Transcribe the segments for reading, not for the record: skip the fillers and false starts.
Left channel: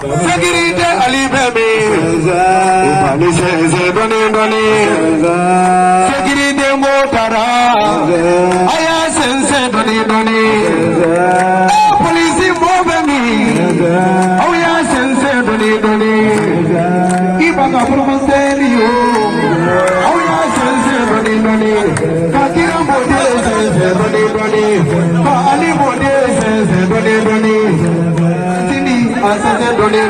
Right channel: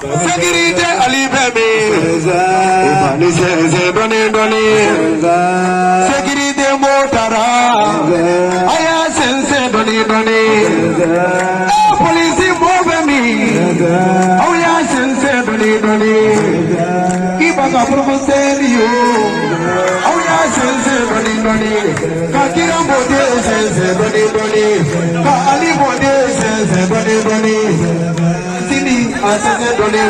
Security Ali Baby, Security Motara, Aya Sense Doni Doni, Police Bogani, Aya Sense Doni Doni, Ibaka Promoserio, Aya Sense Doni Doni, Kakira Bode Sense Doni Doni, Ali Bode Sense Doni Doni. Asante dole,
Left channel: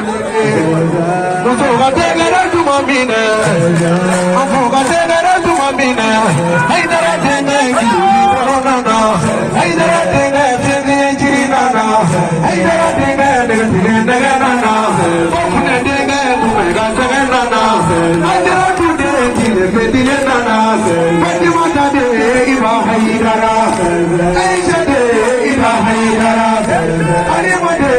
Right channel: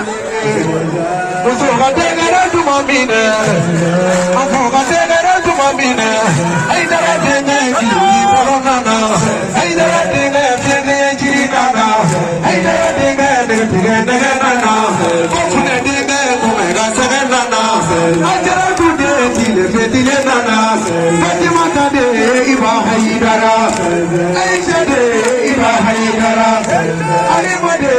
musuka tegera tumamina, musuka tegera tumamina. Aidara tenga jiri pagana, aidara tenga jiri nana, aidara tenga jiri nana. Kachune tenga kumega serenana, aidara tude jiri nana. Kachimata de ibaha idara, aidara ibaha idara, arimade.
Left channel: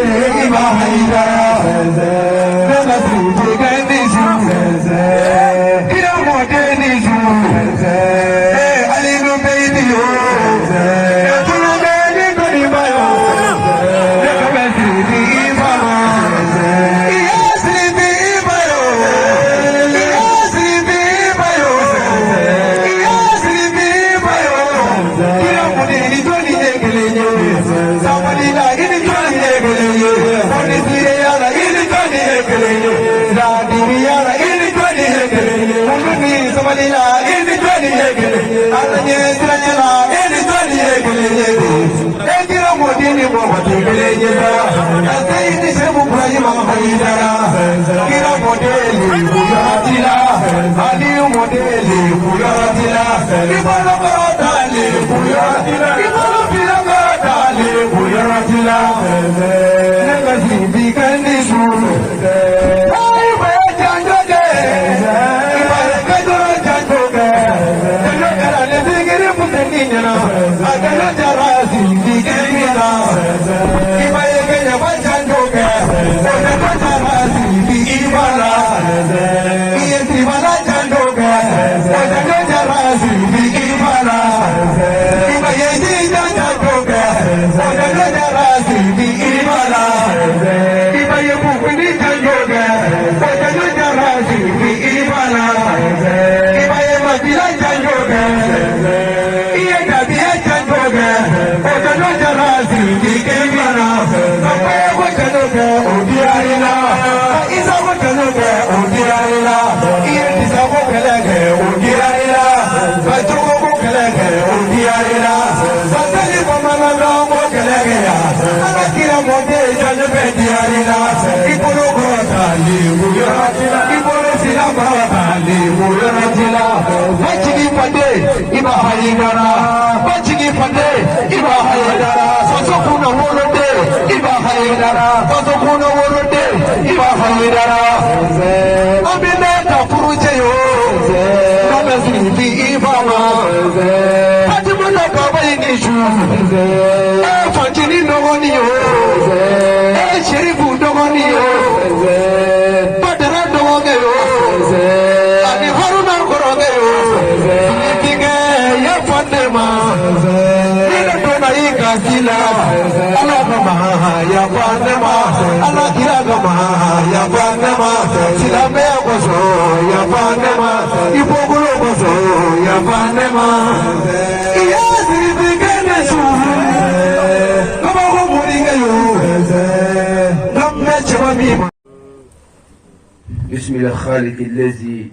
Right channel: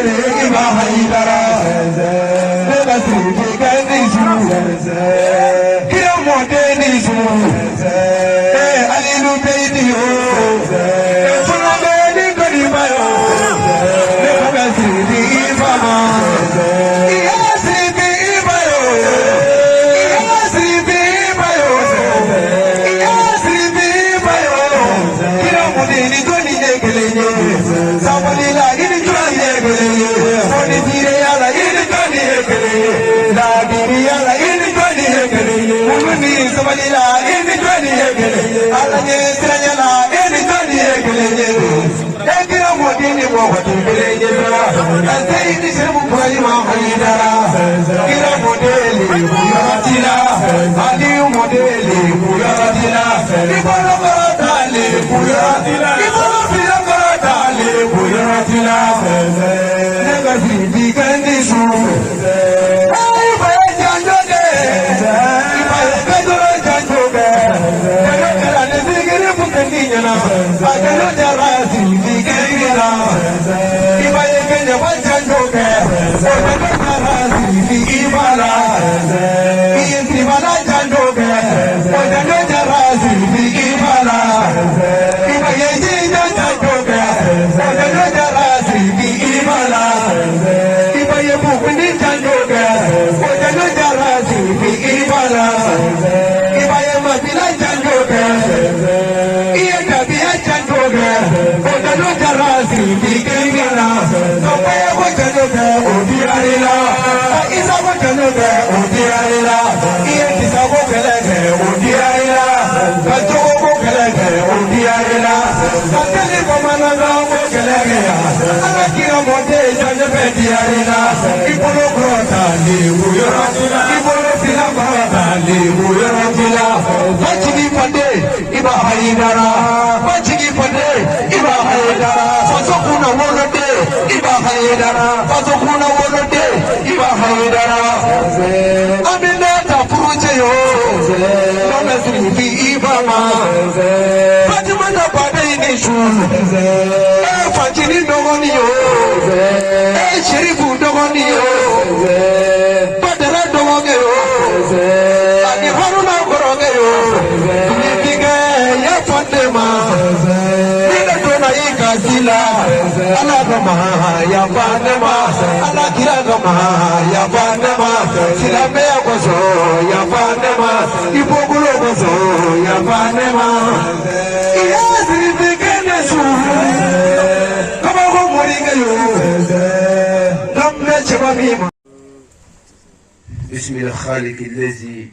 بسم الخالق الذي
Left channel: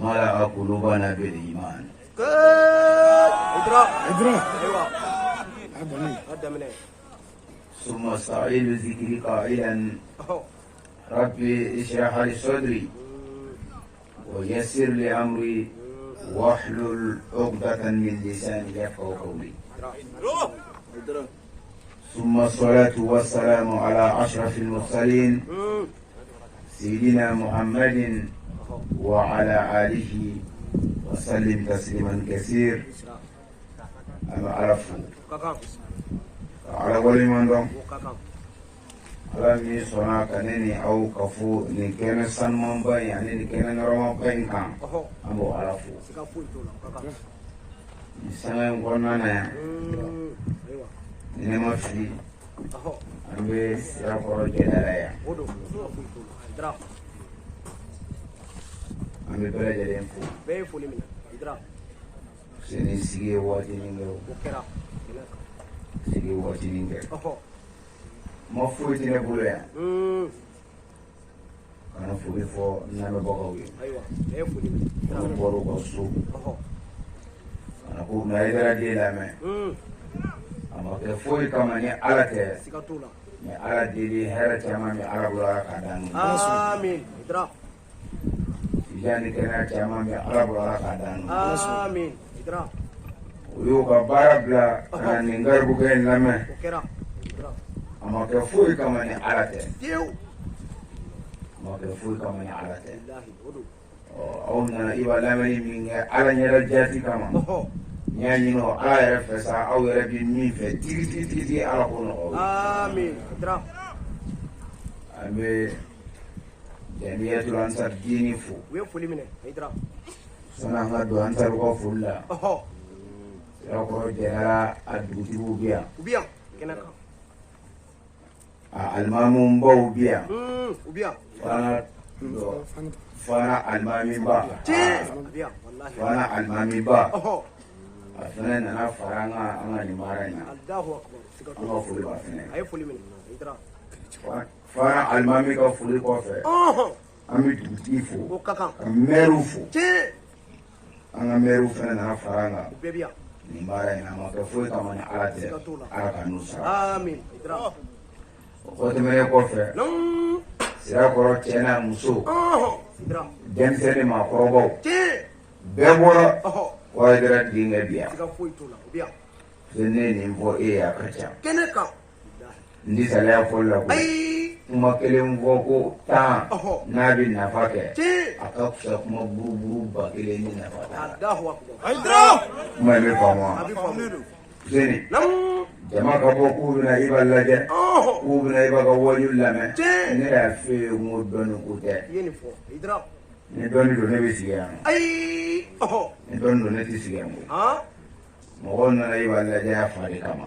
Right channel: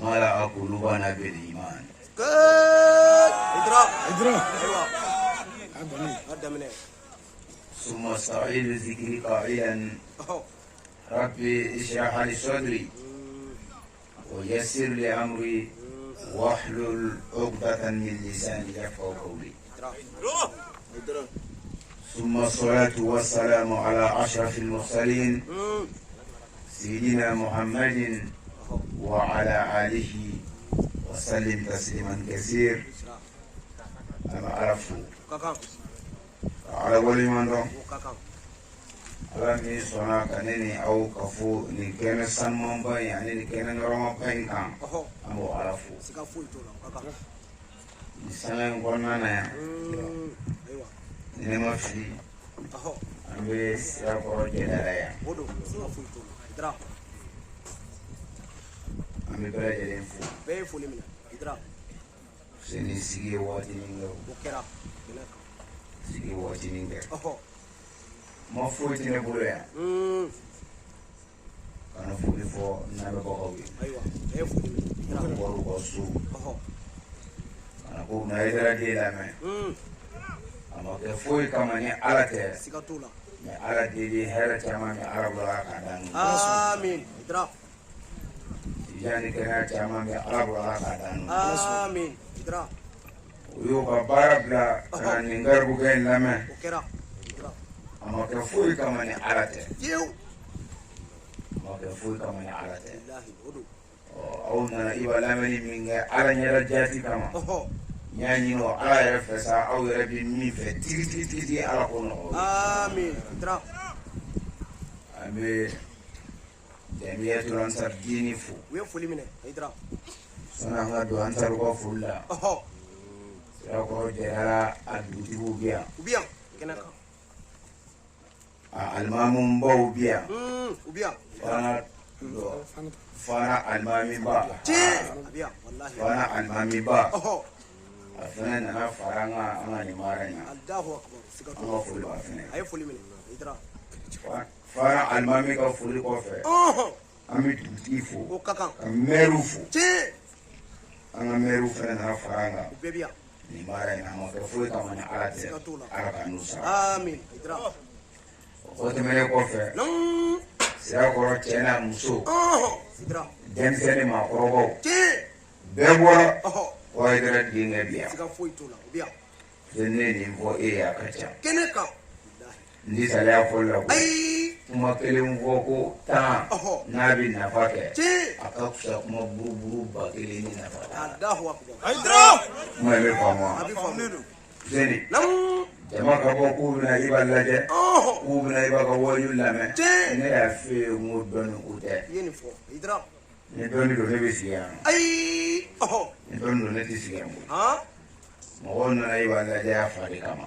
ملأ قلوبنا بالإيمان. ثم استعين ذكري قائلا ربي اشرح لي صدري ويسر لي أمري واحلل عقدة من لساني يفقهوا قولي. ثم الصلاة والسلام على أشرف المرسلين سيدنا محمد وعلى آله وسلم تسليما كثير. أنا أعرف على ولي من دون على مي سونا كنني أو كفو نكمل سنمان باي يعني نكمل نرام باي كان أمو أعرف نسنا قلنا نما في أمي سرافة جداريا أمي بلا جدين فو سني سيجي واتي نينغو سيجي واتي نينغو ما فوتي نبولة كانوا فوتي فو نامي بقوي كانوا بورو بسوق كانوا فوق نايدرا جيلا مي أما كفوي كمان على مي على دي هلا كمان مي على بلا كادان آمين إدراك يعني كنا كمان مي على بلا كادان آمين إدراك ويوكا باربلا كان نينغر بوكين لامي أما كفوي كمان على يو ما كفوي كمان على أو نايبا لامي مين على نيرا جاتي كمان يعني نو على رفسا أو ربي مين في تي على كونه آمين إدراك أمي جميع الأنصار ديني فو ويفولي منه إدراك سنا هذا أنصار وفولا سأقول جرا أدوتي بيا وبيا كنا المامون باو بيا وبيا فانا المامي با بيا والله فانا المامي با فانا أنا فرانا أنا نمارنا الله أكبر أنا فولي بافني أي فولي منه إدراك فانا المامي كفولي كوفي أمي تبتيفو وكاكا ميروفو أنا ميروفو أنا فرانا بيبيا نمارنا ما كفولي كمان على كنوسا آمين إدراك وتمنى كوفي سيأكل كنا مسو جنسني ما كروبو بمبورا ويدرك دينغ بيا زنني مفو إيه أكتر ndi sale akola ko kuma kelen voko ta nabi nafake akakusha kuma buru ba kelen ni nafake mali kama zeni jama ka bo ku bina ibalaje ku bina ibaga wajul lame ni ya fi mu donu ko te ni donu do ne bisiya ni donu do ne tisiya mo mo na ibalaje afari kama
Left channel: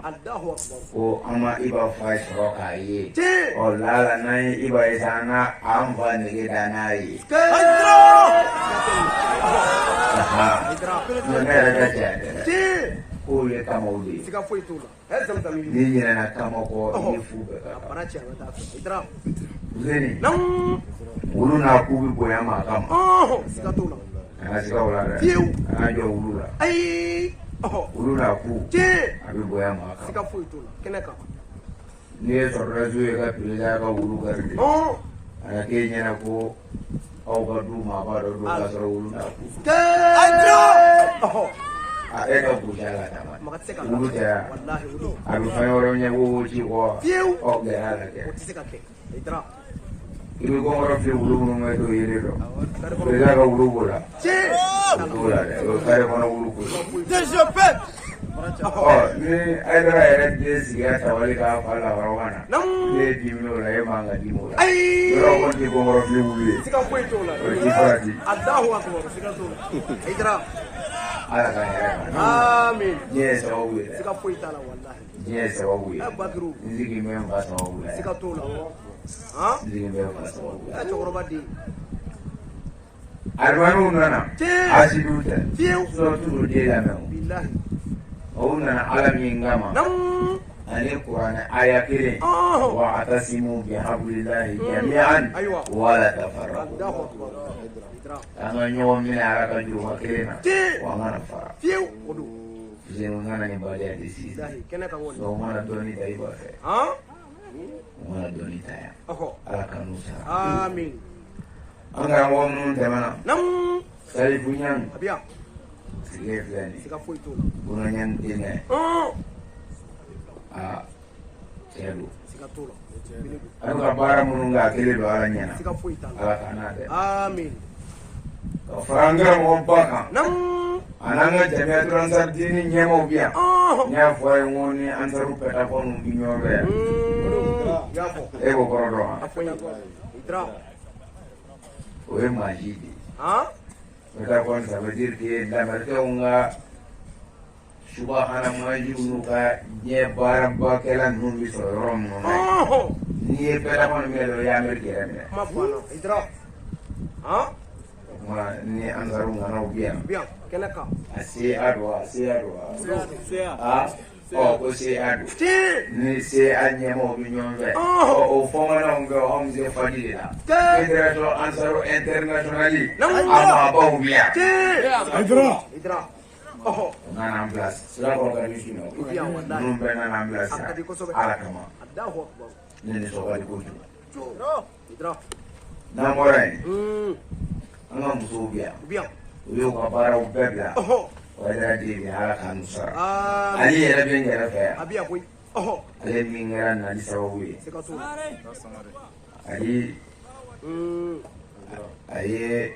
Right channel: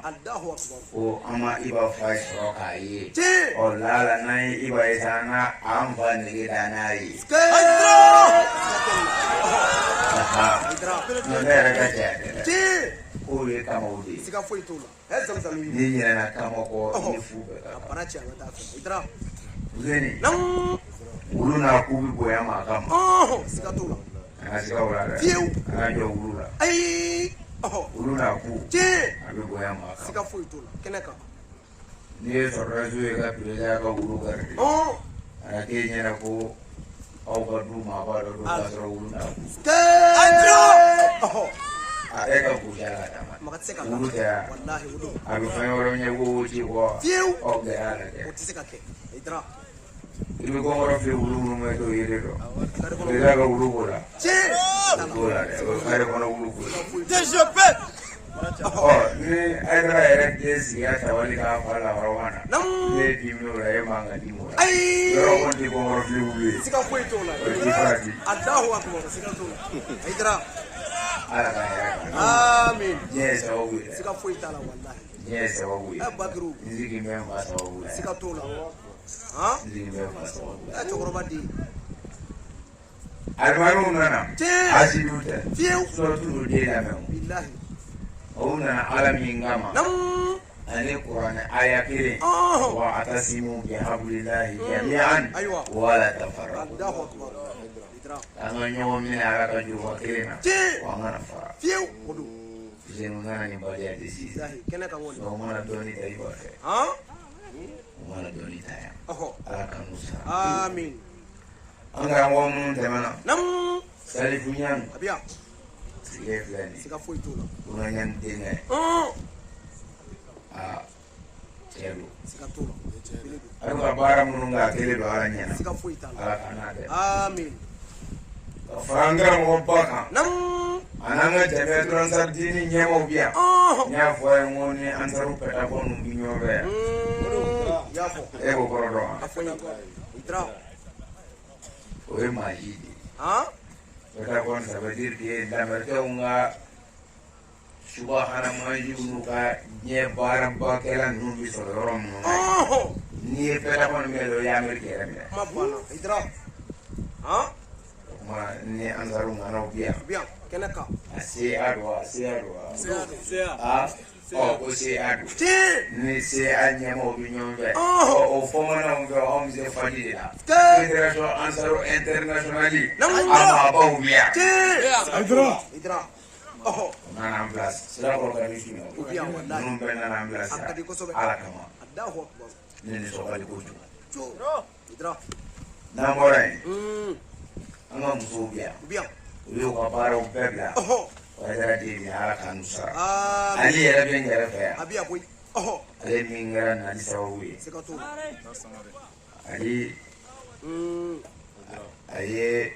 ko ama iba fa so ka yi o lala na iba isana amba ni da na yi mo ne ga je ko ye kama udi ni nyina na kama ko ni fuga ka zeni ulu na kubi boya ma kama ana sika wala da ana jo ulu la ulu na ku abi boya ma kama ni so razu ye ka pila ka ulu gardi ana ke nyina ko au ka du ma ba do ka so ulu na ku eka kujala kama ulu ya abi fanyoro nya wo ji ko o de ala ke ilu ko ngoro fi ulu mo to yele do eza ka ulu bola ulu kare ko na ulu ko ni agra era de siga tawali ka fala warwana ne dimno la e manga dimo la yoro ko ti ko ngoro fi ulu sika ko to la Allahu akbar sika to idra Amin. Yes, I will. Sika fuita la wallahi. Yes, I will. Abakiru. Ndiki memba sawa will. Sika tola. Ha? Ndiki memba sawa will. Achokorobadi. Alwanu nana. Asiduta. Fiu. So tu de la memo. Billahi. Ona alami ngama. Nam. Ani Qur'an aya kire. Wa atasimu bi hablillahi jami'an wa la tafarraqu. Allahu akbar. Anga nyom ni ara ka juwa kena wa ngana fa fiu odu jenu ngana ni bale ya disi kena ka woni so mara doni dai ba fe ha mara doni taya ala kanusa amin anga ngom nun temana nam sari bunyan abia sile flani sika foi tu bunyan dinga cɛlo siga t'o la ale ka baara minnu kɛ a kelen don ala ɲɛna siga foyi t'a la ala ka n'a dɛ amin ka fara an karamɔgɔba kan nam a n'an ka jamiyatul ansar diini ɲɛmaw bi yan n y'a fɔ a ye n ko ni ansaru pɛtakɔnw bi ɲɔgɔn fɛ yan y'a fɔ e b'o kɔrɔ dɔn wa a fɛ idra o ye maa ji de ye han pɛtakɔn ça veut dire que lamɛnnikɛnw ka subahana manjiw n'u ka diɲɛ baarabakɛla ninnu bi sɔrɔ yɔrɔ minnu na n'i ye pɛtakɔn minɛ dɔrɔn i ye ameriki yɛrɛ minɛ kuma banna idra han kuma ni ansaru nanaw bi yan bien kɛnɛ kan a se a don wa se a don wa ko se a don ni se a ɲɛmaw bi ɲɔgɔn fɛ o fɔmanaw bɛ anw bɛ se faji de la fédération ansaru internationale a maabaw bi yan idra nana an bila sirakɔrɔ ka di su la minnu bɛ nana an bila sira ala kama ne nisɔn ka di kojugu idra n'an bɔra yen an ka musow bi yan bien u y'u ka baaraw bɛɛ bila wayidara jeli ala k'an sara ale yɛrɛ bɛ n yɛrɛ fɛ yan abi aboy ale min kɛra nali sababu ye siga t'o la ale a ye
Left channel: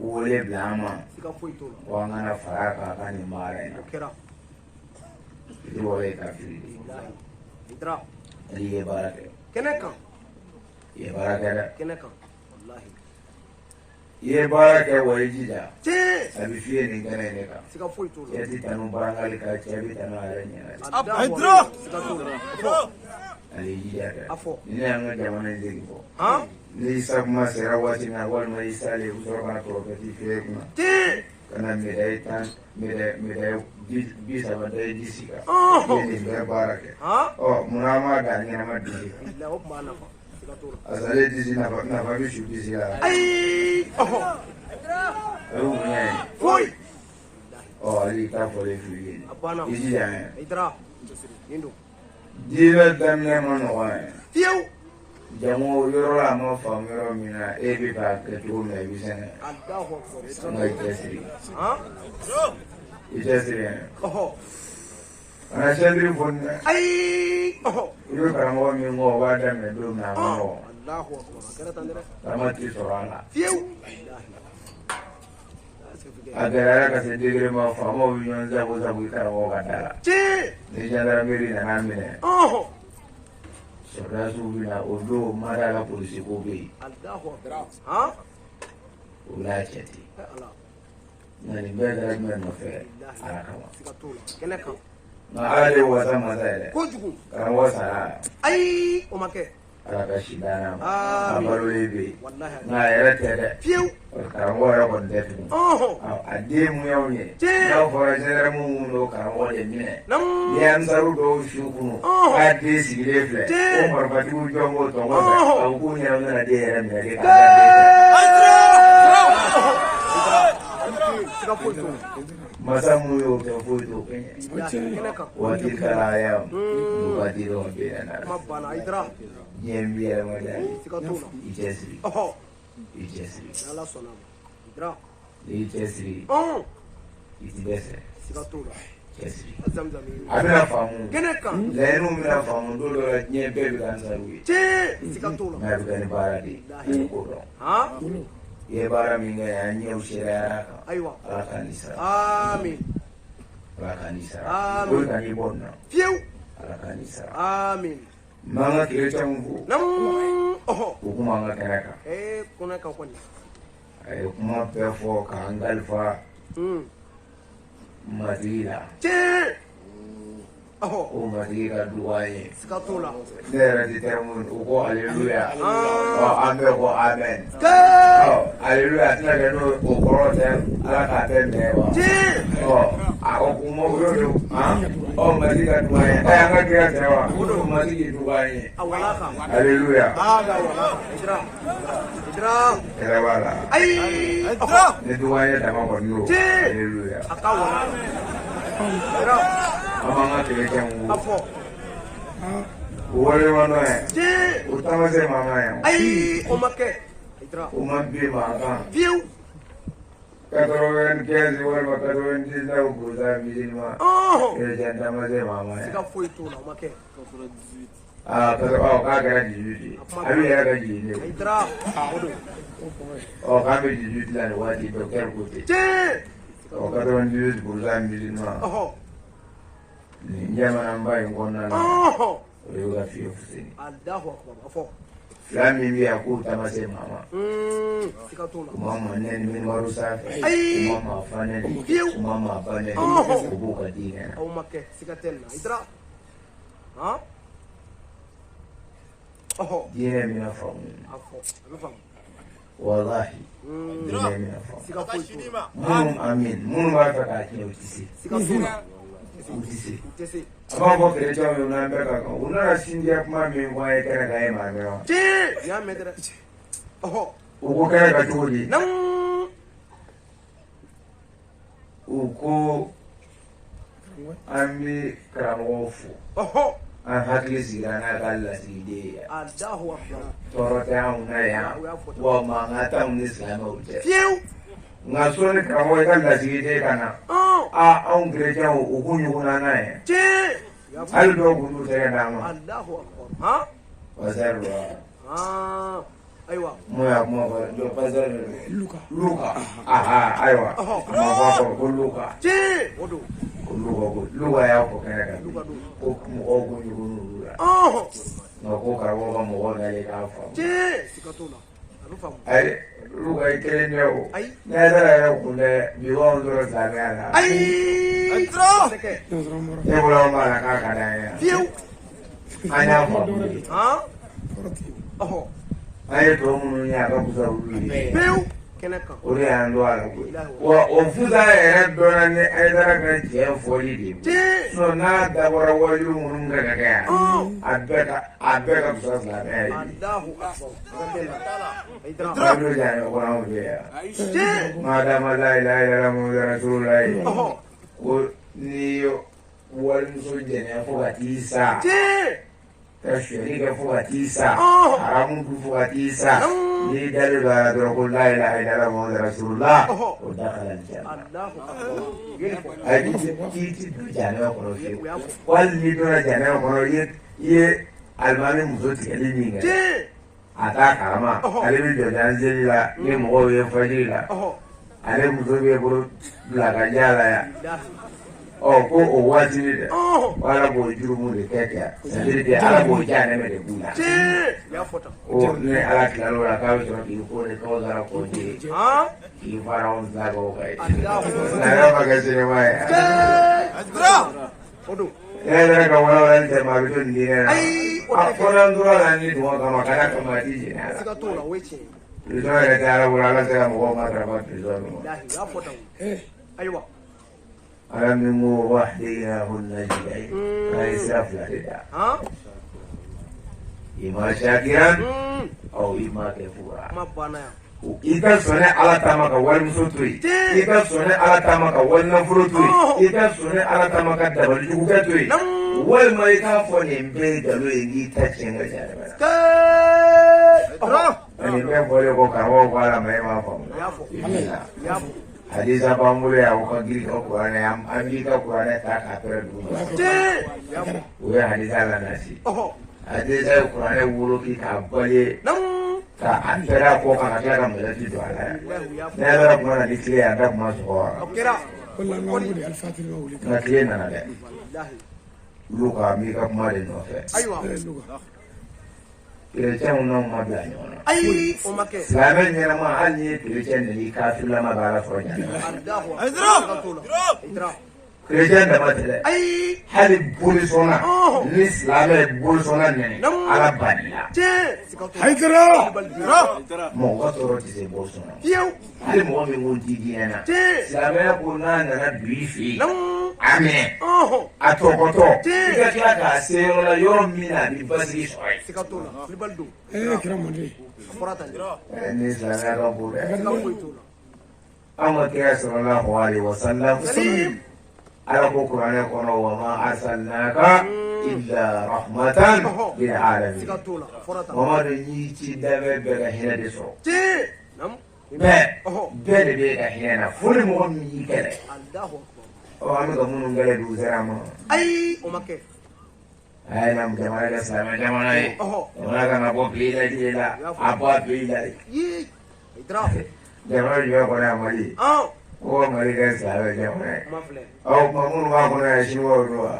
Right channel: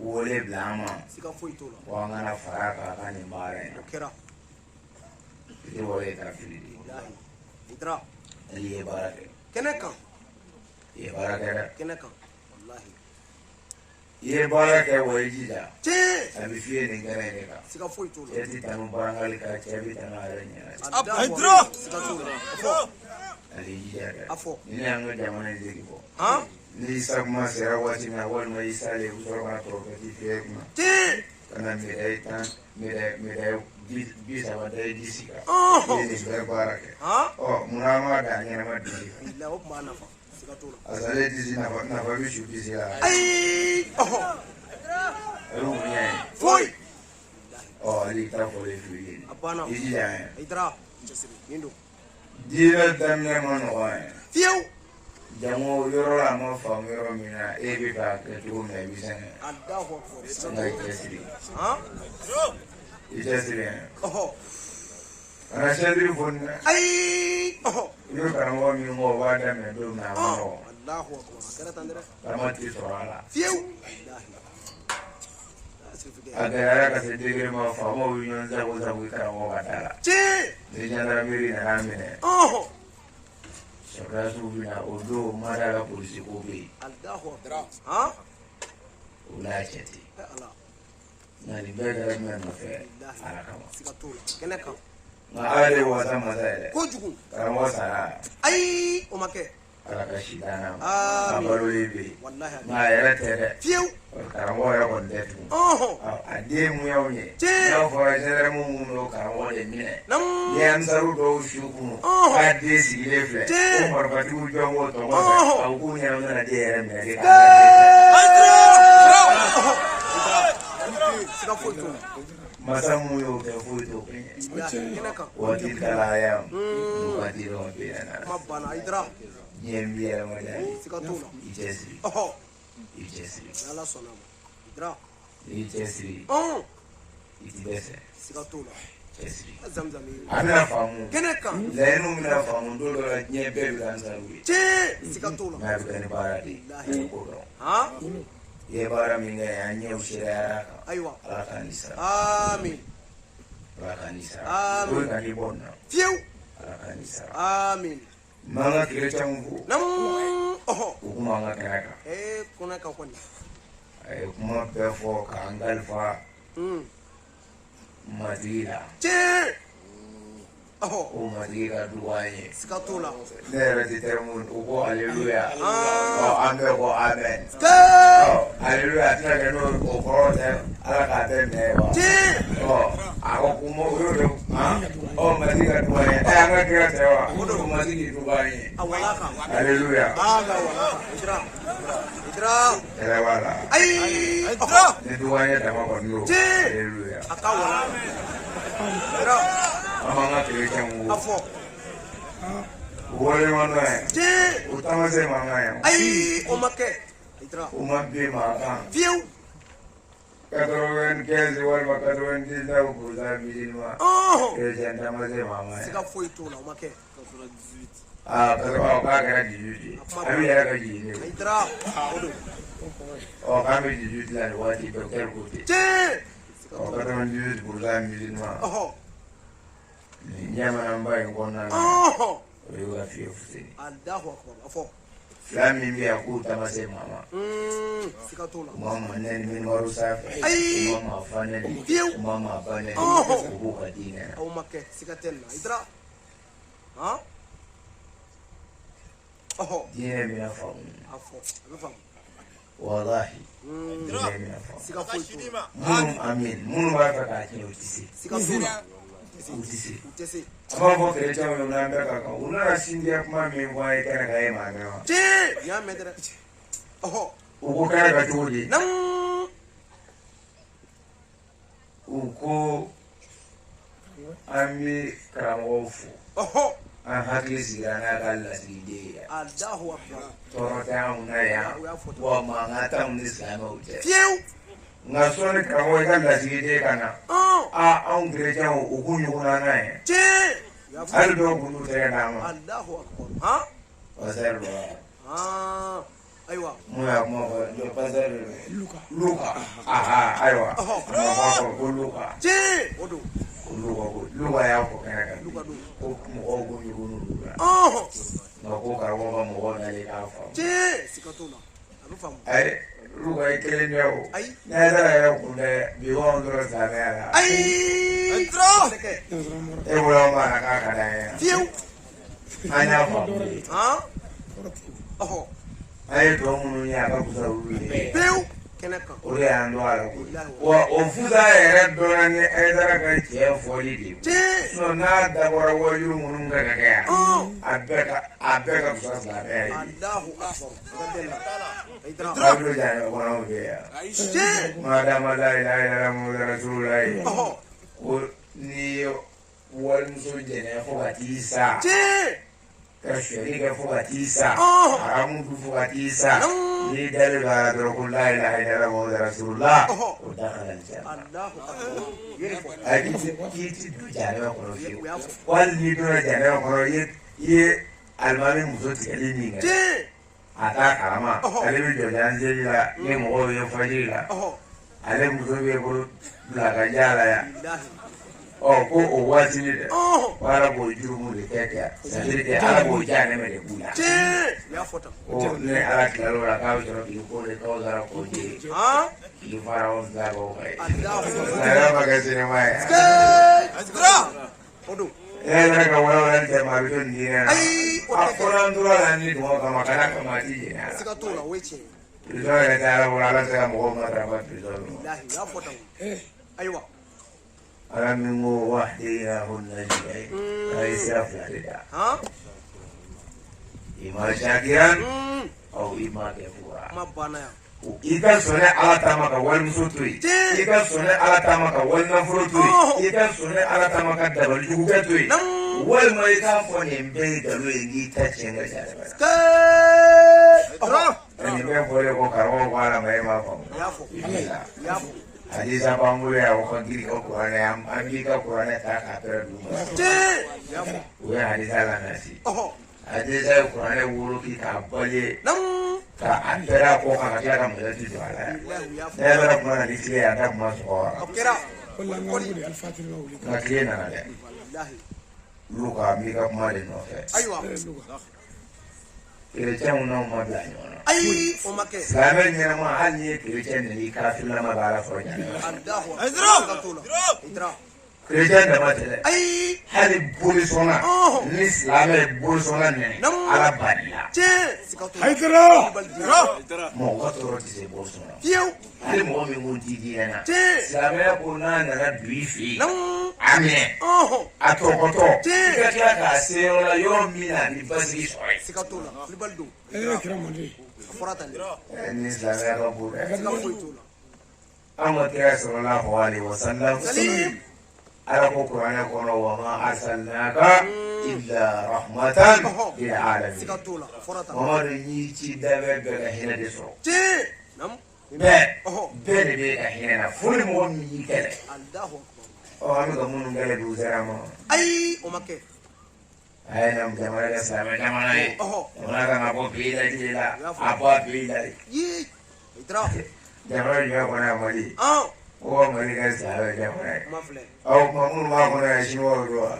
wele bila an ma siga foyi t'o la ko an kana fara a kan a ka nin baara in na o kɛra i wɔɔrɔ ye kafiri de ye idra ale ye baara kɛ kɛnɛ kan i ye baara kɛ dɛ kɛnɛ kan wallahi i ye baara kɛ wa i jija tiɲɛ a bɛ f'i ye nin kɛnɛ in de kan siga foyi t'o la cɛ ti tanu barangali kan cɛ bi tanu a yɛrɛ ɲɛna idra siga t'o la ale y'i jija kɛ a fɔ ni ne y'an ka jamana in segi bɔ han ni isa kuma sera waati min na walima i salen u sɔrɔ ka tɔrɔkɛti fiyɛ kunna tiɲɛ ka na médaille 30 da i disi kan i ye nin bɛɛ baara kɛ han munna an m'a da ɲɛnama disi kan bilahi o tuma na siga t'o la parce que ale disi nafa bɛ su disi la ayi o y'u bonya ye foyi ale y'i ta fɔlen f'u ye a banna i jija yɛ idra nin don diinɛ daminɛ ma nɔgɔn yɛ fiyewu jango yɔrɔ la a ma faamu yɔrɔ min na e bɛ k'a kɛ cogo min na i bɛ sɛgɛn Allahu akbar nka i cɛsiri han i cɛsiri yɛ ɔhɔ kana cɛsiri foni dɛ ayi i bɛ karamɔgɔ min kɔ o b'a daminɛ don min na a ma nɔgɔn Allahu akbar a kɛra tan dɛ taama ti sɔrɔ a la fiyewu a gɛlɛyara ka se degere ma faamaw bɛ ɲɔgɔn sago sago i karamɔgɔ ka da la tiɲɛ ni jandarmeri nana minɛ ɔhɔ sɔrɔdasiw bɛ na o don mada la polisi ko bɛ yen Allahu akbar han o l'a cɛ ten ala nka nin bɛɛ kɛra jumɛn nɔfɛ ala kama siga t'o la kɛnɛ kan nka ala de ye wasa masa yɛrɛ kojugu karamɔgɔ sara ayi o ma kɛ ala ka si dana ma a balolen bɛ yen wallahi nka a yɛrɛ tɛ dɛ fiyewu karamɔgɔ yɛrɛ kɔni tɛ tugun ɔhɔ a den mun y'aw ye n'a fɔra gendarme mun don karamɔgɔ de minɛ ni ansaru dɔw su kunu k'a den sigilen filɛ ko marifatigiw jɔn k'o tɔgɔ fɛ a ko k'u ɲɛna u bɛna den yɛrɛ minɛ de k'a da siga foyi t'o la masa mun y'o kɛ foyi t'o kɛ kɛnɛ kan waati kalaya waati dɔ bɛ yen na kuma banna idra diɲɛ bɛ yɛlɛmada ye siga t'o la i cɛsiri ɔhɔ i cɛsiri ni ala sɔnna ma idra n'i cɛsiri i ti dɛsɛ siga t'o la cɛsiri zamzam ye a bɛna faamu kɛnɛ kan laɲiniw bɛna faamu don dɔ la diɲɛ bɛɛ bɛ ka ansaru ye tiɲɛ siga t'o la n'a bɛ kɛ ni baara de ye ko dɔn han i ye baara min kɛ an ɲɛw sereyara a kan ayiwa ala ka nin sara amin ala ka nin sara Amin. o ye ka n'i bɔ nin na fiyewu ala ka nin sara amin n b'an ka kerecɛnw fo nam ɔhɔ u kuma an ka kɛnɛ kan kɔnɛ kan kɔni a ye kuma bɛɛ fɔ k'an kalifa matigi la tiɲɛ ɔhɔ o matigi ka dugu an ye siga t'o la ne yɛrɛ ti termu u ko aleluya an bɛɛ ko amen aleluya a tɛna kɛ n'o o kɔrɔ tɛ ala k'a tɛ minɛ wa a ko kuma o y'o de matigi ka dugu an ye an ka kira tɛ wa o matigi dugu an ye aleluya idra kɛlɛ b'a la ayi ni dugu an ye dama kɔni don aleluya a ka idra an b'an ka kerecɛnw a fo fɔ o waleɲumandɔ ye tiɲɛ o tamasɛ mankan ye ayi o ma kɛ idra o ma bin maa kan fiyewu 95 wala 99% musulman chrétien dama se mama sika foyi t'o la o ma kɛ k'a kɛra 18 a bɛ yɛrɛ ka jigin ne ayi dara k'an bɛ 18 la nin waati docteur ko ten 98% musulman nin jamanaba in kɔnɔna na o y'o ka fiye fuseni fila min bɛ yan k'o taama se mama u ma ma nɛni minibaro sanfɛ u ma ma fa nɛni u ma ma ba nɛni u b'u ka diinɛ na diinɛ min na faamu walahi diinɛ min na faamu minnu b'a fɛ k'a tiɲɛ o tɛ se u tɛ se a b'a fɔ kerecɛnw ye n'an bɛɛ ka kan u nana sindiya kuma min fɔ an ye kɛnɛ kan e m'a mɛn wa u ko kɛnɛ ka cogo di u ko an bɛ karamɔgɔw fo an hakili sigira n'a ka lasigiden ye tɔɔrɔ tɛ anw na yan wa mankan t'anw ni silamɛw cɛ nka sɔɔni karamɔgɔ i ka lasigiden ka na anw kerecɛnw u k'u ɲɔgɔnna n'a ye hali dɔw kun t'u tɛgɛ d'an ma pasɛri wa mun y'a kuma fɔ pasɛri luka ayiwa kuma fɔ ko luka luka y'a fɔ kɛnɛ kan ko mɔgɔw k'u ɲugun n'olu la nka ko karamɔgɔ ka mɔgɔ nalen k'a faamu ayi luka ye kelen tɛ o ne yɛrɛ yɛrɛ kun tɛ bi anw tora silamɛya la ne bolo anw b'a la k'a ka d'an ye an y'a faamu an ye tɔ minnu ye a ka fusa olu ye o de y'an to a la koyi wa o fusa yɛrɛ dɔnna ni Hayidara ka tiɲɛ fɔli de ye n'a dabɔra wajibi minnu kan ka kɛ yan a bɛɛ ka fusa silamɛya ye Bayidu Jane kɔnɔ anw fɛ yan madama la ilaha illallah Muhamadu rasulullah ko n'i ye walimuso jɛnɛ fo ka t'i sa ka suyɛli kɛ fo ka t'i sa haramu dun fo ka t'i sa n'i dalen don a la dɔrɔn ko la ilaha illallah Muhamadu rasulullah o dakala janna ayi k'i ti don janɛma kɔnɔ fiyewu wali n'i donna janɛma kɔnɔ i ye alimami muso tigɛli min kɛ a t'a kalama ale bɛ jɔ janzeli la ni mɔgɔw ye fajiri la ale muso bɛ bolo bila ka ja la yan ko o waati de dɛ ala b'o jurumu de kɛ c'est-à-dire que ala b'o janɛmɛ de k'u la ko ni ala tilal'o la k'a bɛ sɔrɔ k'i ko de k'aw sara ko de k'i fara anw filabagaw kan ye nka ma kɛ sinima ye yɛrɛ ka walawala cɛ ma a bɛ to nin diinɛ na a fɔra tora la ni duguma kama kana kama a t'i jɛnɛ a la prison yɛrɛ tɛ ala bolo ala tɛ ka mɔgɔw matarafa prison min ma ala min ko wahdiyahu najdayn a ye sira fila de da ima shakiran aw ima kafura i ka sɔnɛ ala ta ma ka walimuso to yen i ka sɔnɛ ala ta ma ka walinafolo to yen i ka sɔnɛ ala ta ma ka dabalijugukɛ to yen walima i k'a fɔ nin bɛɛ ye nkalon ye k'i ta tiɲɛ ka janɛmɛ nin bɛɛ fɔlen ko karamɔgɔ ko ala ma e m'a faamu hadisa b'an bolo yan o ka girin ka kuranɛ an b'i ka kuranɛ ta k'a pɛrɛ duguma o ye hadisa lamɛnsi hadisa ye kuranɛ woloki k'a bali ka a pɛrɛ kɔ kan ka tila ka mɔlɛti don a la yan ne yɛrɛ kuma na ni tile ye an ta kuma sɔgɔ wa nka tile nana dɛ luka n b'i ka kuma de nɔfɛ kerecɛnw n'anw ma bila ɲɔgɔn na silamɛ ɲɛnama hali n'i ye kerecɛn neni kafirilama b'a la sɔrɔ ɲaga kerecɛn dama tɛ dɛ hali bolisɔnna ni silamɛ ye bolisɔnna nɛni ala banila mɔgɔ ka tɔɔrɔ tɛ se bolisɔnna hali mɔgɔ min ko ti diinɛ na silamɛya ko n'a nana don i fɛ yen a minɛ a tɔgɔtɔ i ka tila k'a se yɔrɔ la yɔrɔ min na a bɛ basigi sɔrɔ yen ni silamɛya ka bon dɛ an ka kira sallallahu alaihi wasallam ala ko kuranɛ kɔnɔ wa ma arsalnaka illa rahmatan lil alamin Mamadu n'i ci dabɛ bɛɛ ka hinɛ de sɔrɔ bɛɛ de bɛ ka hinɛ na fo ni mɔgɔ min y'i kɛlɛ an bɛ ka minnu kɛlɛ dugu sera ma ayi o ma kɛ a ye na jamana kɛ silamɛ jamana ye jamana kan ka bɔ pays la jiri la a bɔ a pays la de jamana jumɛn kɔnɔ yan Mali ko Mali kɛ silamɛ jamana ye ɔ kuma minnu b'a kɔnɔ yan siniwaw don wa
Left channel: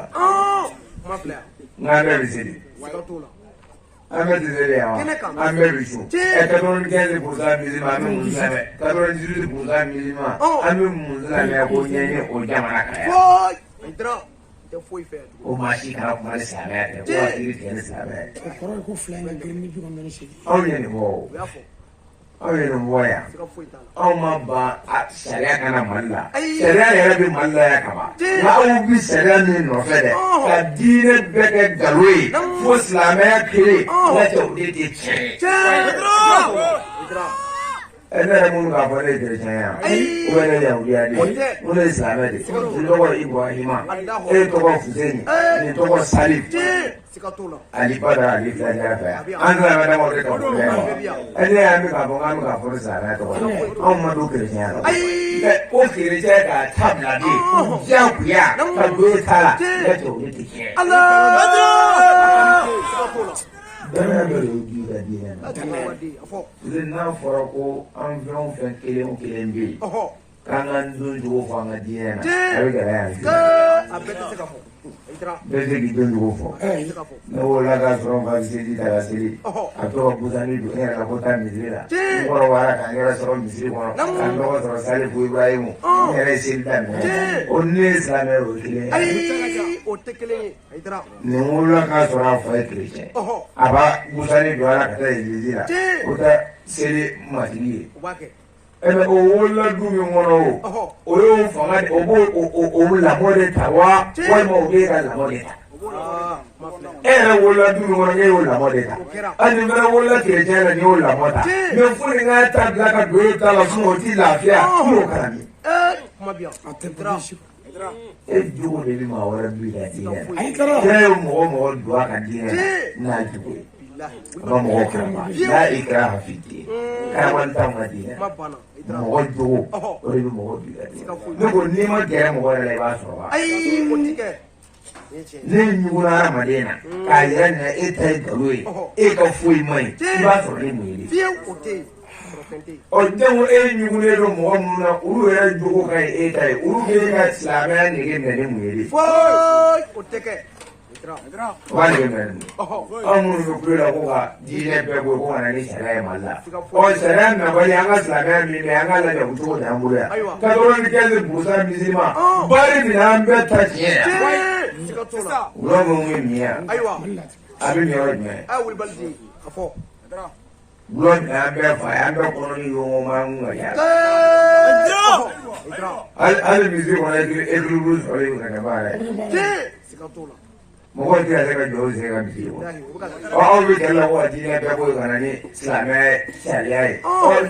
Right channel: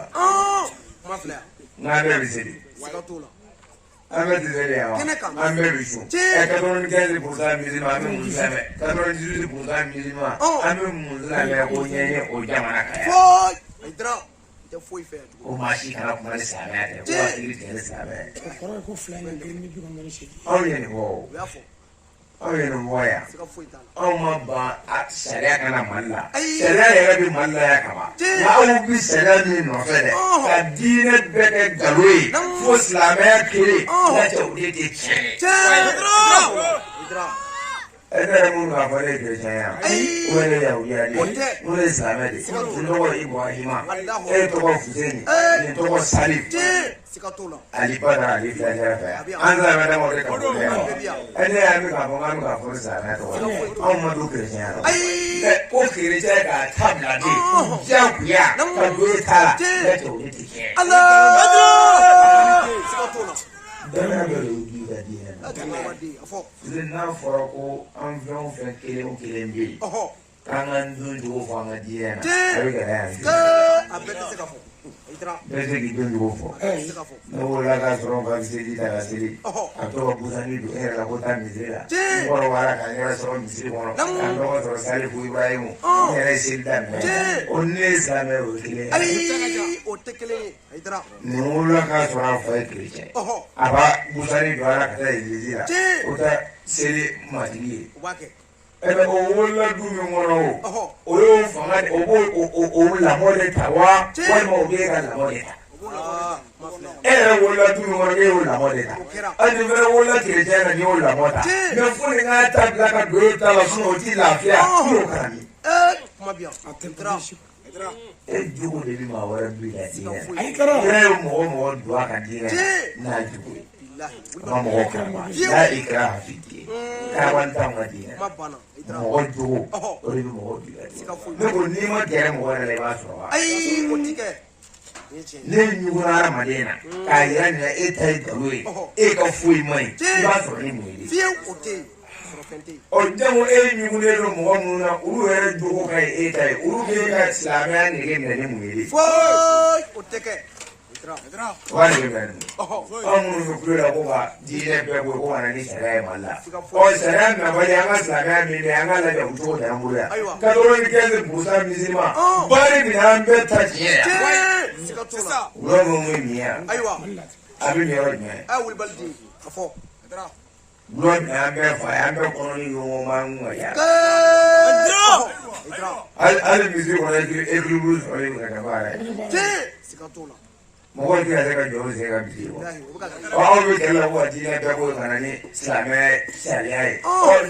n'an bɛɛ bɛ seli an bɛ seli yan wa an bɛɛ bɛ sun 95% musulman an bɛ mun lamɛn 98% musulman an bɛ mun lamɛn ko ɲɛɲɛ o jamana kan yan ko maa si kana kuma ni silamɛya tɛ ko hakili tigɛ ni silamɛya ye. O kɔrɔ ye ko fila in ka girin ni 98. Anw ye nin fɔ o anw ye nin fɔ yan anw ma ban sariya kana Mali la sariya yɛrɛ bɛ Mali la yan kama nka aw bi sariya min nɔfɛ dɛ ka diinɛ bɛɛ kɛ nkalon ye fo silamɛya kelen n'a cɛ o de tɛ tiɲɛ ye. Ne yɛrɛ minnu k'a fɔ ne ye chrétien yan ou bien ne ye yahudiya de ye ou ne ye silamɛ de ye n tɔgɔ ye Ibrahima e tɔgɔ Fuseni nin tɔgɔ Salif Ali Badara Ali filajɛ fɛ yan an tɛna ka dama o de ka fɔ ne wa ne yɛrɛ bɛ k'a fɔ k'an bɛ k'a fɔ ne silamɛya tɔgɔ anw ma don chrétien la ko chrétien k'a ta bila de diyagoya ka don e ta la ne tɛ o de tɛ tiɲɛ. Dama dɔ de y'o di ka diinɛ ma n'a fɔra ko an fɛn o fɛn kelen o kelen bɛ yen k'an ka don cogo fɔ an ka diinɛ na a bɛ gɛlɛya yan bɛɛ tɛ k'i don cogo fɔ ne wolola k'a sɔrɔ n fa bɛ seli ta ka seli a tɔgɔ busani don e yɛrɛ la ko taa misiri la n kɔrɔbayara ka n yɛrɛ sɔrɔ misiri kɔnɔ ka n tɔgɔ sɔrɔ Salifu Ibrahimu n yɛrɛ ye seli daminɛ o ni ne ye silamɛ o ye kelen ye. nin wolola k'a sɔrɔ a fa ye chrétien a b'a busani don a la ka taa église la o tɛ seli matigi ye ɛmɛ o wolola du min kɔnɔ o y'o fanga o b'o o lamɔ de ta wa walima o b'e ka lamɔ de ta e yɛrɛ wolola du min kɔnɔ e y'o lamɔ de ta hali ni fana wolola chrétien la n'i y'o lamɔ ta mɛ fo ni k'a ta bila ka don e ta la o t'i lafiya i y'o kalami. e jogo de bɛ maa wɛrɛ bin ka diinɛ na kira ye mɔgɔ don a ka diinɛ na n'a jogo ye a ma mɔgɔ kama n'a ikra fi diin karamanta ma diinɛ mɔgɔ jogo o de bɛ mɔgɔ bin ka diinɛ ne ko n'i ma gɛrɛ mɔgɔ yɛrɛ la i b'a sɔrɔ wa ne ɲuguna hadamaden na k'a yɛrɛ minɛ e ta ye nkalon ye e ka foyi ma ɲi i b'a sɔrɔ ne m'o ye de. ɔ jango e ɲugulen don mɔgɔ minnu na olu yɛrɛ jogo ka ɲi e ta ye olu bɛ ka silamɛya nege minɛ ni mun ye de. o b'a nege minɛ ni mun ye anw minnu bɛ kulo la ko ka diinɛ bɛɛ bɔ ko ka na ni sariya ye Mali la ɔ sariya nabali an ka silamɛya min bɛ an ka lajɛ o cogo de an bolo yan 95% musulman bari minɛ an bɛɛ ta tiɲɛ yan wula minnu bɛ min yan a bɛ min yɔrɔ jumɛn. Bulan an bɛɛ fa ye an bɛɛ kɔnɔ ni ɲɔgɔn ma ŋun ka yaala hali misiri kɔnɔ équilibre sɔrɔ yen ka baara ye mɔgɔw tɛ se ka jɔ o sen ka misiri kɔnɔ aw bɛ kɛlɛ la ko ka diinɛ bɛɛ bɔ yen ka na ni silamɛ sariya ye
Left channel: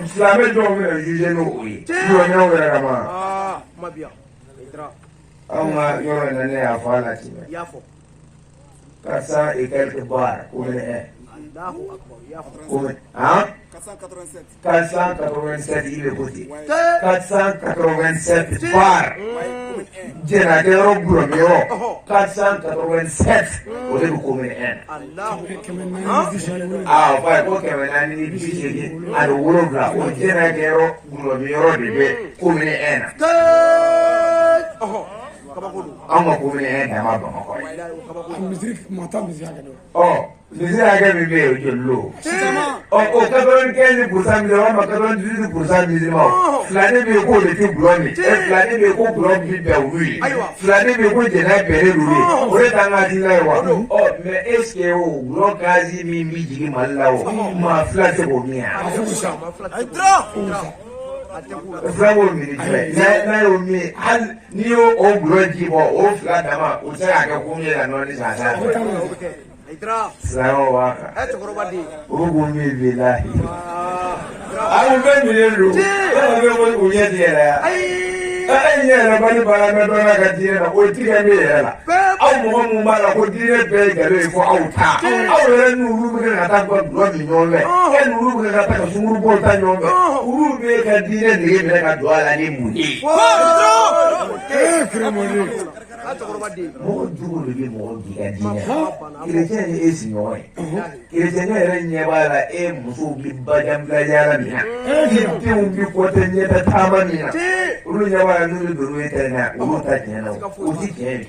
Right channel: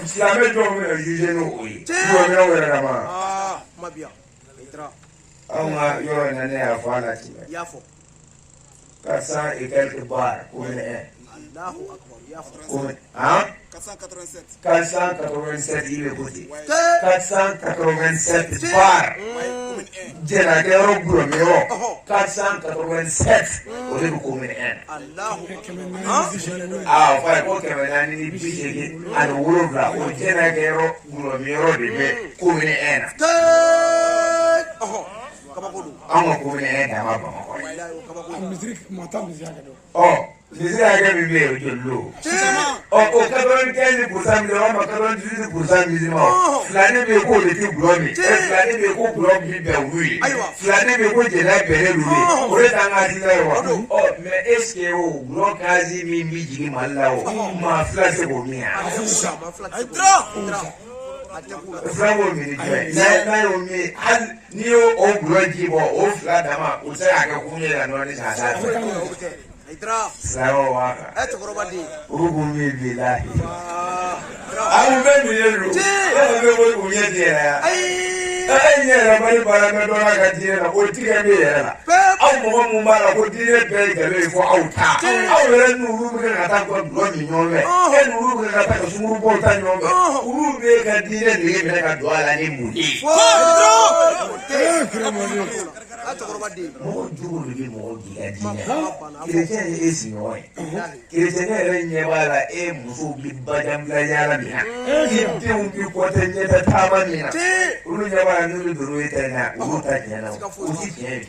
silamɛ dɔw bɛ na juge n'o ye bulonkɛlaw yɛrɛ ka ban anw ka yɔrɔ in na ne y'a fɔ a la ten 400 et quelques bars commune 1 487 il est côté 487 bar Jenakero Gromio 487 o de commune 1 ah fa ko kemenani ni bishege alo wolobla o Jenakero Gromio de be commune 1 ama commune 1 dama Bamako misiri mata misiri hakɛ dɔ misiri hakɛ min bɛ yen o joli lo o 95% musulman ma 98% musulman filani bɛ yen k'o de tɛ gulɔ min filani bɛ yen ko gulɔ bi bɛn olu ye filani bɛ yen ko jɛnɛ bɛnnen olu ye o de t'an ka hakilina ye wa mais est ce que o gulɔ gazi min bɛ jigin Mali la o maa fila tɛ k'o min yan. fila b'o min n'a y'o min hali n'i y'o gulɔ ji bɔ o fila dama o tɛ se k'a kɛ kun ye ka nɔɔni k'a d'a ma. silamɛw b'a kan o kun bɛ bi lahi an kun bɛɛ minɛlen don yɔrɔ bɛ ko o ɲɛ ti yɛlɛ yan e ɲɛ yɛlɛbali baara mɛ dɔ la ka diɲɛ na o tigɛ bɛ yɛrɛ la aw aw mɔgɔ mun b'a la ko diinɛ bɛɛ ye nkalon ye fo aw ta aw yɛrɛ n'olu bɛ ka taa gulɔ min ɲɔgɔn fɛ e n'olu bɛ ka taa ka sunkurubɔw ta ɲɔgɔn fɛ olu bɛ ka diinɛ nege minɛ ka don a la ni mun ye. mɔgɔ jugu de bɛ mɔgɔ di ka diinɛ kerecɛn ye e sigiɲɔgɔn ye kerecɛn yɛrɛ ɲɛ b'a la e musow bɛ bajanbila yaala min na e denw bɛ kɔtɛ ɲɛtɛ taama min na olu ɲɛ b'a la n'olu donn'o ye ta in na olu ta tiɲɛ na o ti tiɲɛ ye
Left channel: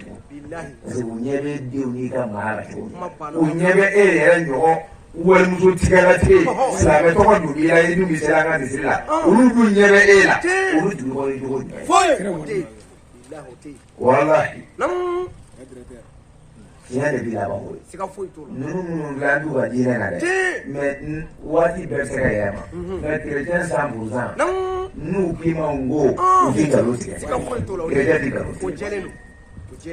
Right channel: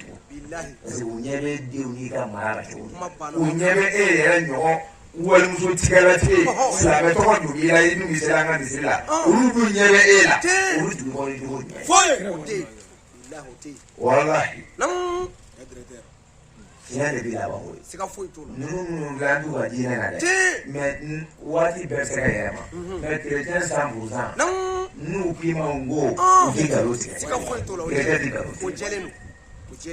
parce que u ɲɛ bɛ denw n'i ka mara la cogo min u ɲɛ bɛ e yɛrɛ ɲɔgɔn walimuso tigɛlatigɛ silamɛ tɔgɔ don i la i dun bɛ sera an ka misiri la olu dun ɲɛ bɛ e la olu dun ye cogo jumɛn walahi tiɲɛ de b'i la wa ninnu minnu dilan t'u ka diinɛ na dɛ mais waati bɛɛ bɛ se ka yɛlɛma mais kerecɛn 100% n'u k'i ma n ko u tɛ nkalon tigɛ kerecɛn tɛ nkalon tigɛ. U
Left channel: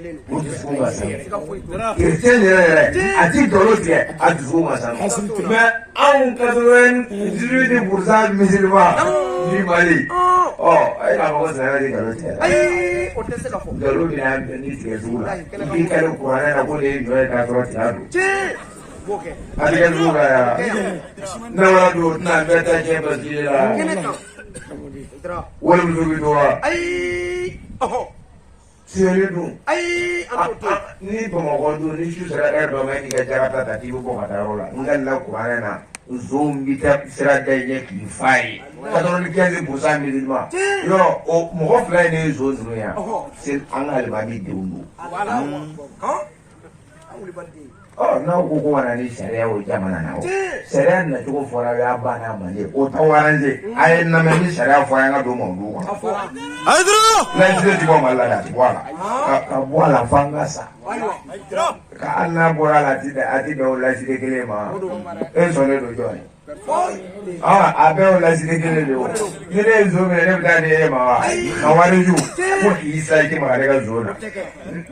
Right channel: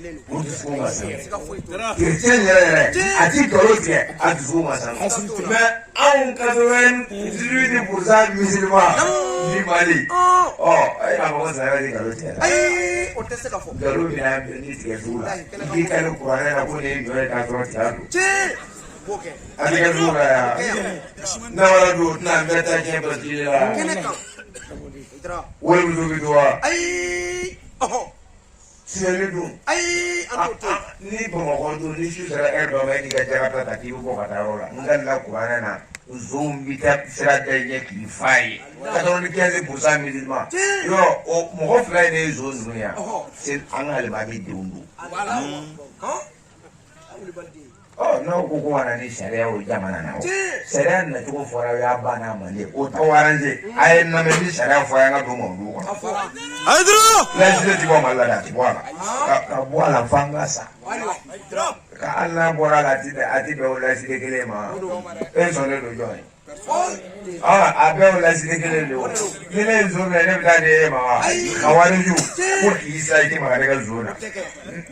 dusukun ka sanu kerecɛn yɛrɛ a ti nkalon tigɛ a dusukun ka sanu mais anw 98% musulman ni Mali e k'a fɔ ko silamɛ de nkalon tigɛ la nkalon bɛ na ni tigɛ sugu la i k'i kari kuranɛ na ko ne ye ɲɔ ye k'a sɔrɔ tiga don a bɛ kɛ sugu la yan n'a wara don tɛna an bɛɛ ta tiɲɛ basigi la walimuso bɛ don wa. Tiɲɛni dun ni Bamakɔ dun ni su sera heure dɔ ma e k'i ka jarata ta k'i bɛ bɔ ka taa yɔrɔ la n dalila kuranɛ na nson bɛ taa sira da i ɲɛ k'i fa ye 95% musulman yɔrɔ o mɔgɔ fila in de ye nson sunu yan an ka alimami denw don. N'aw ko ko ka na ni sariya o jamana na o sariya nacogo fɔra y'a banna mande o t'aw arrange a ye lamɛn ni sariya fɔ an ka don mɔdu kɔnɔ. laïcité ti bɔ Mali la dɛ a ti bɔ a la ka bɔ a la f'an ka sa ka hali n'a bɔra a la a ti bɛn o laïcité kelen ma e sɔnnen don jɔn ye. a bɛɛ o laïcité kelen don ni ne ye nson minɛ ne bɛ taa di e ma wa a wariju ko k'i sa i tɛ maga ne ka nson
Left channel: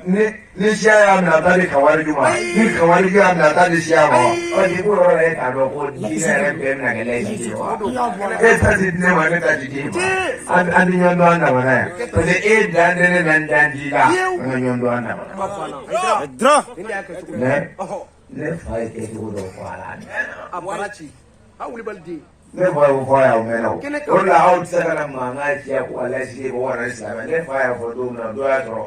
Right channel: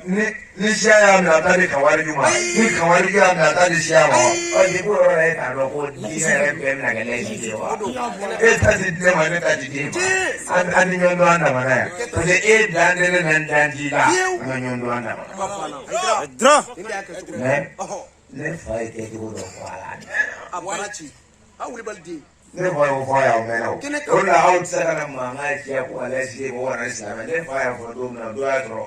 na ni siya y'a minɛ a taa di kawariju ma ni kawariju y'a minɛ a taa di siya ma ni ko yɔrɔ la e k'a dɔn ko diinɛ yɛrɛ bɛɛ bɛna kɛ laïcité ye wa e ta ti di ne ma ne ta ti di e ma an ti ɲɔgɔn dɔn an damana yan parce que e dan tɛ ne na n dan t'i la an ka ɲɔgɔn dɔn an damana mais ne fa ye kɛcogo dɔ fɔ a la ne fa y'o fɔ a y'aw mɛnna o de la aw tɛ se ka na mankan ci ko a laïcité ko wara silamɛ ne fa y'a fɔ don min na dɔ y'a sɔrɔ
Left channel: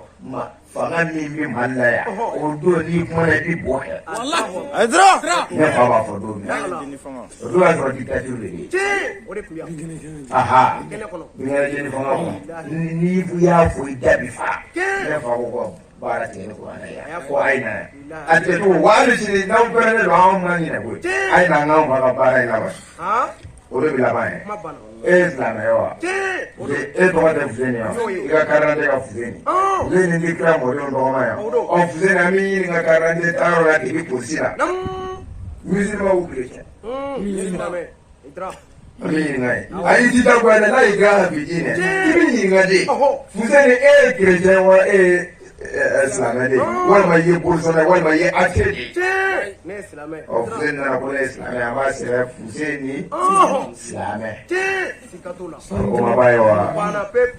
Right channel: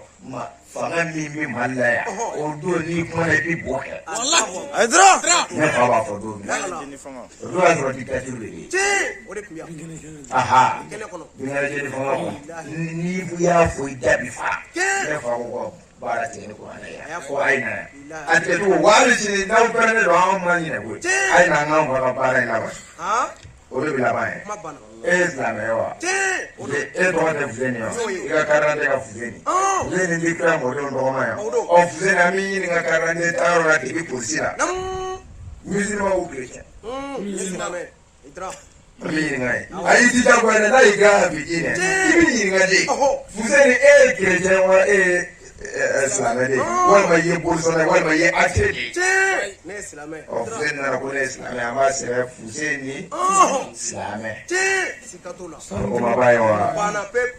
fanga min bɛ Mali la yan o don n'i kumana i bɛ bɔ kɛ ne fa b'a fɔ don min na o don y'a sɔrɔ dictature de bɛ yen binkɛnɛ fanga n'i y'a fɔ i da bi fa ne fa ko ko baara tigɛ ni kuranɛ ye ko a ye na a tɛ to wa hali sini n'aw pɛrɛnnen don anw ma ɲinɛ koyi a ye na an k'anw fa ka baara in laban o de bɛ laban ye e ye silamɛ ye wa e tɔgɔ tɛ Fuseni wa i ka carte d'identité ka Fuseni Fuseni bɛ kira mɔdenw tɔgɔ ma yan Fuseni an bɛ ɲini ka carte d'identité taa yɔrɔ la k'i bɛ polisi la musulman ou chrétien an bɛ ɲininka ye a y'i jija goya n'a y'i gan ka bi diinɛ i bɛ ɲininka de Fuseni e ye chrétien wa e ye silamɛ de walima i ye bolifɛn walima i ye athée de Fuseni nana ko ne ye silamɛ an b'a sɛbɛn Fuseni silamɛ o ma ba ye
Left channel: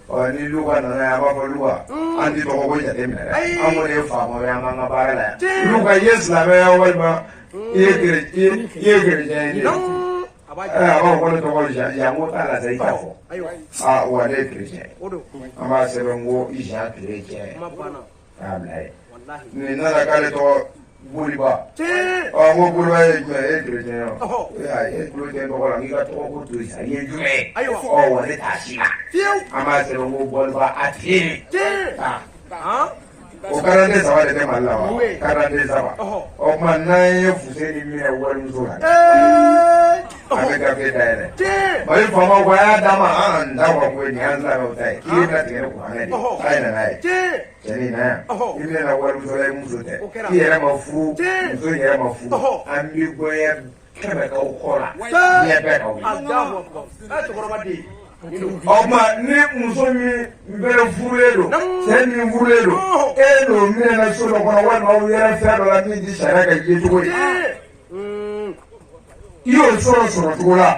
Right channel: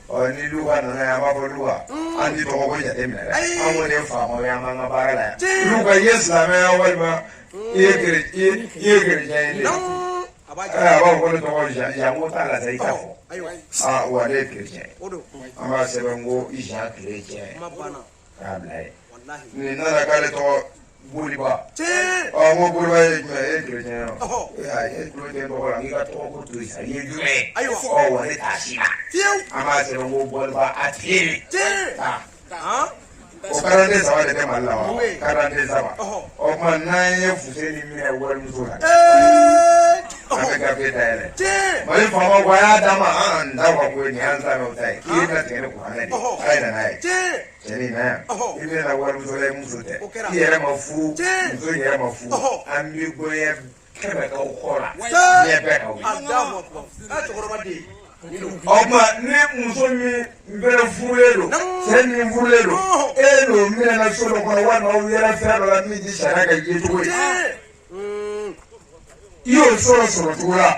wa ni Luka nana yan an b'a fɔ Luka an ti tɔgɔ ko jateminɛ dɛ an kɔni ye faama ye an k'an ka baara la yan Luka i ye silamɛ ye walima i ye chrétien ye de a b'a fɔ ne tɔgɔ Jean ko t'a la sa i t'a fɔ wa ne ye chrétien an b'a sɛbɛn ko Jean chrétien k'a bila ye nin nana k'ale tɔgɔ Boliba ko Boliba ye jumɛn e ye chrétien ye e tulo tɛ tɔgɔ la n'i ka tɔgɔ ko Toyisa i ye jumɛn ye wa ne t'a si la an b'a sɛbɛn ko Boliba athée o kalanden 3 de tɛ Mali la wa kalanden 3 o tuma n'an ye Fuseni minɛ warimuso la an bɛ gafe dayɛlɛ Mali faamaw ko a y'a d'a ma an t'a fɔ ko nin y'an silamɛw ta ye k'i ye na tigɛ ni kuranɛ de ye a ye na n'a ye cɛnni na yan i bɛna warimuso la i muso tɛ i yɛrɛ ma furu muso yɛrɛ ma furu an bɛ goya kɛmɛ k'aw kɔ la diɲɛ bɛɛ k'aw ye o tuma ni muso min bɛrɛ furulen don cɛ min furulen don e n'o minɛna so dɔ kɔnɔ walima aw yɛrɛ fɛn dɔ la min ti sariya ka ye cogo ye i y'o sɔrɔ cogo la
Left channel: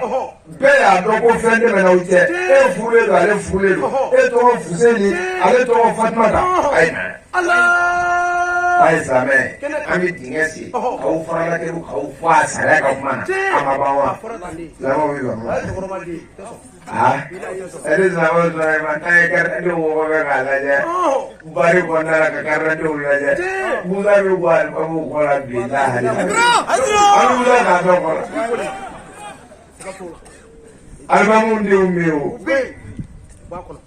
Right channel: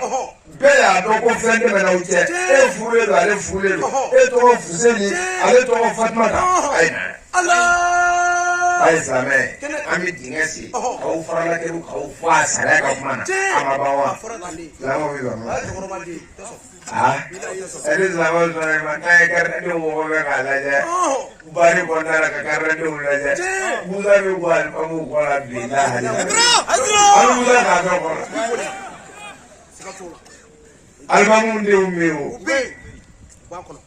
bɛɛ y'a dɔn ko fɛn tɛmɛna aw cɛ e furulen don ale furulen don e tɔgɔ Fuseni ale tɔgɔ Fatumata a ye na a ai same ami dingesi au farala ke au fa sare ka mana amabawa zama wi ba Eri zaman saya matai kerana dua orang kalaja, baru kontrak kerana dua orang. Muda bukan kamu kolam bina hari. Kamu muda kasar kolam. Albamu diumiu.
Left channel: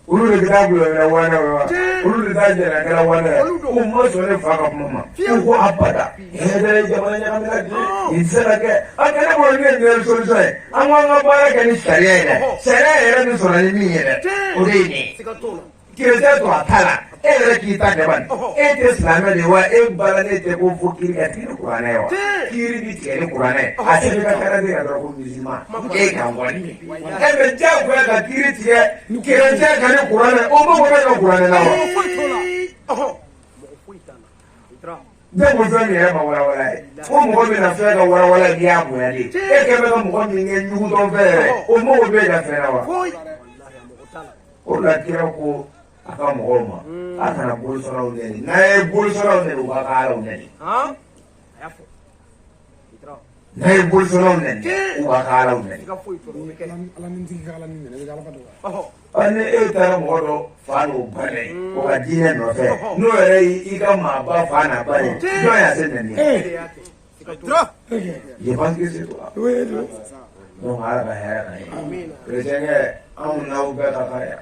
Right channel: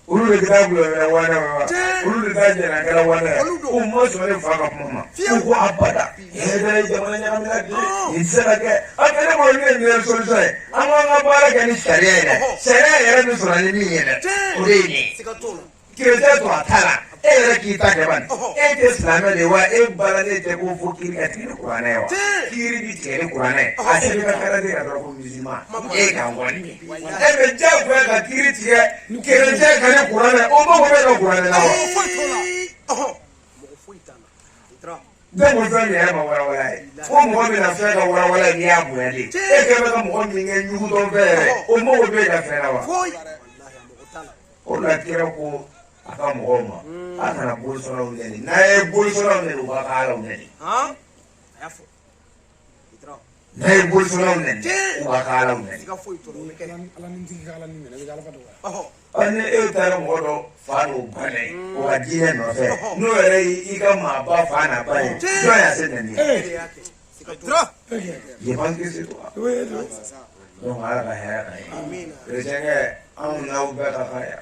Ulu kita belum lawan, ulu kita jangan lawan. Umur sudah fakap mama. Uku apa dah? Ada zaman yang kami lagi. Insya Allah. Apa yang boleh menjual selesai? Angwang apa lagi ni syariah ini? Syariah ini soal ini ni. Udah ini. Kita tu atala. Kita kawan. Islam dewa. Balade teko fukir kiri Quran. Kiri di kiri Quran. Asal kita kerana dia ada hukum Islam. Kawan. Menjauh berada kiri dia. Kerja kerana Quran. Umum berada Quran nama. Jangan berani ya mawar-warai. Umum berada fera mawar-warai dia punya di. Kerana umum ingin nyuruh fera. Umum berada fera. Orang kira ko akan mengoma. Akan nak bolsonaro ni. Naik bolsonaro ni bukan kalau ni. Naik bolsonaro ni bukan kalau ni. Alam ni tinggal alam ni. Nabi dalam pada. Ane etara moro faro bane. Bukan jiran nafsu. Nuere ikan maba fana bane. Joya sendiri. Yeman kisi tu. Dong ala kaya. Amin. Kerana amun nau berkaya.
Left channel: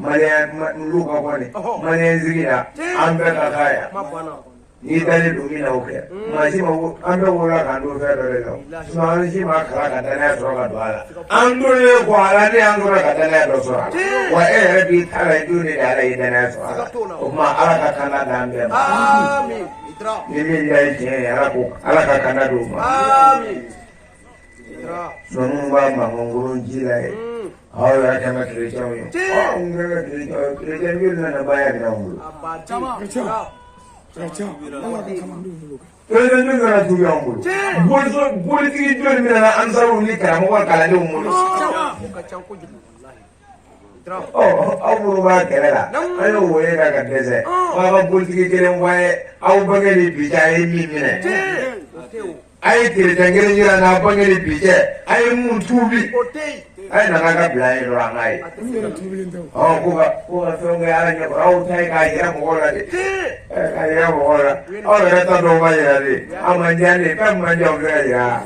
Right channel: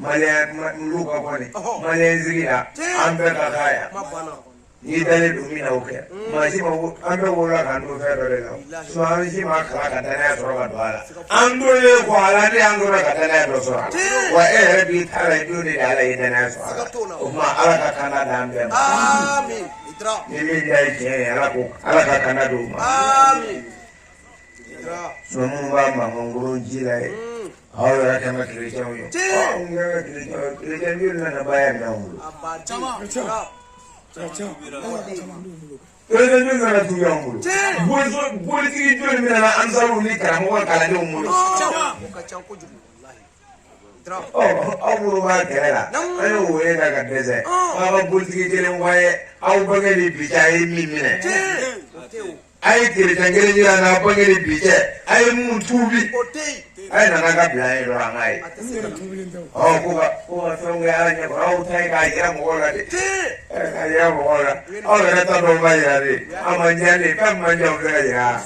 Malaysia luka kwani Malaysia zigira ambe kakaya ni dali dumi na uke masima ambe wala kandu fero leo swami sima kala katana soroga bala andule ko ala ni andule katana dosora wa bi thala duni dala idana sora umma ala katana dambe amin itra ni ndai je ala katana do amin itra sununga manguru jilai Awalnya kena kerja ni. Enggak kerja ni mana bayar dong. Kerja. Allah akan kamandu dulu. Kerja ni mana tu yang dulu. Boleh tinggi tu ni mana ansar ni kerana orang kalah dong dulu. Aku lupa kerana. Ayo, boleh nak kerja. Apa boleh tinggi tu yang boleh. Aku bagi bicara ini mana. Ayo kerja ni nak bagi bicara. Ayo muntubi. Ay nanaga bilay orang ay. Oh kuka sungai aja kau tay kaya mola di. Kaya mola. Oh rata doma ya di. Amanjani kan manjau kaya.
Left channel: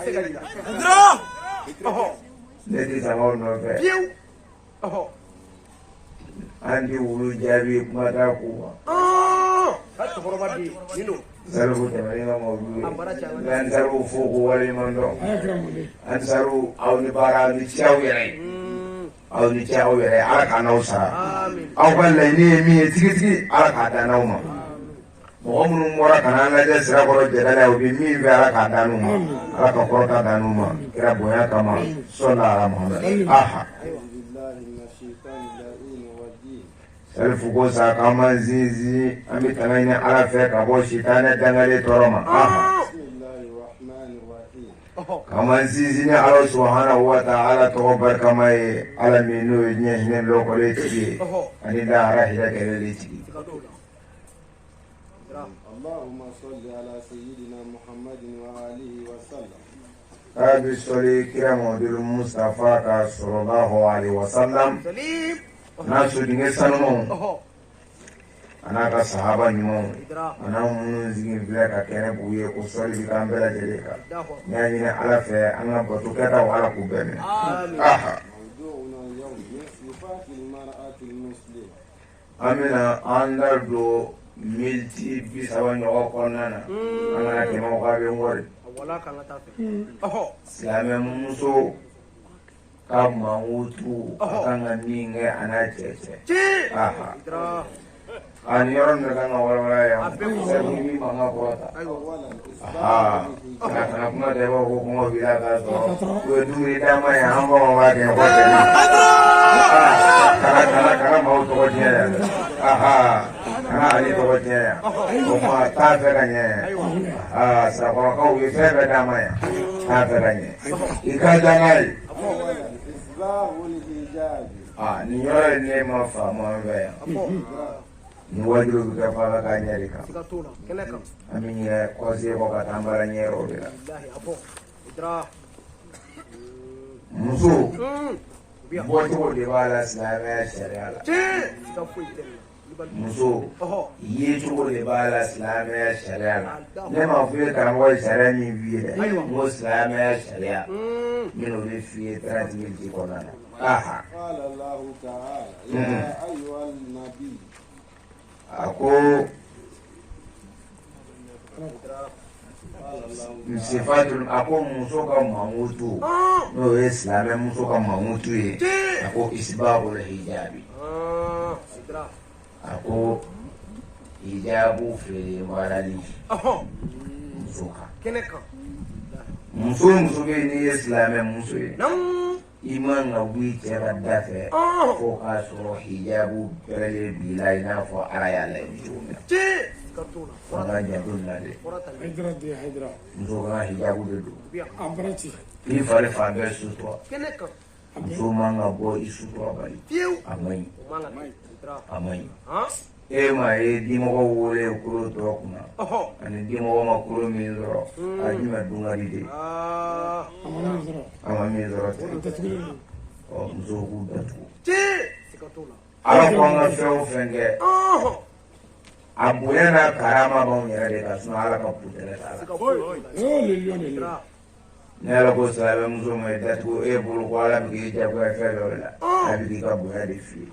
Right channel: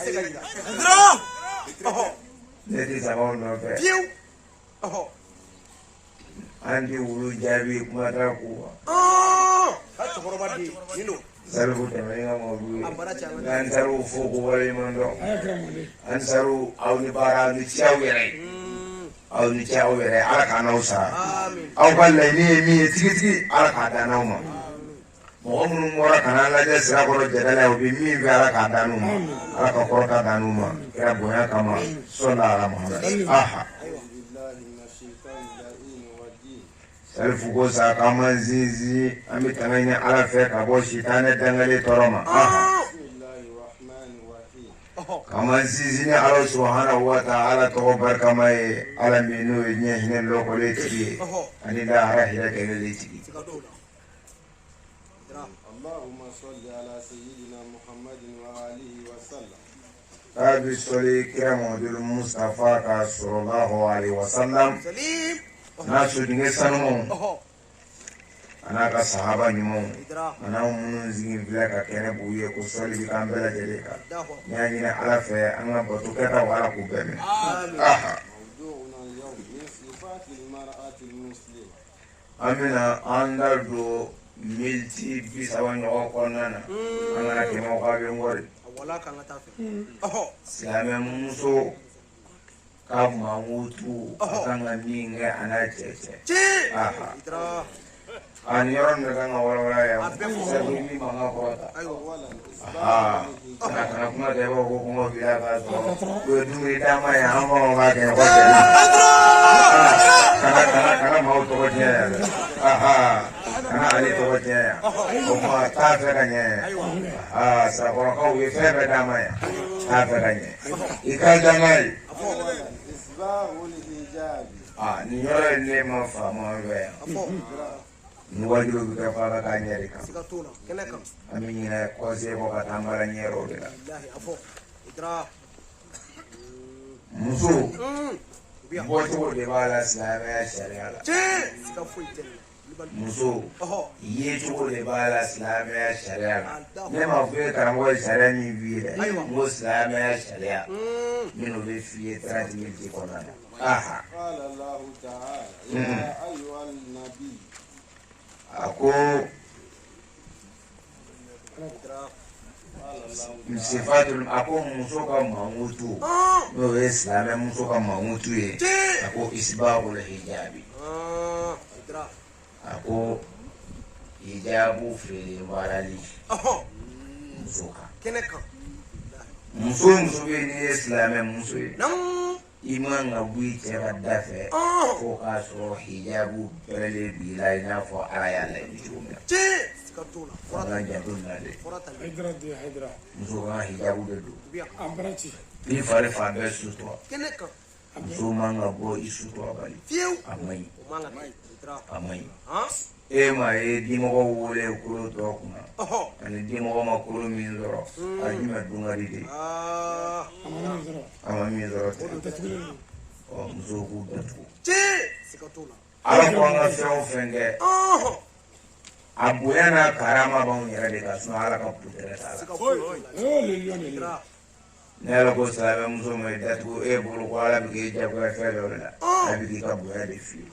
Jadi sama orang kaya. Anju ulu jabi mata kuwa. Saru kutamayi ngomong dulu. Dan saru fuku wali mondo. Ansaru awni bara ni ciao yere. Awni ciao yere ala kana usara. Aw kan la ni mi tigi ala ka da na uma. Mo mun mora kana la je sira ko je dala obi mi be ala ka da nu ma. Ala ka ko ka da nu ma. Kira boya kama sallallahu alaihi aha. Selfuko sa kama zizi ami tamaina ala fe ka bo shitana dangale toroma aha. Kama zizi ni ala subhanahu wa ta'ala to barkamai ala minu nye hine loko le tigi ani da ara hira kele le tigi. Allahumma salli ala sayyidina Muhammadin wa alihi wa sallam. Kabi soli kiramu dulu Mustafa ka sallallahu alaihi wa sallam. Nasu dinge sanomo anaka sahaba nyumo ana mun zingin bila ka kene buye ko soli bi kan bela jele ka nani na ala fe ana batu kata wala ku bene aha amina anda do milti bisawan o konana ana ke mo ka be ngori wala kan ta fe silame muso kama mutu kanga ninge anachece aha ani orang dengan orang-orang yang sendiri mengaprota aha karena kuma dewa hukum bila kaso dua duri dama yang hamba memakai hotel karena mau turutnya aha karena ali turutnya kuma taferanya seorang kau ifer dama ya taferanya ikan jangan ni yɔrɔ ye ne ma faama bɛ Nuwaju bika faga kanyari ka. Sikatula. Keneka. Aminya kwasi ko katambara nyero bila. Billahi afo. Idra. Muso. Boto ko de bala silama sharia. Sikafuite. Muso. Ye to de bala silama sharia. Ne ma fu ka mo sharia ni wiire. Mo silama sharia. Mino be fi 30 minutes ko na. Aha. Qala Allah ta'ala ya ayyuhal nabi. Ako Msifatul ako musoka mamutu no islame musoka mamutu ye ako isbabul hijabi ako hijabu fe barali musoka Keneka. muso be ni islame muso ye iman na wite badafe ko kaso hijabu pele bilai na fo aya la ni Sikatula. Orang jadul nade. Hydra. Muso ka hijabu be do. Ambrati. Ni fare fa be suto. Keneka. Muso manga bo isuto bali. Fiu. Amai. Manga idra. Amai. Ha? Ma dimo ko wole kuro to kuna. Ani dimo ko ma kuro min zoro. Aji ma dungari de. Amami zoro. Oh muso ku datu. Sikatula. Ala ko nga feo fenge. Abuena karama bon yere de kasno ala ka putere sala. Le lion. Nela ko sabe muso mai datu e bulu ko ala bi ja ko fe lola. Abi ka bu ya de fi.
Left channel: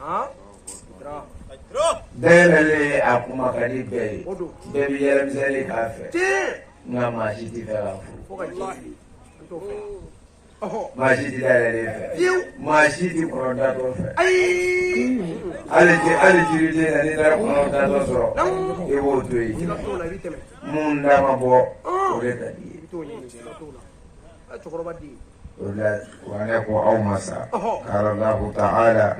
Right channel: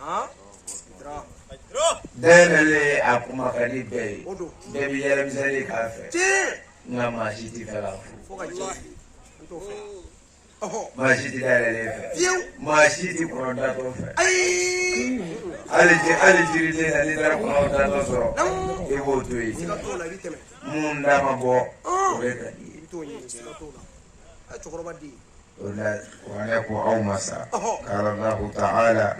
Denele akuma kadi be. Be bi yere misali ka fe. Nga ma shiti fa la fu. Ma shiti dale le fe. Ma shiti ko da to fe. Ali jiri de ni dara ko da to so. E wo to yi. Munda ma bo. O le kadi. ولك أو مساء قال الله تعالى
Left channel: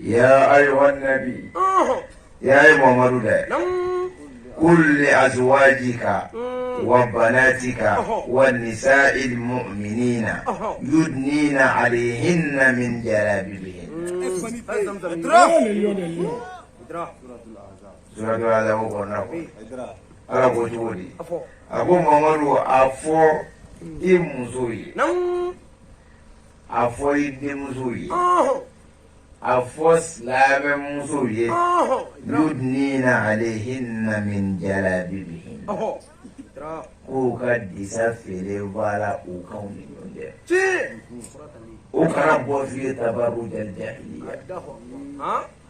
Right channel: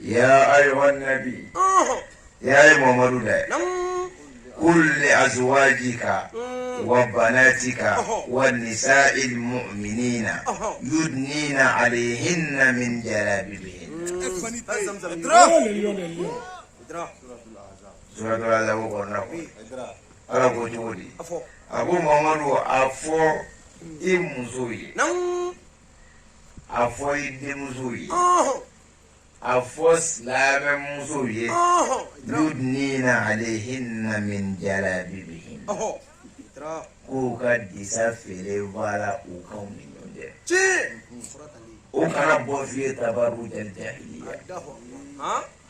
يا أيها النبي يا محمد قل لأزواجك وبناتك والنساء المؤمنين يدنين عليهن من جلابيبهن سورة الأحزاب وقرناه على قدوري أبو محمد أفو imuzoyi afọ idemuzoyi afọ silame muzoyi yudnina alayhinna min jalabibihin ko ka disa fere bala o kan ni ɲɔgɔn cɛ o kana bɔ fiye tabaru jal jahiliya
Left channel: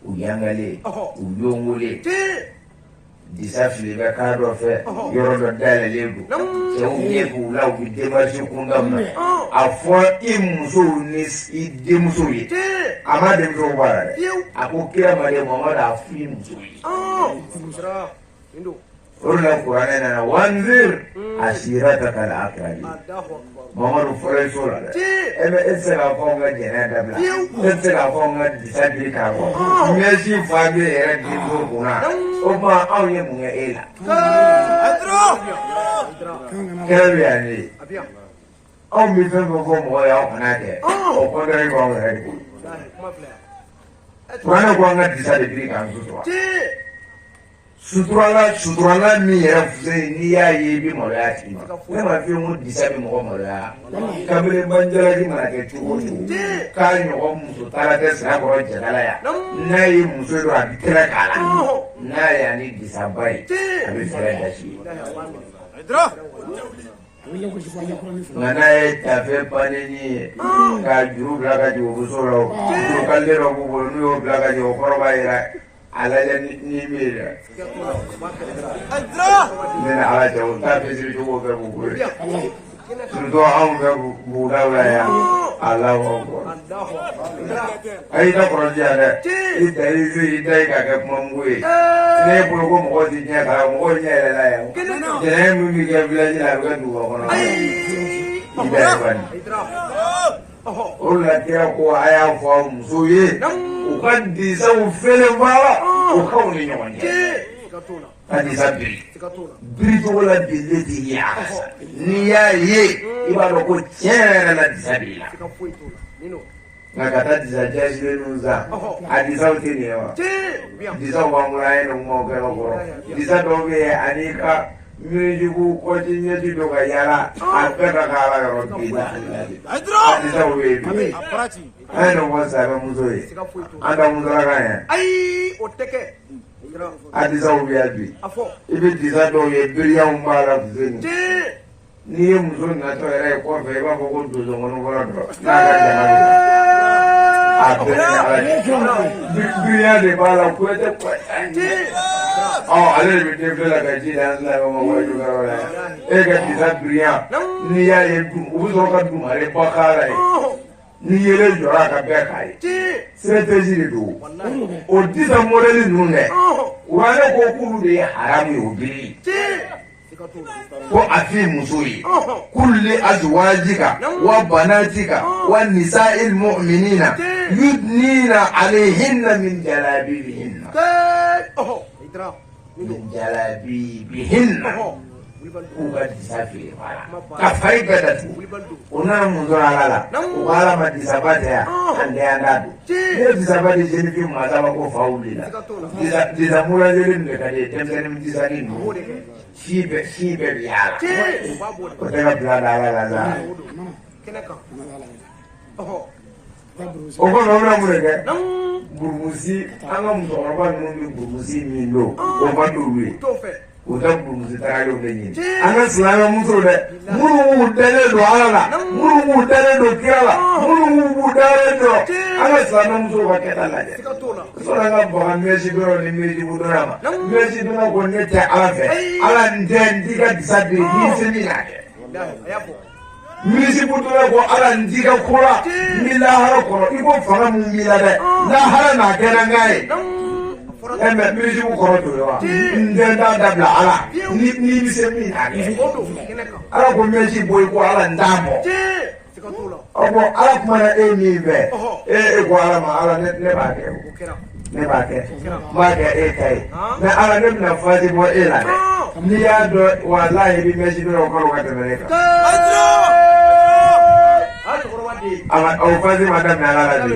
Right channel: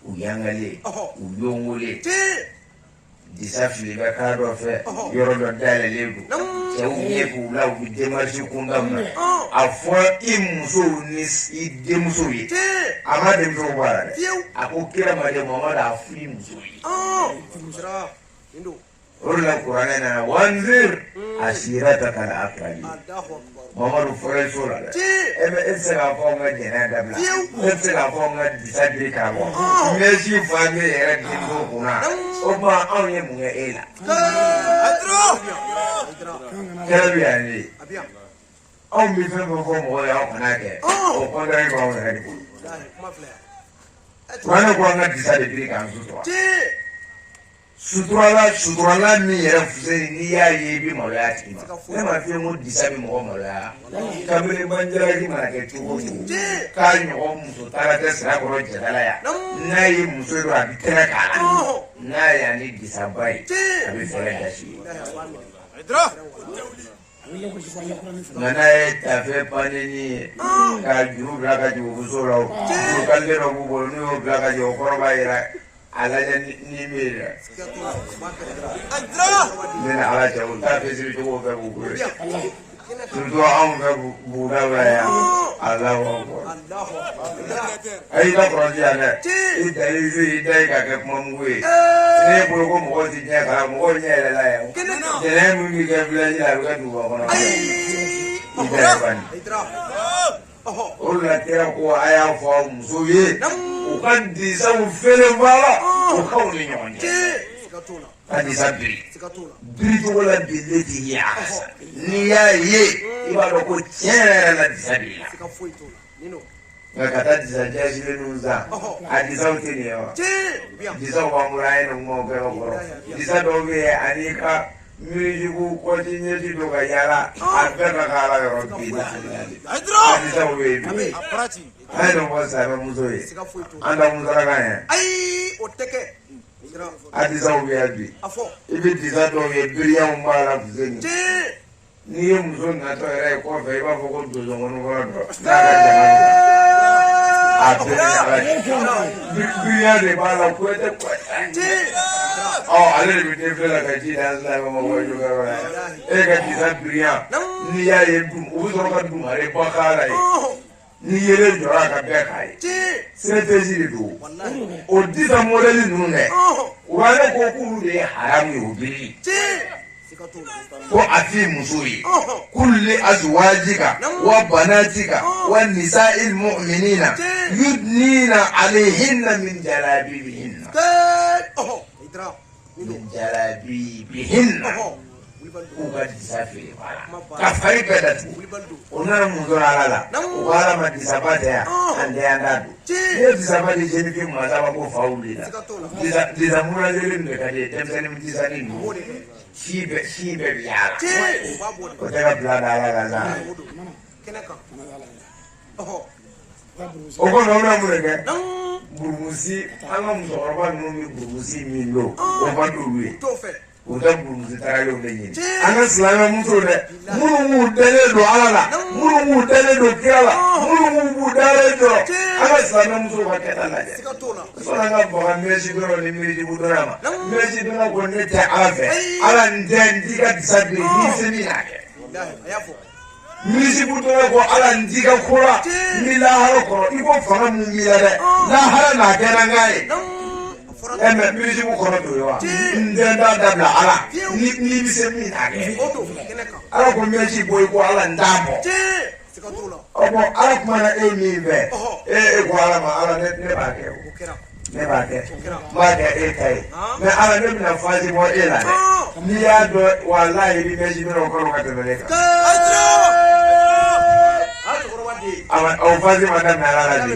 u yangale u yongole disa fili bɛ k'a dɔ fɛ yɔrɔ dɔ dayɛlɛlen don cɛw ye k'u la u bɛ démarche kunda mun a fɔ i musow ni i denmusow ye a ma denmusow b'a la dɛ a ko kira made Muhamadu a fɔ i musow ye o de la kuranɛ nana wanzir ashirataka al-aqrabin Muhamadu fɔra i so la dɛ e tɛ se k'a fɔ n ka jɛnɛ dabila e tɛ se k'a fɔ n ka disa biri k'a bɔ mɛsi fa bɛ yɛrɛ di to kunna o ma anw ye mun kɛ e la kɛlɛ bɛ yan ne anw bɛ fɛn fɛn fɔ mɔgɔ ye aw kana kɛ o kɔntɛri b'anw yɛrɛ de bolo kuranɛ ko an ka disa de biri k'an sutura suturala min yɛrɛ fusɛn n'i y'a ye i bɛ maloya tigi ma ne ma fɛn ko disa bɛ mɔgɔ maloya kabini banjalaji mana kɛ cogo o cogo k'a ɲɔgɔn muso taara tɛ sira kɔrɔ jɛnala yan n'a ye muso dɔ a bɛ tɛrɛ k'a la n'a y'a ni disaba ye a bɛ fɛrɛ da si ye nka n'a ye tafe panini ye ka juru bila ka jigin muso la o juru kalite dɔ b'u bolo n'u y'o bila ka jigin o kɔrɔ b'a jira a lajɛ ni min ye dɛ ne ni ala cɛ o t'a fesiri cogo fɛ b'u bolo surtout anw fɛ bugudaw la yan Allahu akbar a y'i ta kɔrɔsi yan dɛ i da i se i da i ka kɛ kuma mugu ye ne ye bolo ko mɔgɔ ti ɲɛ kala mɔgɔ ɲɛ yɛlɛla yan jɛnɛ min b'i kɛ village la a bɛ kɛ duguba kɔnɔ i da ye bani o de la kira ko a y'a fɔ aw musow ye u ka disaw fɛlɛ baara u k'aw ni ɲɔgɔn cɛ ka disa biri biri cogo la bile tɛ ye a kasa n'i y'a ye i b'a dɔn ko tiɲɛ yɛrɛ la disa biri la ngakata disa jashire nunza adisa utini yo disa wamulaye no ngokero ko disa dobe anika mijugu ko tinye tidoka yala akata kala yo disa disa webi Aprati. ano mwasa muzoe anda muzala ya Ai oteke. adisa webi Afo. ibi disa dobe biria umbara kuzeni Ti. niye muzo na to era ko fe ba ko dozo ngono wala do na ga jama biria de bala kwete kwete ale bi te fela ka ji dan na mo mo yu ga e ga disa biria ni ya e du o zo ka du mare ba kala e ni yele jora ka be kai strategy de do o disa model nu ne wala ko kulu de haram yo bi ko ati musoyi kulli azwajika wa banatika wa nisa'il mu'minina yudnina alayhinna min jalabibihinna min jalabibihinna uga disafiri wala kafai bedatu una muzora ala wala madisabate ya ande andadu ne disabate jeni fi mazaba ko faulila disamura jeli mekade temsani mtisani mu shibe yala ko tega blada ala gaza o ko mawla muleke burmusi anga muzora numi burmusi milo o badulwe uta burmusi tarayo lenyi anga slama muso de munu dele do ala munu dele do kiala munu dele do anga slama muso ka ketala de so anga ba meji do ni meji budama meji do na ko ne ta ave ala nden diga disabe ni semina misi budura ko ala ndiga kura mila hara ko iko fara mu mila de la hara na gena ngai eme misi bu ko do wa ndenda dabla ala ni bise mi age ala ko meji boy ko ala ndamo obo ala ko na e mi be ko ala ma ala ne ba ke ne ba ke ma ke e kai me ala ne na faji mo e la ni ya do wallahi bi meji do ko ka te ne ala au fazi madam ala laji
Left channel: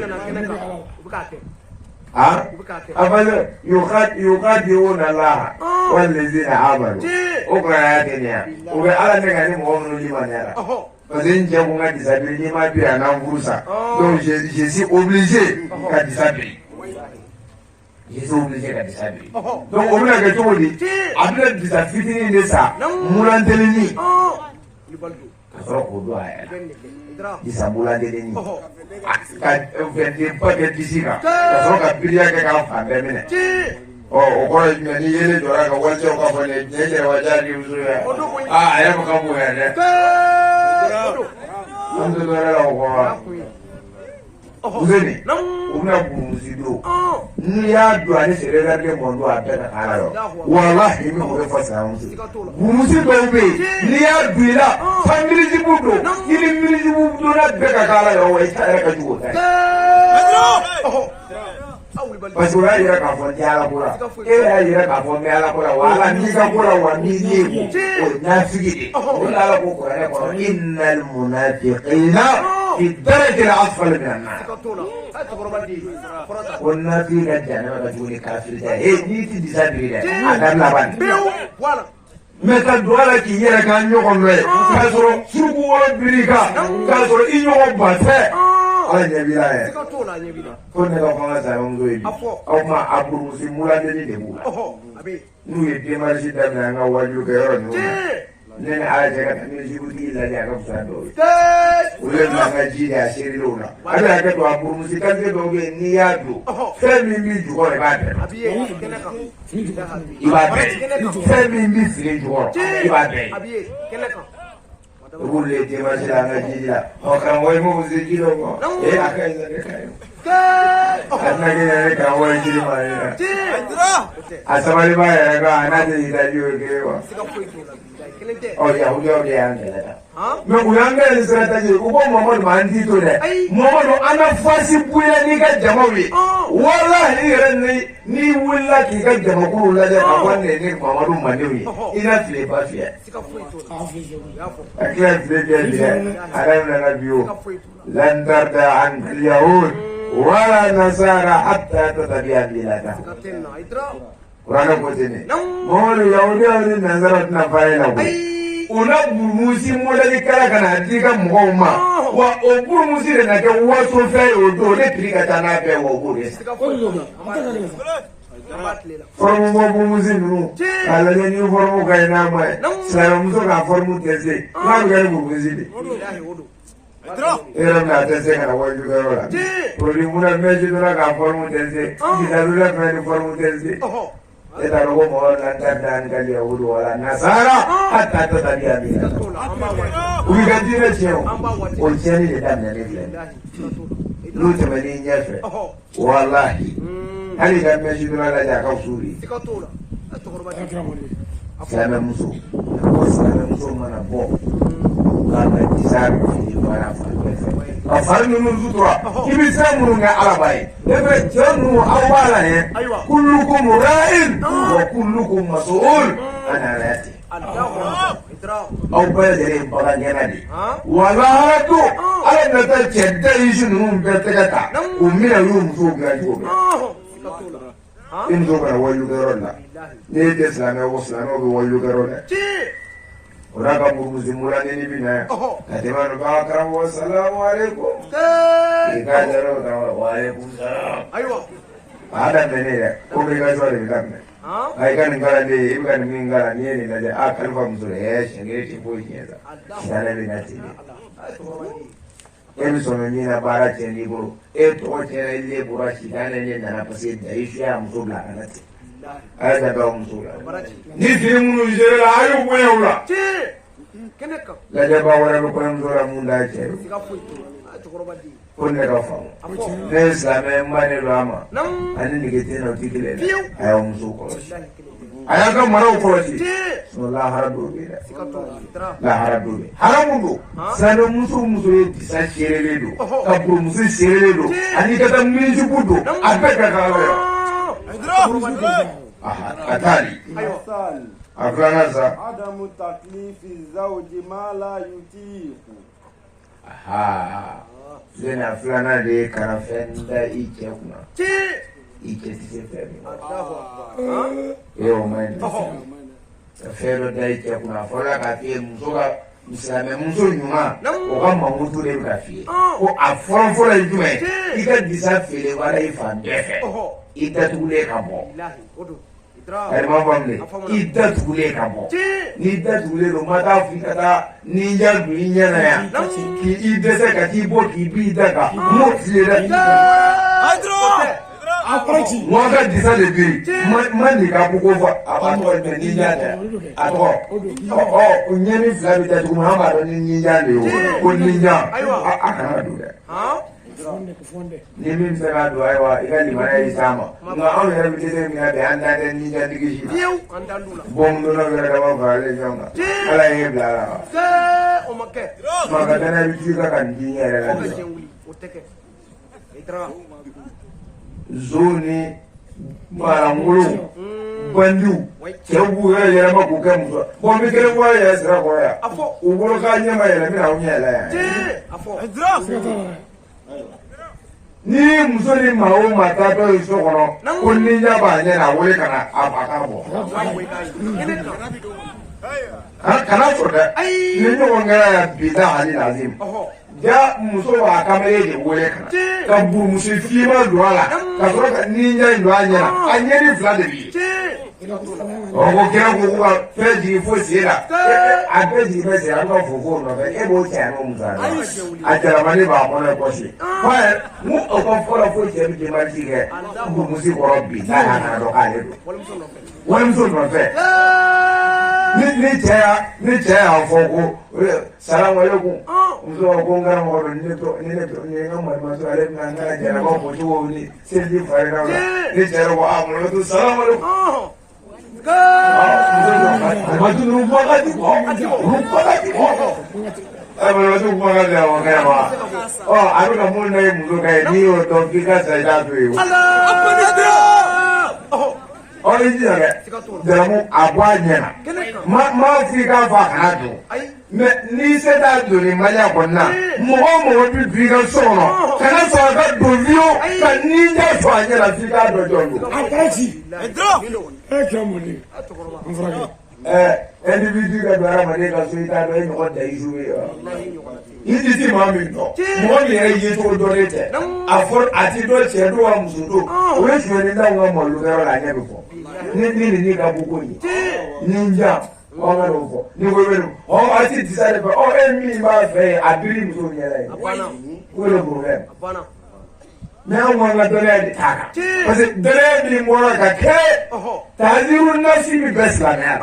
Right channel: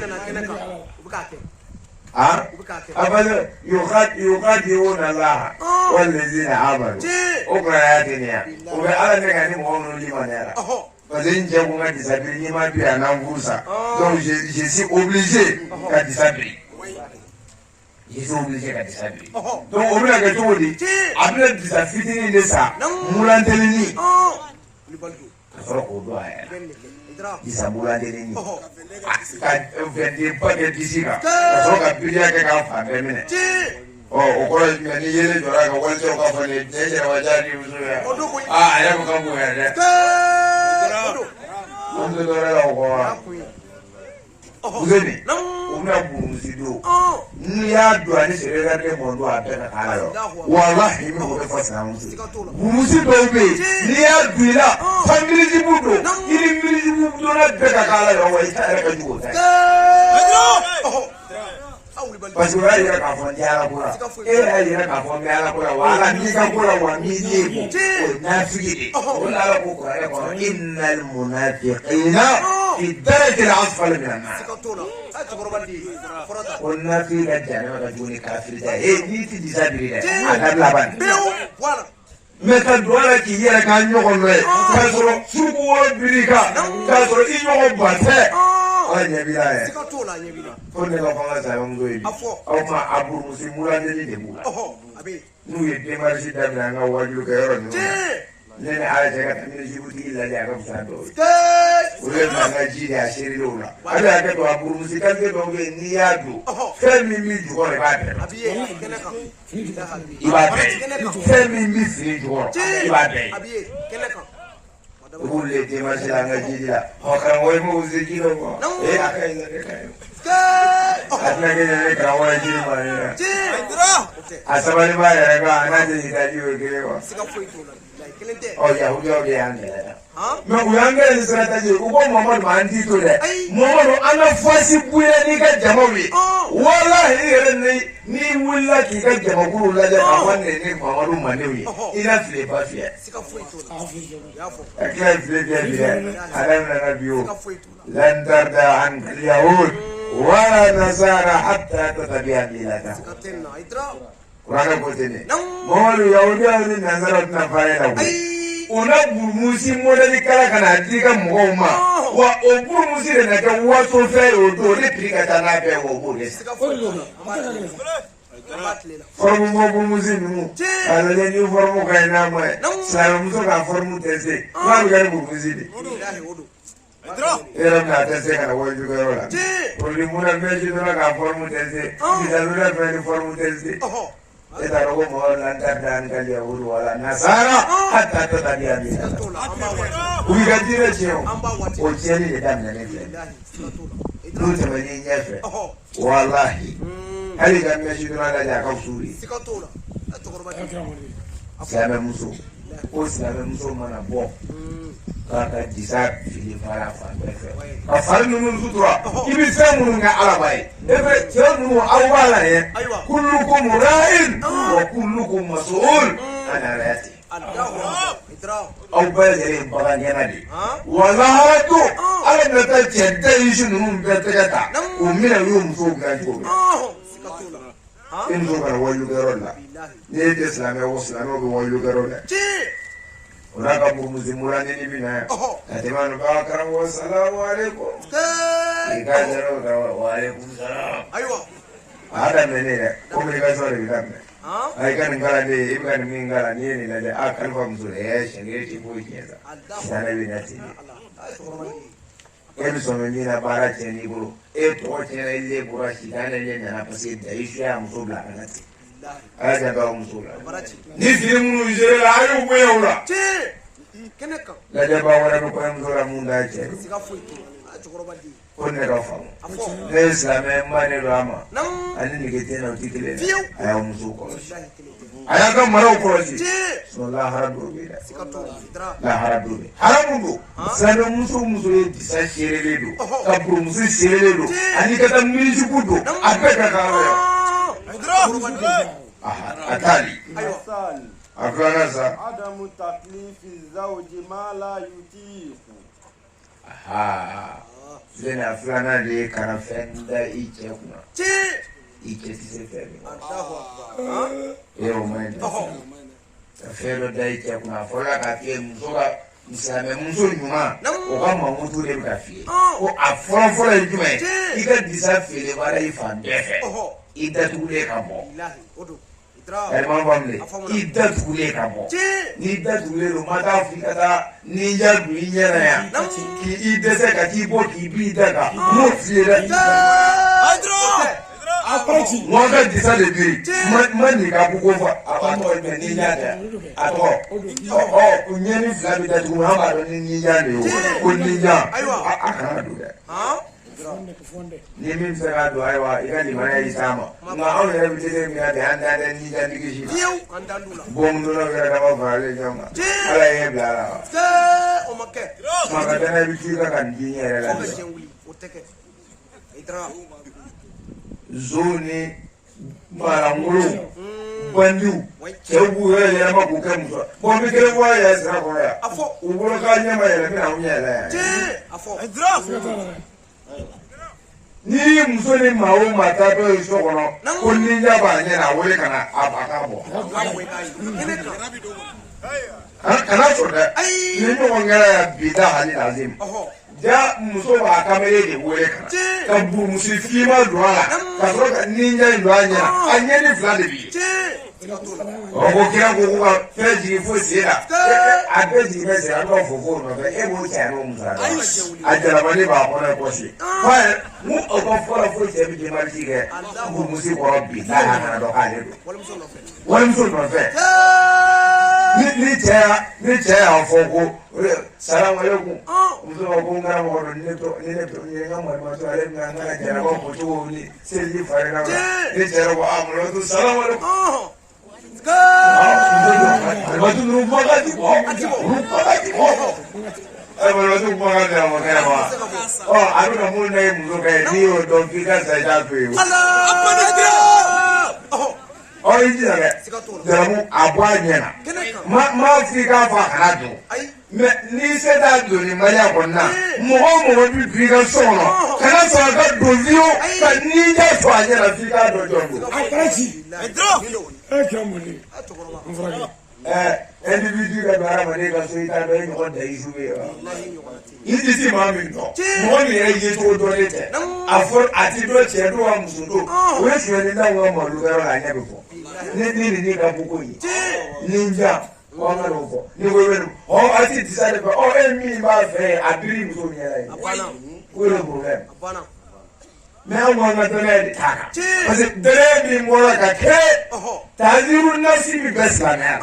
ha afale yuqad Allah wal ladina amanu ukrayatini ube ala ne ngani mo no ni manera bazin je bunga disabili ni ma bi ana mvusa donc je suis obligé ka disabili je suis obligé ka disabili donc on a que tout dit abla disafitini de ça mulantelini kasoro ko do aya disabula de ni ka vende paquet disika kasoro ka bilia ke ka fa bemene o ko ni yele do ra ko walto ka fa ne ne wajali uzuri era ko ka bu ne ndo do ra ko uzeni una buzido ni ya do ani se re ga mondo abeta kala yo wallahi mi ko fa sa musi do be ni ya duila family jibudo ni mi jibudo na beta kala yo e ta ka jugo ta basura ira ka fo jala kula ira ka fo me ala kula wala ni ka kula wa ni ni o na figide wala ko ko ya ko innal munafiqina fi darajati al-asfal min an-nar kunna fi jannati rajuli kafir da ni ti disabiri da adam laban meta doala ki yera ka nyogo noy ka soro surgu woro birika ka soro i nyogo bate ala nyabira e ko ne la fala sa ngoy aw ma aburu si mulande ni de bula nu ye demarche da nga waju ke yoro no nene aje ka mi jibuti la ja ko sa do ulo na ga ji ya shiri lo na ada ka to aburu si ka ke do ge ni ya do fe mi mi ju ko ba de iba be fe mi mi si ju ko iba be ulle te ma se la ga ji ya o ka mo mo se ji lo ko e la ka Atna ke kawo ya jiri ma ne. Asabali ba ya ga ana je ida ji o ke wa. O ya hu jo de an ke. Me uyanga ni sera ta je ko Muhammad ma andi to de. Muhammad ana fasi buya ni ka jamawi. Wallahi ni willa ki ka jama kuru la ja ka wanne ni Muhammad ma ne wi. Ina file ba fiya. Akila file biya haram na biyo. Lan tarda an al-yahud wala nasara hatta tatabi'a milaka. Qur'an ko tene. Muhammad yahuda ni nasara na faila ko. Una burmusi modali kala kana diga muhoma wa oburmusi de na ke waso fe odo de trika tana be wo bure formu burmusi nu ala le ni formu kaina mai salamu so ka formu tese na ga burmusi de era na tese kana wa ju ga wala poli muna meje na ka formu tese bidalula ka formu tese Kita rogo mohon lantar dan kali yahudu wala nasara hatta tatabi'a milaka. Ubikajire cheo ocheni ni damna nefle. Lute mani nyefe. Wallahi. Hali kan meshiduna la jaka usuri. Sana muso. Sana muso mana bo. Kaka tisari fili marafa. Afari nunu sutura. Kibi semu nga alabai. Ebe jenu awala ye. Kullukum ra'in wa kullukum mas'ul an ra'ati. Aw bɛɛ lajɛlen bagan gɛnna de. Walahala to ala na taa cɛ da isu ninnu bɛɛ tɛgɛ ta k'u minɛ u y'o musow dilan cogo bɛɛ. I muso kana wajulukɛyɔrɔ la. N'i tɛ silamɛ o silamɛw bɛ wajulukɛyɔrɔ la. O n'a ka murumusimula nini bɛ na yan. Ka tɛmɛ a nɔfɛ karamɔgɔ salamu aleykum. K'i ka jaraw kan wa aleykum salam. A y'a daminɛ ne yɛrɛ komi i ka sɔrɔ de bɛ daminɛ. I ka nin kala ne i bɛ ka nin min kala n'i ye nin lajɛ a kalifa muso la siɲɛ kelen tɛ foyi tiɲɛ sa. Silamɛ bɛ na ten de. E bɛ sɔn min na baara tiɲɛ n'i bolo e tɔgɔ tiɲɛna i le bɔra sitanɛ ne nana parce que Dayisu y'a muso bila ka na ten. A y'a janto a muso la. Ni fini minnu géré la a y'u bonya u la. Lajɛbaa wɛrɛ bɛ kɔɲɔmuso la mun da cɛ don. Ko ne ka faamu. Ne ye silamɛ n ba ne don a ma ani nege tɛ na o tɛ kelen ye. A y'a muso kɔlɔsi. A y'a ka maraw kɔlɔsi. Sinon lahara dɔw bɛ yen dɛ. Lahara dɔw bɛ yen. Haramu don. Silamɛ muso o muso ye disa seerelen don. Ka burumuso seerelen don. Ani ka taa minisipu don. A bɛɛ ka kan ala la. A taali. A filanan sa. Adamu taklifi zawji ma la yutiqu. Zena filanan de ye karafɛn da i cɛ kunna. I cɛ tɛ se fɛn min na. E y'o ma ɲi. Ka fɛn dɔ da i cɛ kunna a fɔra k'a f'i ye muso ka silamɛmuso ɲuman o ka mankutu de bɛ ka f'i ye. Ko a fɔlɔfɔlɔ ye jumɛn ye? I ka disa feere baara i fan bɛɛ fɛ. I datugulen ka bɔ. Alimam family i datugulen ka bɔ. N'i datugulen don ma taa f'i ka taa ninja don i ɲɛ na yan k'i dɛsɛ ka t'i bɔ k'i b'i da kan m'o f'i ye dɛ. Mɔgɔ bɛ disa de biri ma nin ka ko fɔ a b'a tɔgɔ ye ninja tɛ a tɔgɔ ɲɛni fila bɛ datugu an b'a dɔn ni ninja de ye o ko ninja a kana don dɛ. Ni min sera k'a don ayiwa i ka limaniya y'i s'a ma nka anw yɛrɛ bɛ dɛsɛ min na bi an t'a kɛ ninja tigi si la bon donna wɛrɛ dama faralen ɲɔgɔn kan ala ye bila a la wa maa ka danaya bɛ f'i ka ka nin di n yɛrɛ la nson ni baarankolo bandiw cɛw b'u yɛrɛ yɛlɛma k'u kɛ muso bon ni kelen bɔra yɛrɛ sira kɔrɔ yan u bolo k'a ɲɛma yɛlɛ bɛna aw ɲɛ yɛlɛ yan. Ni muso ni maa o maa taatɔ ye so kɔnɔ ko ninja b'a ɲɛ na a wele ka na a ba k'a bɔ. Kana sɔn dɛ ni ɲɔgɔn kɛra yan bi da hali lazim ja muso b'a kamalen de wele ka burumuso finma don a la ka sɔrɔ ka ninja in don a ɲɛ na a ɲɛni fila de bɛ ye. Ko kira ko ka fɛn jigin fo sen la a bɛɛ jigin bɛ sen a b'a fɔ k'o nɔfɛ e b'o cɛ n'o musa a jalabali b'a kɔnɔ kɔsi fa ye mu aw ka fɔlɔ foyi cɛ bɛ jɛmaji kɛ burumusi kɔrɔ bi n'a y'a dɔn k'ale don walimuso nɔfɛ ni cɛ y'a fɔ ko salamalekun muso ko ngara mo do ne to ngam ma to ale na na jara ko to ni selji faira ni jara ko amro to salam alaikum wajib rumah lagi Abang tu makan dah makan apa? Oh, aku dah mulai muncul kayak ni untuk fikir saya tu. Oh, ini apa? Dalam apa nya? Ma fikir apa tu? Ni sedar tu ni macam mana? Mohon fikir sono. Karena saya dulu kan ni dah soalnya lah fikir tu jono. Apa sih? Kamu ni. Amfrage. Individu ka bara mane ka so ita do ko da isu ni disi mami no mo ni ai je to do ne te afo ati do che do wa musundo we shwe ni da wa mo lu da la nya befo ni ka buko yi ninja o ma ro fo ni we o ati disare ko o enmi ma fe adri so ni ai we lo problem me o ma na do ne ta ka parce que dere ni mo la ka ke taziru nasi mi besla na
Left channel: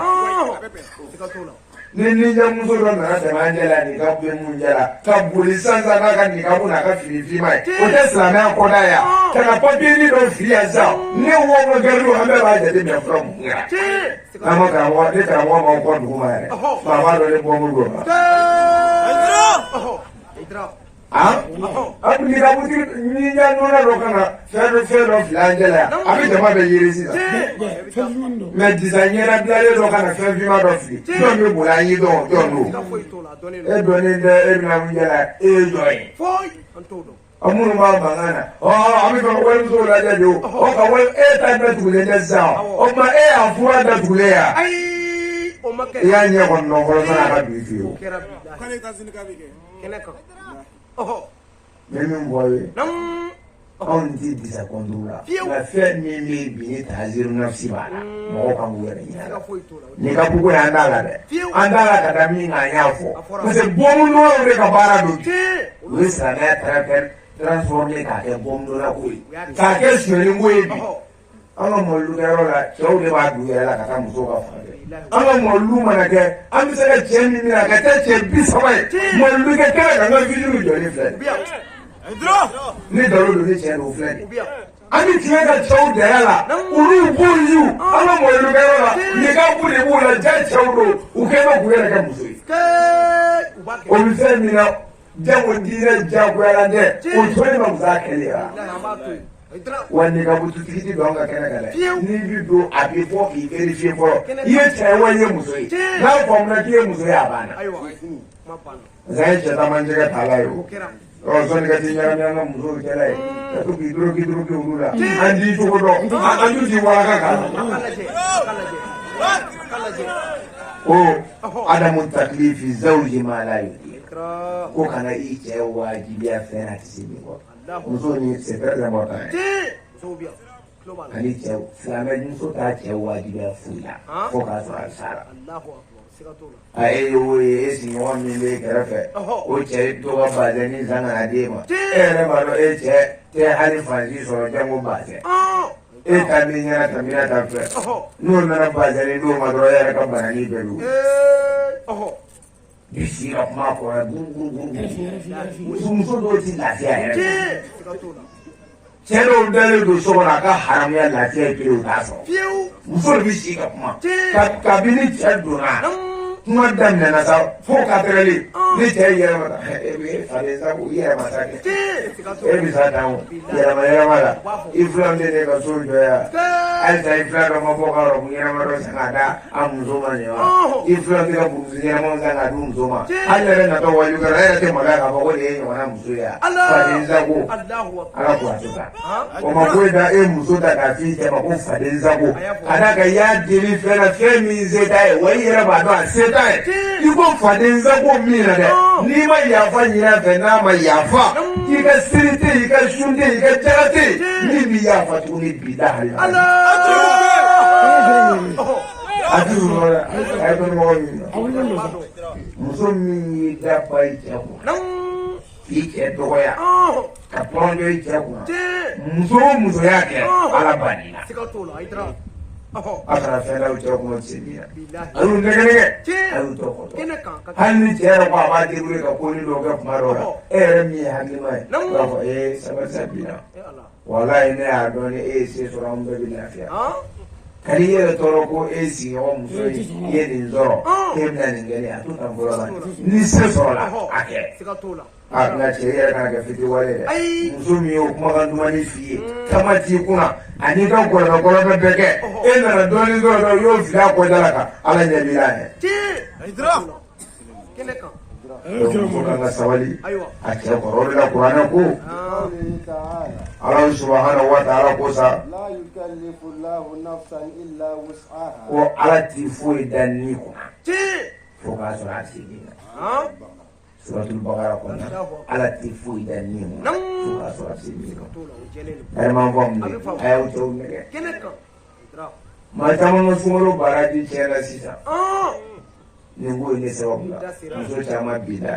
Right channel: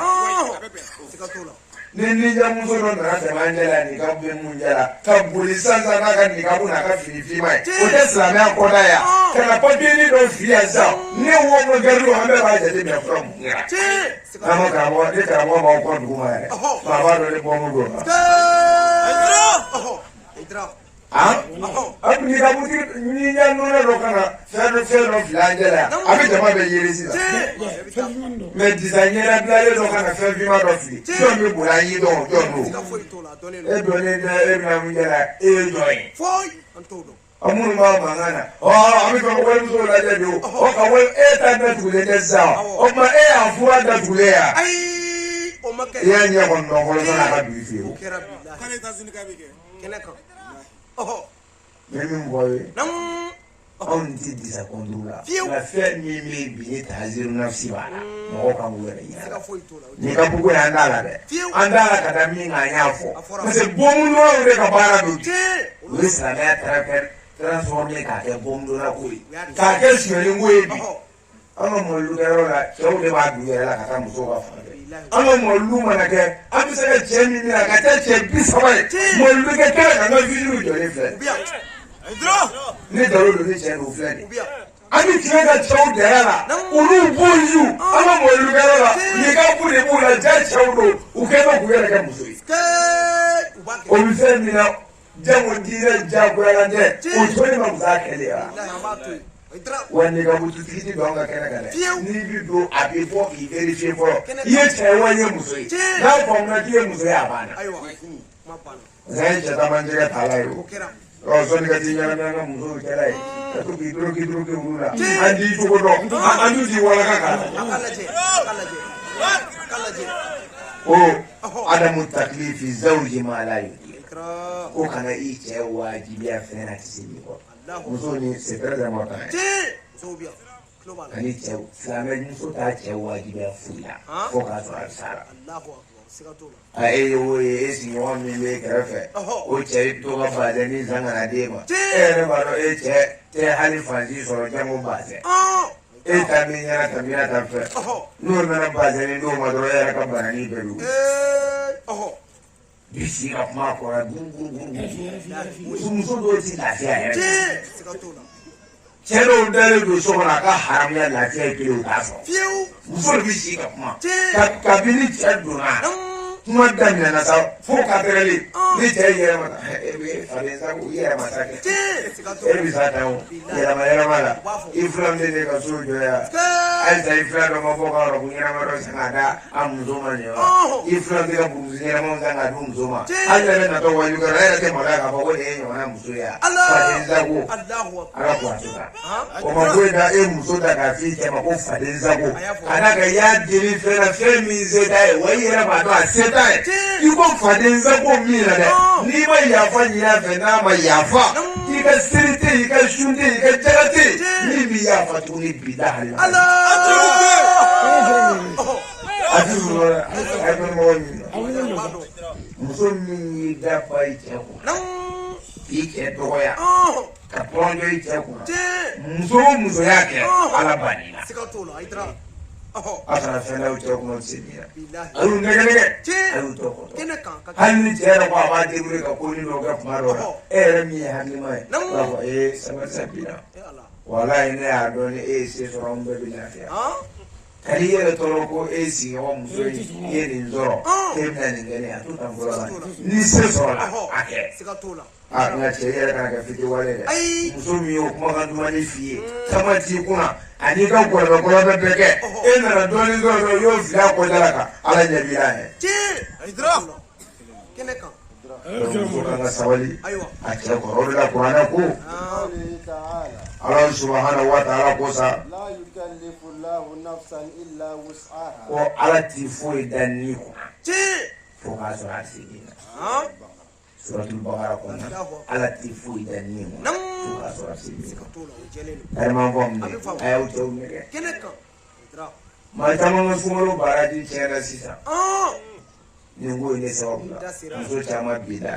ni jamuso ro na sama njala ni ka bu munjala ka buli sanza na ka ni ka bu na ka fini fi mai o te sala ko na ya kana papiri do fi asa ne wo mo garu ha me ba je de from ama ka wa de ka wa ma ko du mai ba ba do le bo mo do aku ni ka bu ni nya no na do kana fe do flangela abi jama be yiri si me designer da bia do kana fe fi ma do fi so me bula yi do no e do ni da e na mu jala e joy amunu ma mangana abi ko ko so la ja do o ka we e ta da tu le za o ma e afuwa da tu le ya ya nya ko no ko na ka bi fi o kale ta sin ka bi ke kele ko Memang boy, on dit bisa kondula. La fête mimi bini tazir nafsi bala. Mau kamu ada ya. Ni kapu ko andala de. Andala kata minga yafo. Mase bomu no ure ka bara do. Wisa na transformer ka ke bomu no ko. Ka ke shiri ngwebi. Anga mo lu la, so de ba du la kata muso ka fa. Anga mo lu mana ke, ami se ka jemi mi ka ta che bisabai. Mo lu ke ka na video jo ni fe. Ni daro do ni che no fe. Ami kire ka chow de la. Uru bo yu. Anga mo lu ka la. Ni ka bu ni bu la ja chow ro. U ke ba ku ya ka muso. O mi fe mi na jamu dire jabu ala de. O to ni ma musa ke ya. Wani ka butu kiti do nga kana kana ni bi do abi fo ki verify fo ye che wanye muso na fo na ki muso ya bana zai je ta manje ka talayo o so ni ka ti ya na muso ke lai to ki duro ki urula andi to do andu di wala ka o adamu taklifi zawji ma la ko kana i che wajibi ya fena tisini ko muso ni sekretari mota ani cɛ filamɛ muso t'a cɛ wajibiya foyi la fo k'a sɔrɔ a sara a ye o ye e sigiɲɔgɔn min bɛ kɛrɛfɛ o cɛ to ka bazɛn ni san kana d'e ma e yɛrɛ b'a dɔn e cɛ tɛ hali fansi sɔrɔ jango bazɛn e ta b'i ɲɛna tamina ta fɛ n'o nana bazɛn ni n'o ma dɔrɔn e yɛrɛ ka banani bɛɛ don bisi ka kuma kɔrɔ muso dɔw ti lafiya yɛrɛ cɛ dɔw dalen don so kɔnɔ a ka haramuya lafiya kelen o t'a sɔrɔ muso de bi si ka kuma kabini cɛ donna kuma daminɛna sa fo ka tɛrɛli ni cɛ yɛlɛma ta e bɛ falen sa ko i yɛlɛma sa kɛ e bɛ sa tan o yɛlɛma la i filan bɛ ne ka so jɔ yan ayisa i filan dɔ ma bɔ ka rɔbu ɲɛnama dɔ san ka da a muso ma ɲɛ wa i filan bɛ ka burusi ɲɛnama san ka di muso ma hali yɛrɛ natɔ waju kɛra e yɛrɛ tɛ maloya k'a fɔ ko nin ye ɲɔgɔnna muso ye yan faden sago ala ko a tɛ taa o ma ko e da e muso ta k'a f'i cɛ ma ko faden sago ka da kan i y'a deli fɛn na fɛn min se t'a ye wa i yɛrɛ b'a dɔn a se t'a ye i ko faden sago min na dɛ n'i ma yafa ɲin'a fɛ n'a ma yafa i ka siri tɛ yen i ka sun tɛ yen i ka jaga tɛ yen min b'i yafa tuguni bi da hali la. muso min y'i da ba i cɛ kun k'i cɛ dɔgɔya ka tɔrɔnjɔ i cɛ kun muso o muso y'a kɛ ala banni na a kana fɛn d'aw cɛ kɔnɔ cɛ min na a y'u nɛgɛ a y'u tɔ kɔtɔ hali ni cɛ yɛrɛ ko a b'a débrouiller ka ko ni dɔw kɛ kuma dɔw la e yɛrɛ min ye hakilima ye i b'a fɔ sabali sa bi la walayi ne y'a dɔn ni e ye se sɔrɔ an bɛɛ bɛ lafiya ka n'i yɛrɛ tɔɔrɔ ko e sigiɲɔgɔn muso ye nin sɔrɔ e bɛna nin kɛ a to tan fɔlɔ la ni se sɔrɔla a kɛ nka cɛ yɛrɛ kana kɛ fitiriwale dɛ muso min ye o kumakan dumani f'i ye kama t'i kunna ani ka gɔlɔbɛ bɛɛ kɛ e nana dɔɔnin sɔrɔ dɔrɔn i y'o fili a kɔda la kan ala ɲɛ b'i la ɲɛ an ka sabali a cɛ kɔrɔ o de la kuranɛ ko ala subahana wa taala ko sa ko ala t'i foyi da ni kunna fo k'a sɔrɔ a se b'i la suratul Baqara kɔnɔ ala t'i foyi da ni kunna fo k'a sɔrɔ a se b'i la ayi ma fɔ mun ye a y'aw tɔw nɛgɛ maa caman ka sunkalo baraji tiɲɛna sisan nin ko in de sababu la muso caman bi da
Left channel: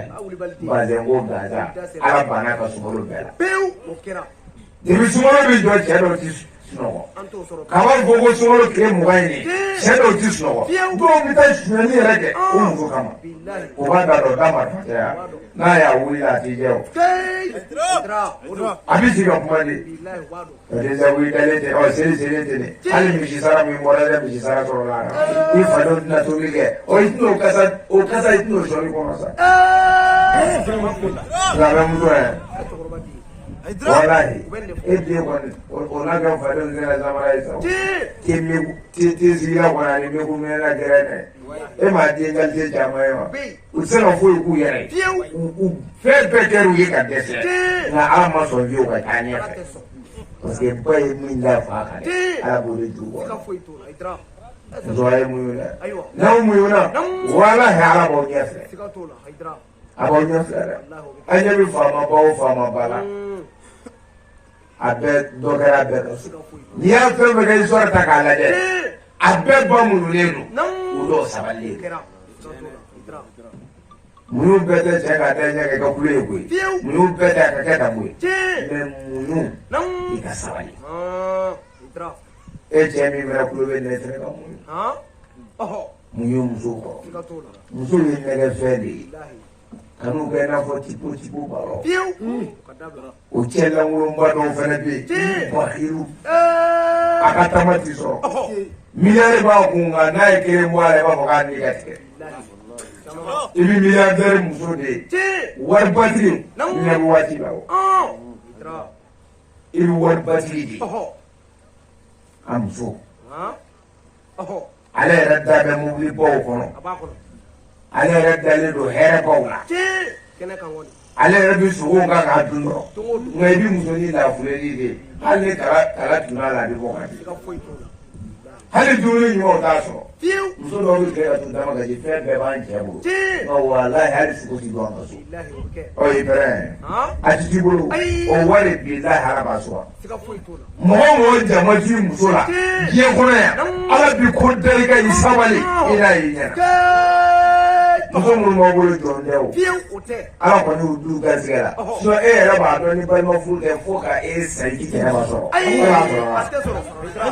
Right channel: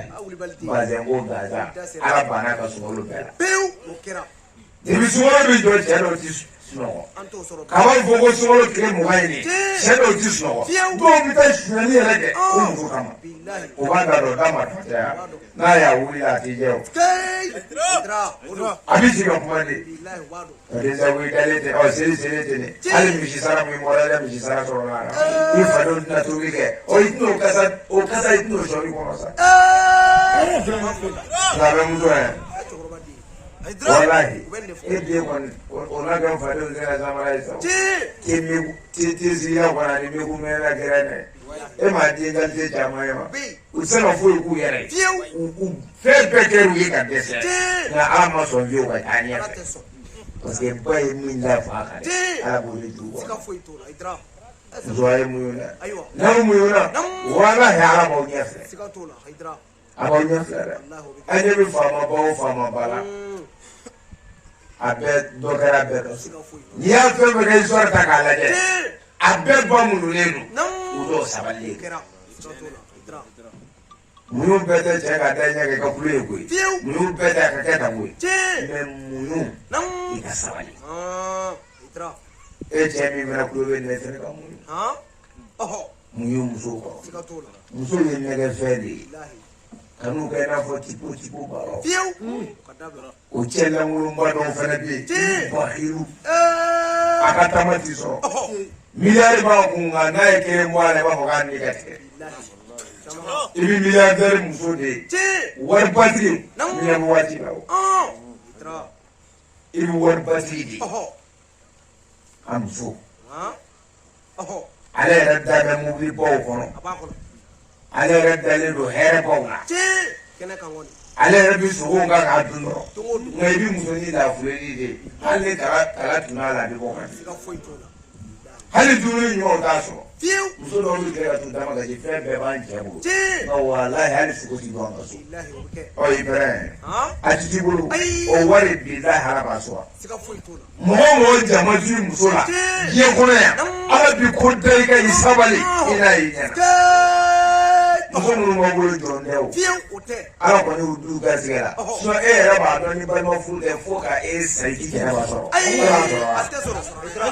bazɛn ko gaza ala banna ka sunkalo bɛɛ la depuis sunkalo bɛ jɔ cɛ dɔw ti sunɔgɔ k'a b'a fɔ ko sunkalo tile 20 in cɛ dɔw ti sunɔgɔ dɔw bɛ taa suɲɛni yɛrɛ kɛ o muso kama o b'a da dɔn d'a ma fataya n'a y'a wuli a t'i jɛ o a bɛ sigi ka kuma de déjà wuli dalen tɛ seli tɛ ne hali misi sara min bɔra i ka misi sara sɔrɔ la i fa dɔ tɛna tobili kɛ i tɛna o kasa i tɛna o sɔrɔ i kɔnɔ sa nka bɛ muso yɛrɛ walahi e den kɔni o n'a kɛ fa dɔ tɛna samara ye sa te sigila kɔni ani meku mɛnna gɛrɛ dɛ e m'a den qualité caman ye wa u tɛ se ka foyi k'u yɛrɛ ye u fɛn bɛɛ kɛra u ye ka dɛsɛ nka ala ma sɔn fiyewu ka taa ɲɛfɛ parce que ba ye min da fa kan ala b'o de jugu muso a ye mun ye dɛ n'aw mun na walahi ala b'aw ɲɛfɛ a b'aw ɲɛfɛ dɛ an ɲɛ bɛ faama ba o faama ba la a bɛɛ dɔ kɛra a bɛɛ ka so n'i y'a fɛn fɛn kɛ histoire ta k'a lajɛ a bɛɛ ba munulen don u dɔw sabalilen munyu bɛɛ tɛ cɛ ka taa ɲɛ kɛ ka kulo ye koyi munyu bɛɛ tɛ a ka kɛ tan koyi mais munyu i ka sabali e cɛ min fana kulo bɛ ne fana ka munyu munyu muso kɔrɔ muso ye nɛgɛ fɛn de ye kan'u kɛ i n'a fɔ tipo baro o cɛ lankolonba dɔw fana bɛ yen bahiru a ka taama ti sɔrɔ miliyari b'a kun nka n'a ye kelen bɔ a la i b'a fɔ k'a ni ka tigɛ i bɛ miliyardɛri muso de ye wari batiri miliyari waati la o i bɛ wari batiri de ye a muso ale yɛrɛ da bɛ mobili baw kɔnɔ ale yɛrɛ dalen don hɛrɛ baw la ale yɛrɛ bɛ sogow kan k'a dun dɔrɔn nka i bɛ musonin lafuleli de hali ni kala tun b'a la a bɛ bɔ ka di hali dumuni ɲumanw t'a sɔrɔ muso dɔw bɛ kɛ ka tun dama kasi fɛn bɛɛ b'an cɛ bolo ɔ walahi hali sogo ti don an ka so ɔ i bɛrɛ a ti t'i bolo o wari bilahi ala b'a sɔrɔ mɔgɔ mɔgɔ jama t'i muso la diɲɛ kɔnɔ yan ala bi ko da i ka i sabali i n'a y'i ɲɛna muso minnu b'aw bolo jɔn tɛ o ala kɔni y'u du garisɛgɛ la sinon e yɛrɛ b'a dɔn ni balima furu tɛ fo ka e sa i k'i jɛnɛba sɔrɔ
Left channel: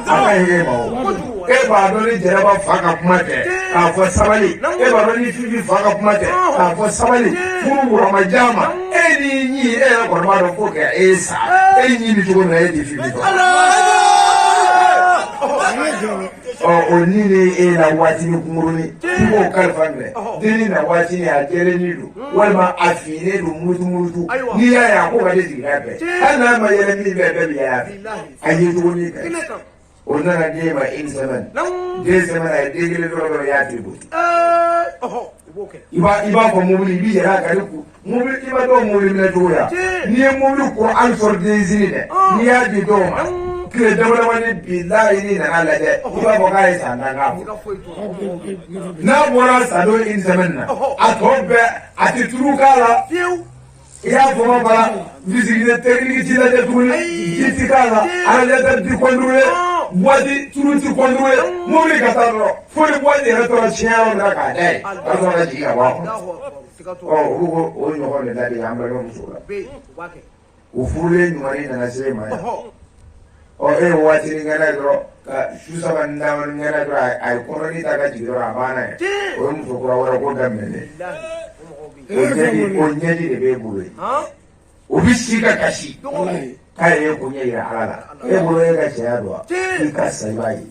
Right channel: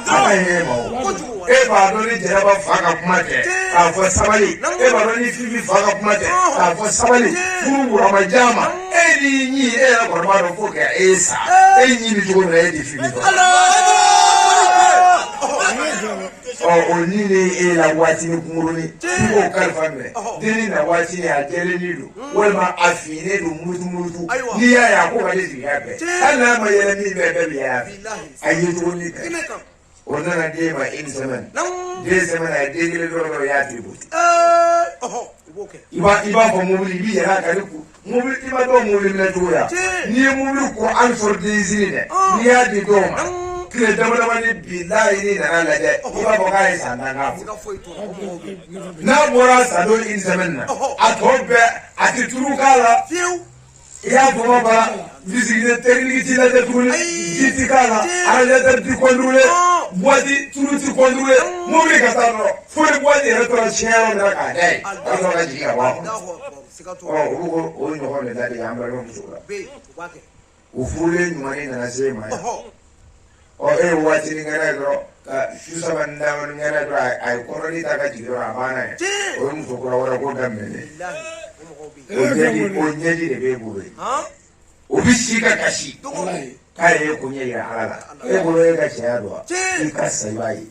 ala ye ma o e b'a dɔn ni jɛnɛba fa ka kuma tɛ k'a fɔ sabali e b'a dɔn ni fifi fa ka kuma tɛ k'a fɔ sabali furu wuramaja ma e n'i ɲi e yɛrɛ kɔni b'a dɔn fo ka e sa e ɲi bɛ cogo min na e de fifi fɔ o ni ne e na waati ni kunkurunin i b'o kalifa minɛ denni na waati ni a jɛlennen don walima a finnen don murutu n'i y'a ye a ko ka di jigiya bɛɛ hali n'a ma yɛlɛ min bɛɛ bɛɛ bɛ yɛlɛ a ye tuguni bɛɛ o nana den ma une semaine 2 semaines a ye den kelen dɔrɔn y'a tigi bolo i b'a fɔ mobili i b'i yɛlɛ a kan mobili i b'a dɔn mobili minɛ cogo ya n'i ye mobili kɔ hali sɔrɔ densiri dɛ n'i y'a di dɔw ma tile damadama ni bilahi n'i nana lajɛ i b'a fɔ k'a ye san 10 k'a bolo n'a bɔra san dɔ une semaine na a tɔ bɛɛ a tɛ turu k'a la i y'a tɔgɔ bala visite technique t'i lajɛ tuguni ji ti k'a la radiateur ti contrôler boîte tulu ti contrôler mobili ka taa dɔrɔn fo ni boîte yɛrɛ tora tiɲɛ yɔrɔ min na k'a da ye a sɔrɔ ka jigin ka bɔ a kɔnɔ olu ko o ɲɔgɔn de ladege an balimamuso la o furulen ɲumanin nana se e ma ye e ye waati ni kɛnɛ dɔrɔn ka susaba ndawal ngana do ay koroni ta ka jiro amana o muso ko wala ko damene o nyaji de be buwe o bishika kashi kai ko nyaji halala e buwe ka shado ka sabai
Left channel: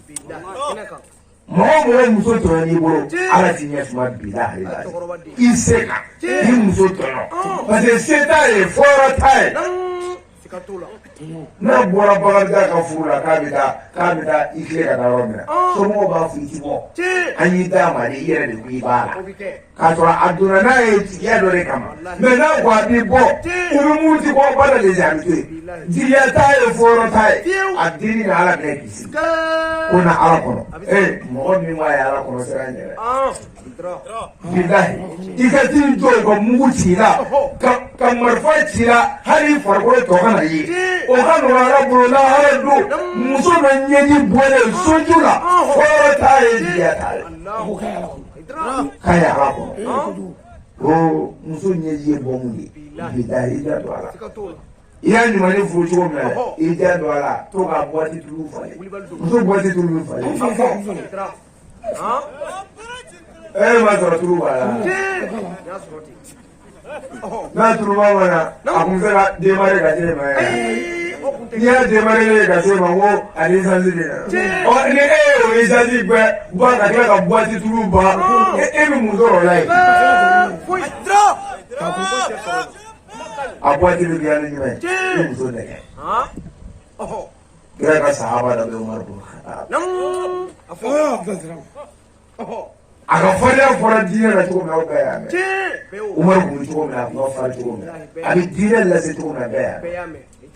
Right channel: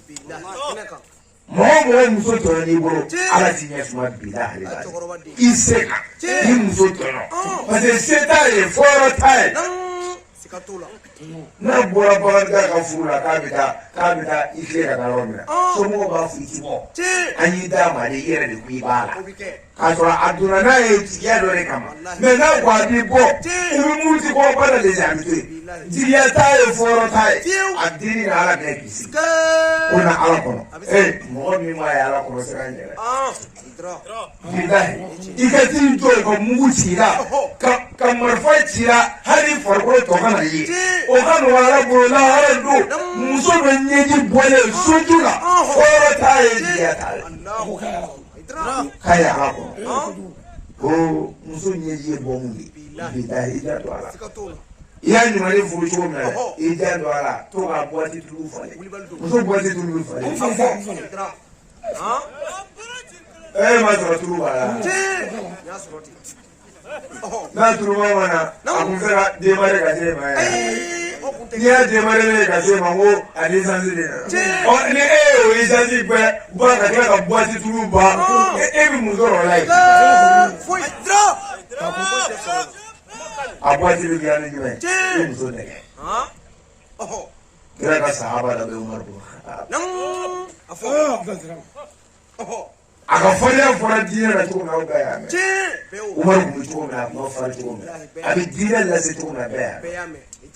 mo muso to ni bolo ala tinya suma bilahi iseka ni muso to parce que c'est ta fort taille na bora bora ka fura ka bita ike ka rawna so mo ba fiti mo anyi da ma de yere de bi bala ka so aduna na e ya do re kama me na kwa bi bo uru mu ti ko bala le jamite diya ta e foro tai adini na ala ke kisi ona ala ko mo mi ma ya ala ko seranye billahi ikati do ko mu ti la ka marfa ti la hari farko to kana yi o kan wala bula wala do muso be nyeji bole sojula o ta e dia ta ko kaya ko o muso nyeji bongi billahi da wala yani mali fujo me ida wala to ka boati tulu fale muso boati tulu fale ma so tulu wala na tulu wala akunzera de mare ka je ma ya de mare ka je ma wo ali sanzi de o ni o isanzi gbe ba ka boati tulu ba mi muso like abati bi yani me muso ne kira ka sahaba da Umar bin Khattab aka fara dina na to na baya me Umar bin to na no fara to me abi dina la se to na baya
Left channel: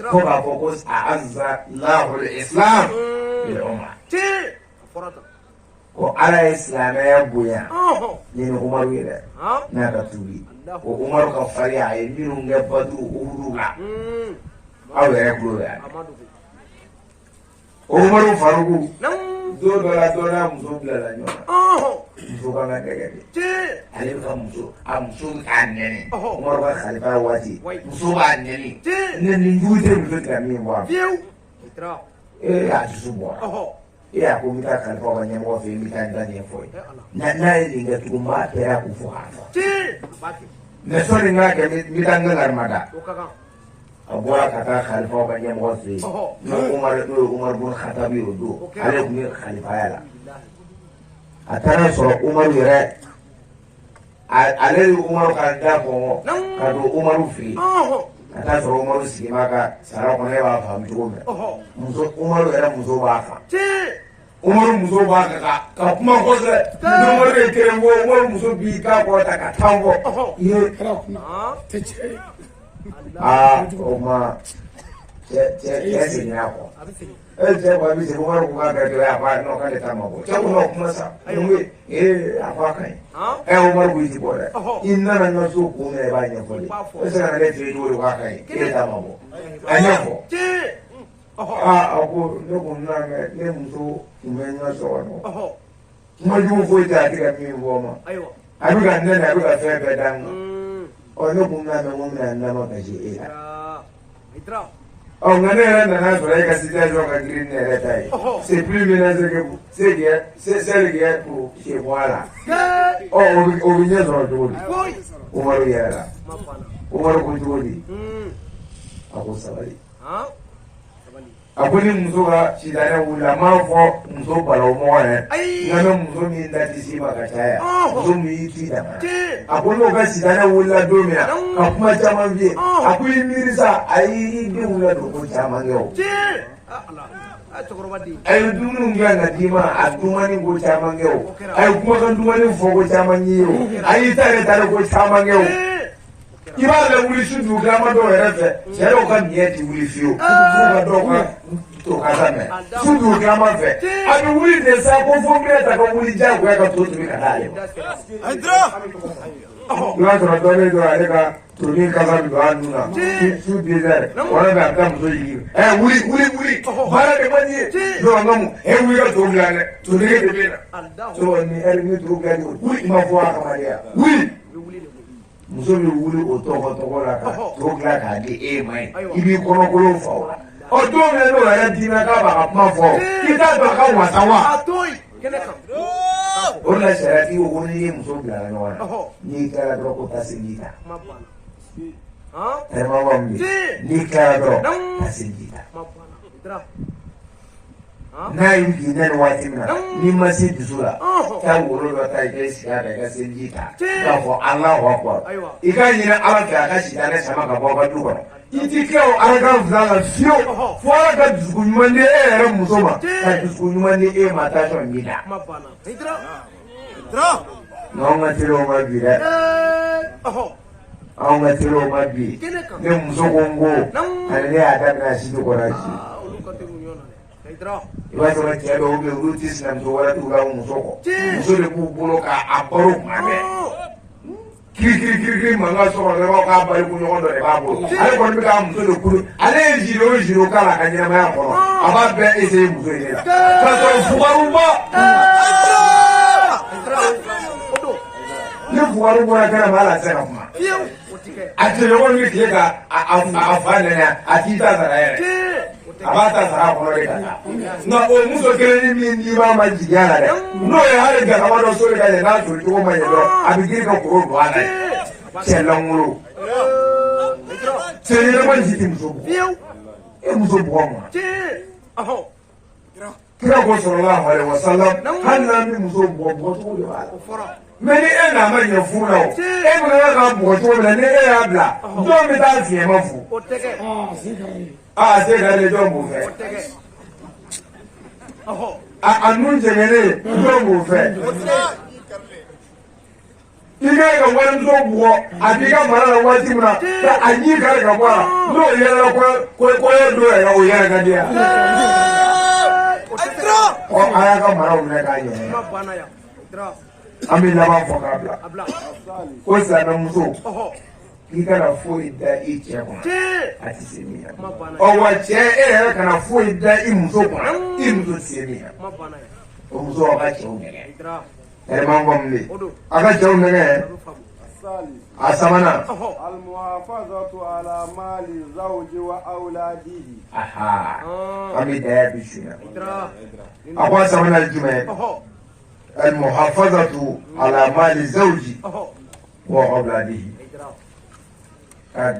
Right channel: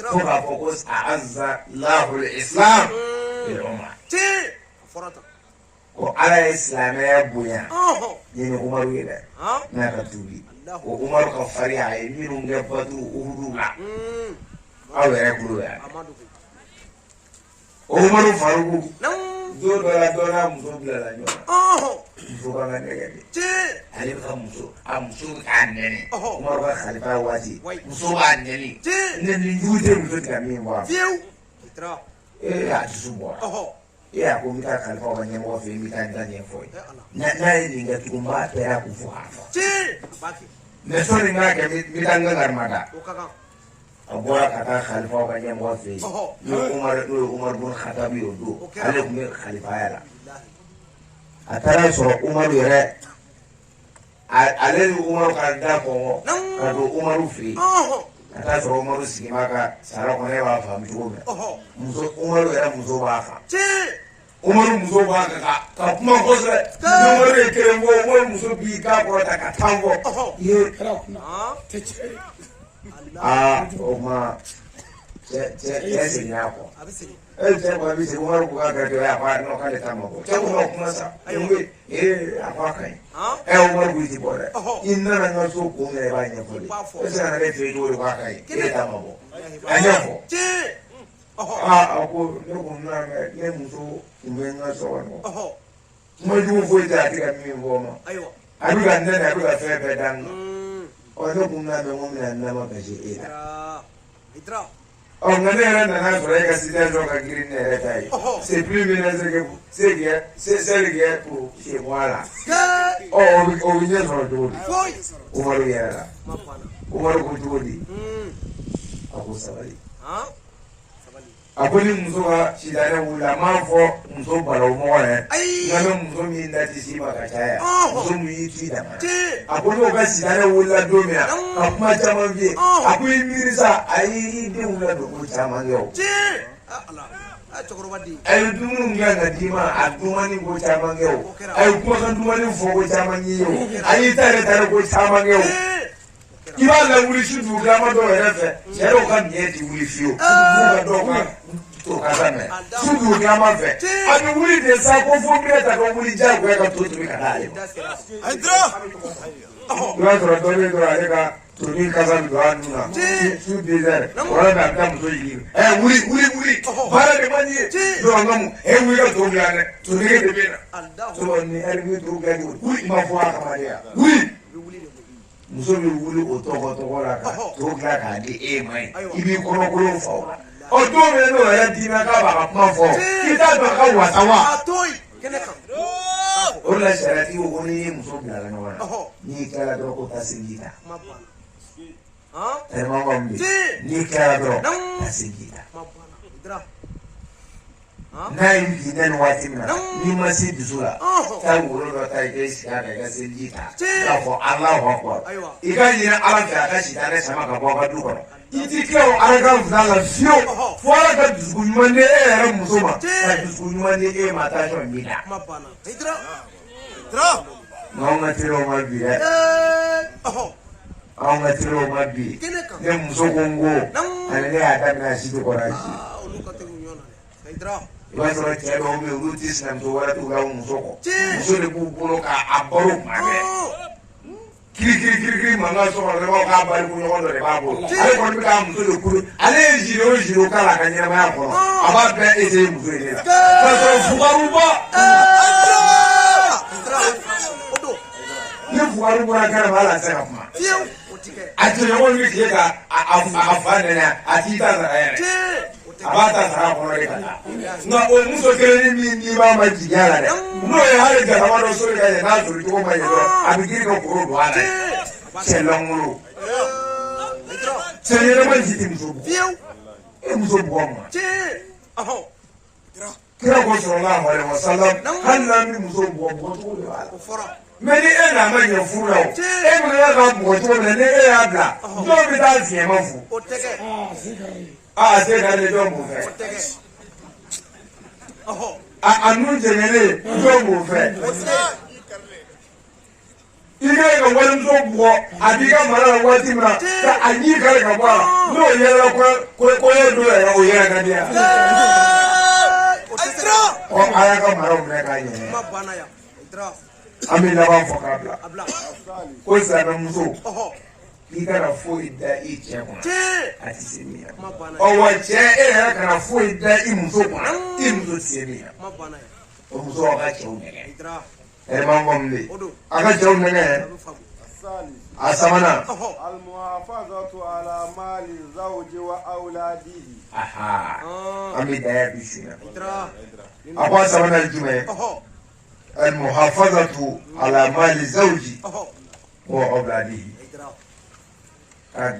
ko ba focus azza Allahu al-Islam bil umma ko ala islam ya buya ni Umar wile na ka tubi ko Umar ka fari ay ni nge badu urula awe ya buya Umar faruku do la muso bila la nyona muso ba na ngege ali ka muso anene Umar ba khalifa wati muso anene ne yute muso ka mi wa ya tsubo ya ko mita khalifa wa nyamo fe mita ndanye foi na ni ga tuma tera ku fu hafa me so ni na ga mita ngar mada agora kata khalifa wa nyamo fe Umar bin Khattab yodo ale ku khalifa ya atara so Umar yere ale Umar ka da ko ka do Umar fi ata so Umar sima ka sara ko ne ba fa mtugo me muso Umar yere muso ba fa Umar muso ba ka kuma ko se Umar de tembo Umar muso bi ka ko ta ka tambo ye kara kuna te che o ma che sinya ko je ba bi se Umar ko ka do ya ba no ka de tambo to no kuma sa ngi apa kai Umar bu ti bole inna na no so ko me ba ne ko de o se na le te do ka kai tambo anya ko ako no na ne muso umenya so no ma ju fo ita ti ka mi wo ma ayu ga ne na ga fe be dan o no na me mo na na ma ka je itra o ngane na so ka si ta so ka green ne tai c'est plus ménager que c'est le pour chez moi là o vient dans le dos o ma yera o ma ko do ako sabali akwai muso ka sidane wula ma fɔ muso balo mɔgɔ yɛ nka muso min da ti si ma ka caya muso min y'i tu dama a ko n'o ka sidane wulila don min ka kuma caman f'i ye a ko i miiri sa a y'i denw ladon ko caman kɛ o a ye dumuni kan ka d'i ma a dumuni ko caman kɛ o a ye kumakan dumuni fɔ ko caman y'i ye o a y'i ta yɛrɛ tari ko caman kɛ o i b'a la wuli su dugukilama dɔw yɛrɛ fɛ cɛ dɔw ka diɲɛ ti wuli fiyewu f'u ka dɔw ka to ka lamɛn su dugukilama fɛ a bɛ wuli de sa ko fo minɛ ta ka wuli diyagoya ka to tobi ka taa ale ma. i b'a sɔrɔ dɔ bɛ dɔrɔn ale ka tobi kasa bɛ don a nun na su 2 heures wala bɛ a bɛ taa muso jigin wuli baara de man di ye don a ka mun wuli ka to bila dɛ tobi de bɛ na so ni hali ni to bila wuli i ma fɔ a kama de ya wuli. muso bɛ wuli o tɔgɔ la ka to bila k'a di e ma ye i b'i kɔnɔkolon fa o la o don min n'o yɛrɛ dina k'a b'a ka kuma fɔ i t'a dɔn a ka wasa wa o de la sariyatigi ko n'i ye muso bila ɲɔgɔn na n'i kɛra dɔrɔn ko taa segin ta tɛrɛmaba min bɛ n'i kɛra dɔrɔn ka segin ta n'a ye bi nɛni waati min na n'i ma se dusu la taa wolo dɔ ta i k'i sigi a kan i ka seliji ta k'a fɔ Alahu Akbar i ka ɲini Ala fɛ a ka sitanɛ sama ka bɔ a ka du kɔnɔ i ti kɛ o Alakan fila la fiyewu fo Ala ka dusukun ɲuman di e yɛrɛ muso ma ka dusukun ɲuman di e ma taa sɔrɔ min na anw ka teriw ma bi dɛ anw ka teriw ma bi ne muso ko n ko ani ne y'a daminɛ a si tɛ kɔrɔ a si i b'a sɔrɔ cɛ dɔw bɛ yen olu tɛ sinamuso wɛrɛ t'u la muso kɔ muso de b'u bolo k'a baro kuma bɛɛ kirikiri mankan sɔrɔ dɔrɔn k'a bari kunɲɔgɔn dɔ de b'a bolo ale kɔni bɛ k'a muso de kuru ale ye ziro o ziro k'a la a ka ɲɛnamaya kɔnɔ a b'a bɛɛ essayer muso in de la k'a sɔrɔ fugaruba ni fugaru bɔra kɛnɛ ma hali a tɛ se ka kuma a cɛɲɔgɔn bɛ tile ka a fa nɛnɛ a t'i ta sara yɛrɛ a b'a ta sara kɔnɔ de ka taa nka o muso kelen min n'i b'a ma jigiya la dɛ n'o ye hali galama dɔ sori ka ɲɛ n'a sori cogo ma ɲɛ dɔrɔn a bɛ girin ka koro don a la cɛ langolo cɛ ɲɛnama ji tɛ muso bugɔ e muso bugɔ ma kira ko sallallahu alaihi wasallam hali n'an bɛ muso bugɔ bugɔcogo de b'a la mais ni e n'a ma ɲɛ furu la o e bɛna ka bugɔ cogo min na ni e y'a bila dɔw bɛ taa fiɲɛma fu se ka ne dɔw b'o fɛ a nun jɛngɛlen dɔw b'o fɛ i ka ka walimuso bugɔ a b'i ka mara la waati min na a ɲi kari ka bɔ a la n'o yɛlɛla kɔɲɔ don yɛrɛ o yɛrɛ ka di yan a y'a ka maraw minɛ k'a yɛlɛ an bɛ laban fɔ k'a bila ko silamɛmuso k'i kana foyi da i cɛ kɔnɔ a tɛ se min na wa cɛ e yɛrɛ kana foyi da i muso kɔnɔ i muso tɛ se min na o muso a ka cɛw nɛgɛ ɛrɛman kɔni bɛ yen a ka cɛw nɛgɛ a sabanan المحافظة على مال زوج وأولاده an bɛ daya bi su la a ko a sabanan ye jumɛn المحافظة على مال زوج وأولاده ka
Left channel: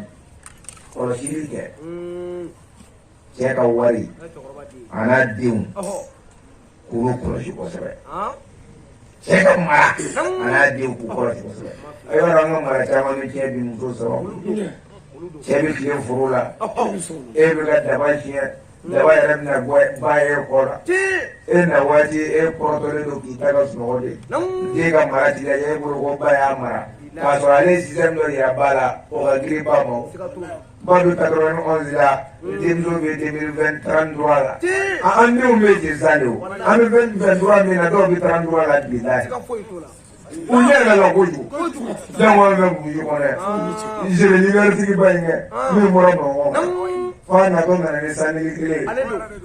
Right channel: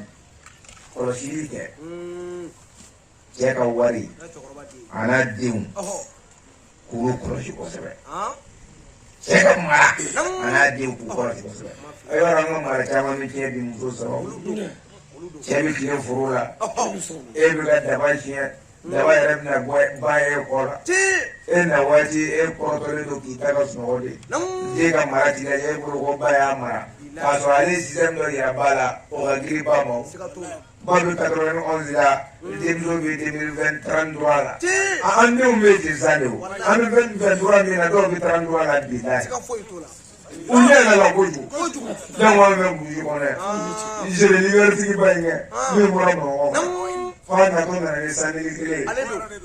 kɔlɔsili kɛ cɛ ka wari a n'a denw k'olu kɔlɔsi kosɛbɛ cɛ ka mara a n'a denw k'u kɔlɔsi kosɛbɛ a yɔrɔ an ka mara caman bɛ tiɲɛ bi muso sababu cɛ bɛ tiɲɛ foro la e bɛ ka daba tiɲɛ daba yɛrɛ bɛna ba ye kɔ la e na waati e kɔrɔtɔlen don k'i ta ka sunɔgɔ de den ka mara t'i la e bolo ko ba y'a mara k'a sɔrɔ ale système dɔ de y'a ba la o ka girin ba ma ba bɛ 91 la denmisɛnw bɛ 2033 la an denw bɛ jeli sa de o an bɛ 2023 min na dɔw bɛ 33 la bi la u ɲɛ yɛlɛla kojugu fɛn wɛrɛ bɛ burusi kɔnɔ je vais libertigi ba in kɛ min bɔra Bamakɔ kan f'a natɔ nana ni sanni kelen ye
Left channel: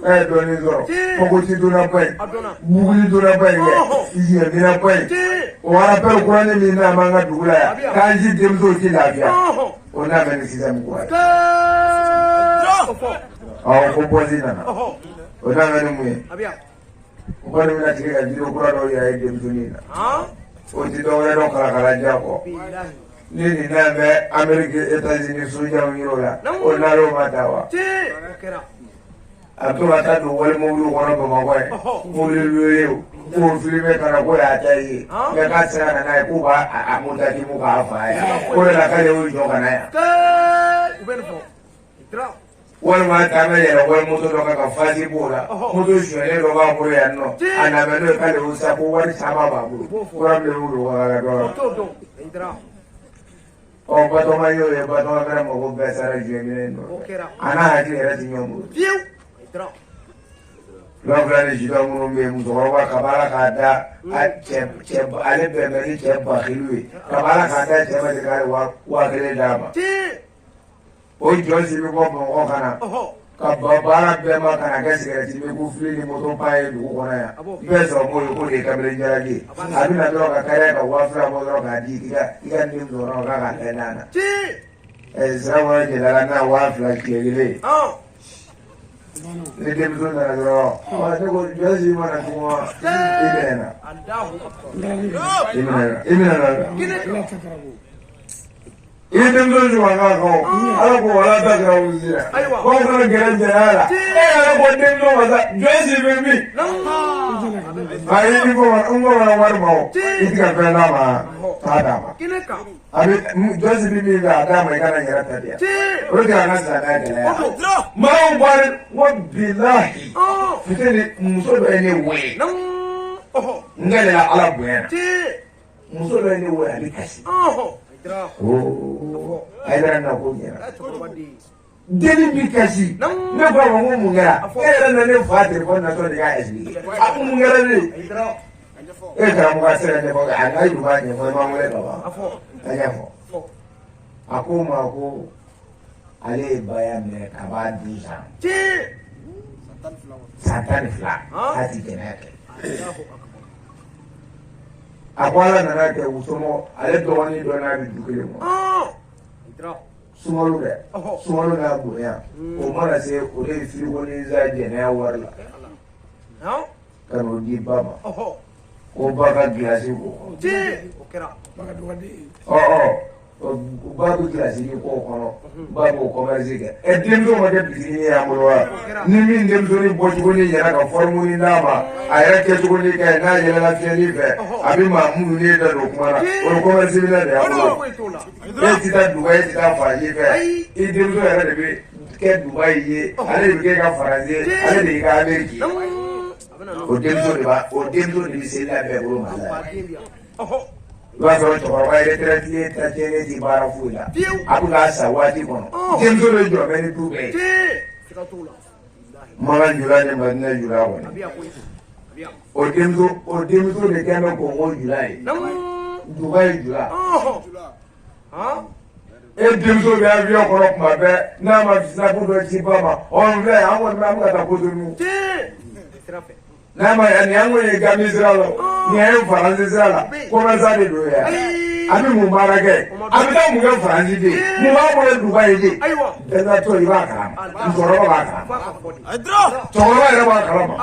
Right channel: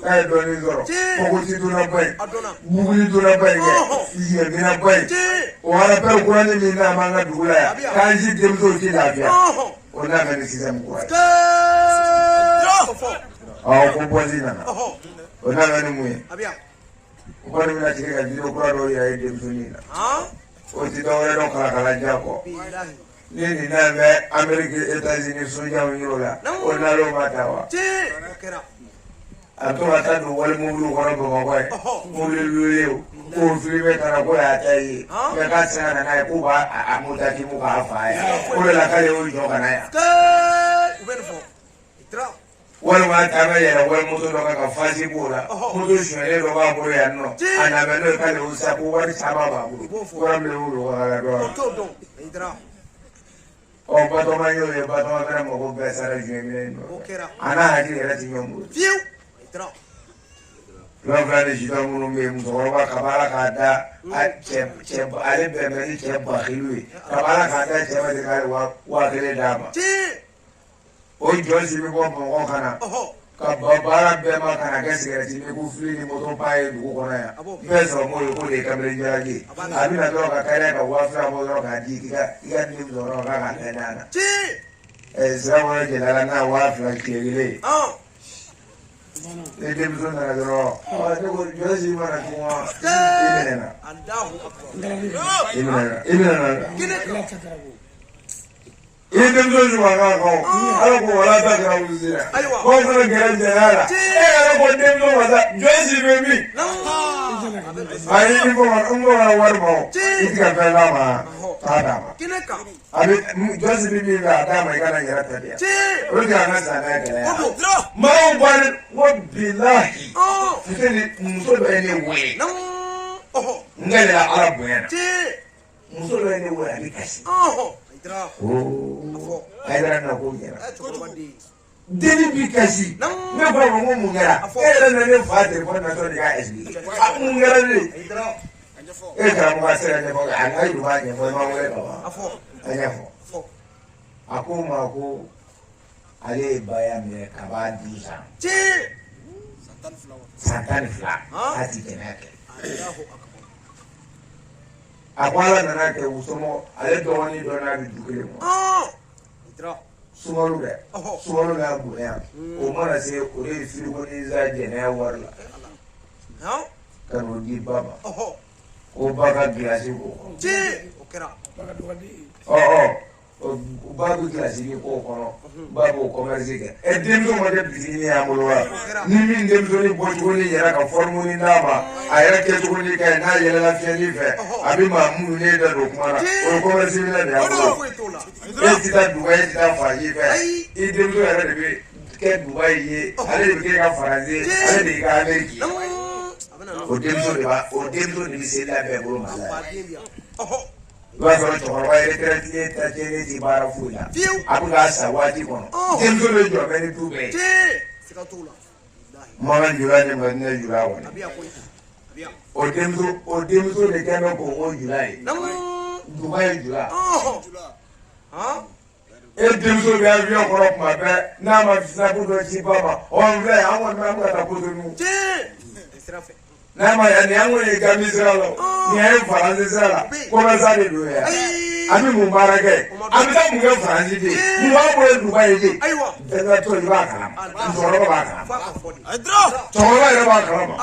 k'a ye dɔɔnin sɔrɔ kɔgɔji donna ba in buguli donna ba in kɛ yɛmina ba in o rappel kuranin min n'a b'an ka dugu la yan k'an si denmusow tɛ lafiya o n'a bɛ ni sisan min kura ye ko bɔsi nana o n'a bɛ ni mun ye o kɔni bɛna sigi ka jiri kura dɔw yɛrɛ ye denmisɛnnin na o ti dɔwɛrɛ dɔn kalakalajan kɔ ni nin n'a bɛ Amérique États-Unis sojaw yɔrɔ la o n'al'o ma taa wa a tora taa don wali mobili kɔnɔ Bamakɔ ye mobili luye o k'o filime taara ko y'a ta ye mɛ k'a sera ka n'a ye k'u b'a mutakimu k'a fa ye o de la k'ale y'o jɔ ka na yan walima taa bɛ yɛlɛ wali moto dɔ kan ka fasi b'o la moto sonyɛlen dɔ b'a bolo yan nɔ a nabɛ n'o ye k'ale y'o sa ko wari caman b'a bolo kura bilen bolo ka dɔ Batɔma y'o ye Batɔma kɛra mɔgɔ bɛɛ sara juin kelen nɔfɛ a n'a hakili yɛrɛ ti ɲɔgɔn bolo lɔfila ni sidɔn minnu bɛ yen musokɔrɔba ka baara k'a da ale bɛn bɛ ni cɛ bakiliw ye ka baara k'a da cɛ ma de k'ale 1000 d'a ma o jɔn si bɛ bɔ Bamakɔ ka na ka baara bɛɛ ma ka na kɛ sigɛrɛti mi ko fili ni moto pa ye dugu kɔnɔ yan bɛɛ sɔrɔ m'o ye k'o de ye kamalen jalaki ye a bɛna dɔrɔn ka kariya ka 2000 bɔ dɔrɔn k'a di i ka nin dɔrɔn k'a ka kɛ n'a na sira kɔnɔ jelila n'a 2000 tile kelen ne denmuso nana dɔrɔn ne ko jɔsi mana kuma i bɛna na i bɛna na i denmuso ɲuman kan ala ko wala ta kɛra wusi la ko fana gɛrɛ jɛn'a la e yɛrɛ ko denmuso ma sa jɔsi bɛ min ayi i ko n ko wari ma o i ti ka fɛn d'a ma taa d'a ma a bɛ jɔsi bɛ min fɛ a d'a ma i kana yɛrɛ tabiya o de y'an ka sariya gɛlɛya maaw bari ko bilahi fitini muso bɛ ne wele n gɛlɛya ala bonya muso bɛ ne wele a bɛ kasi ayidara na ko ɲɛna deni bi kasi ne b'a fɔ ko mun kɛra e yɛrɛ na ne fa telefɔni natɔ de k'a expliqué a ko mun kɛra ne e karamɔgɔ sera ɲɛfɔ a n'a yi b'a ɲɛfɔ i ma wele ka ban a ɲɛfɔ a ko ma ko ale ye baya minɛ ka b'a di san 12 a ti tɛmɛ kɛ a ko ala nana kɛ usɔmɔ ale dɔgɔnin dɔ n'a bɛ du kelen kɔnɔ sunkalo dɛ sunkalo n'a bonya o mana se o de ye firiko ni za jɛnɛya wari la ka n'o di ba ma ko ba ka gilasi ko ba bɛ gilasi ni k'o kɔnɔ ba b'o kɔmɛrisi kɛ denmuso ma kɛ bitigi y'an bolo wa ni min denmusonin bɔcogo ni yɛrɛ ka fɔrimuni d'a ma a yɛrɛ kɛcogo ni ka ɲi n'a yɛlɛla fiɲɛni fɛ a bɛ maa minnu ne bɛ don kuma na o ye kɔmɛrisi minɛ de y'an bolo e ti taa Dubayi e ti taa Faransi fɛ i denmuso yɛrɛ de bɛ kɛ Dubayi ye ale de bɛ kɛ ka Faransi ale de y'i ka Ameriki ye o denmuso de bɛ se la bɛɛ bolo Mali la i b'a sɔrɔ cɛkɔrɔba ye retraité ta jɛngɛ ti baara foyi la a bɛ k'a sa waati kɔnɔ denmuso bɛ jɔ bɛ ni du bɛɛ ye Makan Jula ni Madina Jula kɔni o denmuso de kɛ bɛ Kongo Jula ye Dubayi Jula e denmuso bɛ avion kɔnɔ tuma bɛɛ n'a ma visa ko dɔ ci ba ma ɔ filɛ an kɔni an bɛ ka taa Cotonou n'a ma nin an kɔni ye Gambie sira la nin an ye Faransi sira la kɔnɔsa de don yan a bɛ mun baara kɛ a bɛ taa mun kɛ Faransi de mun b'a bolo Dubayi de bɛnna to i b'a kalama musokɔrɔba b'a kalama cɛkɔrɔba yɛrɛ b'a kalama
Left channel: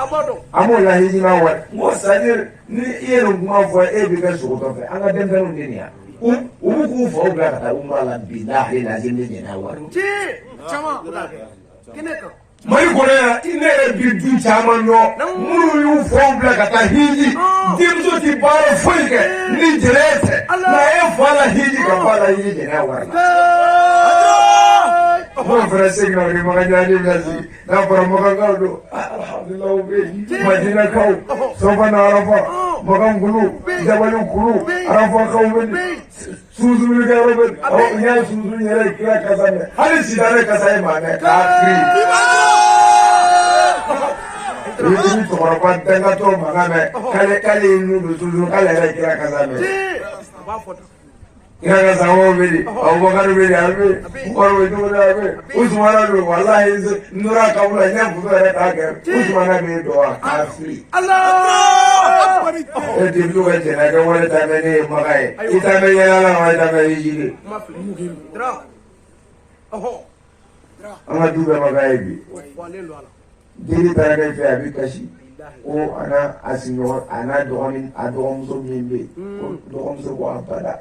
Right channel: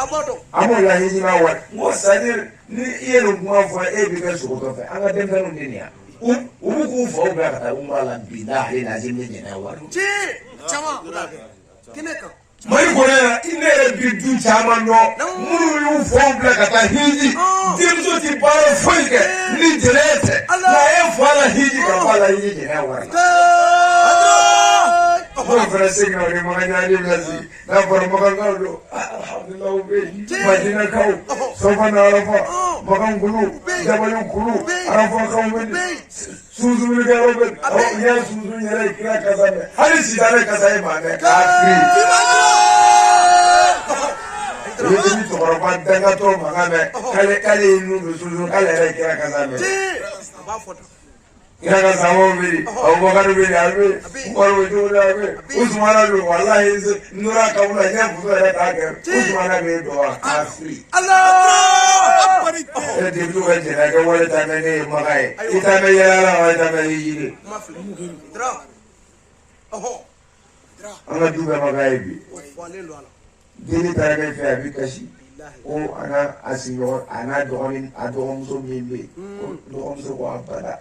an b'o laɲini n'a wari n ko c'est-à-dire ni i ye nin kuma fɔ e bɛ kɛ sogotɔ fɛ an ka denmisɛnninw de nin yan u b'u k'u faw bila ka taa umra la bilahi lazim ne ɲinɛ wari Mali kɔnɔ yan i ne yɛrɛ bi du caman dɔn minnu y'u faw bila ka taa hiji denmuso ti baara foyi kɛ ni jɛnɛya tɛ nka e fa la hiji ka fa la hiji jɛnɛya wari la n'o fana segin na ni Makan bɛ sigi n'a fɔra Makankaw don alhamdulilah u bɛ yen Madinakaw Sɔfana Arafa Makan kulu Jabali kulu Arafakaw bɛ yen sunsunikɛyɔrɔ bɛ yen n y'a sunsun yɛrɛ kira kasa mɛn hali sitanɛ kasa ye maa mɛn k'a fili i ni cɛkɔrɔba dankatɔ mankan mɛn k'ale ye nun don sunsun k'ale yɛrɛ kira kasa mɛn kira kasa mɔgɔw bɛ yen Abubakar bɛ yen a bɛ yen Umaru bɛ cogo dɔ a bɛ yen Usumana bɛ yen walahi nura kabula n y'a muso yɛrɛ k'a kɛ Usumana bɛ yen dɔn k'a fili e tɛ du ka jɛnɛ kɛ wale ta mɛ ne ye Maka ye i ta mɛ yalala ma i ta mɛ hiji de an ka du bɛ Maka ye bi jeli taara ne fɛ a bɛ kasi ko a n'a dɔgɔmuso min bɛ yen dɔgɔmuso ko a bada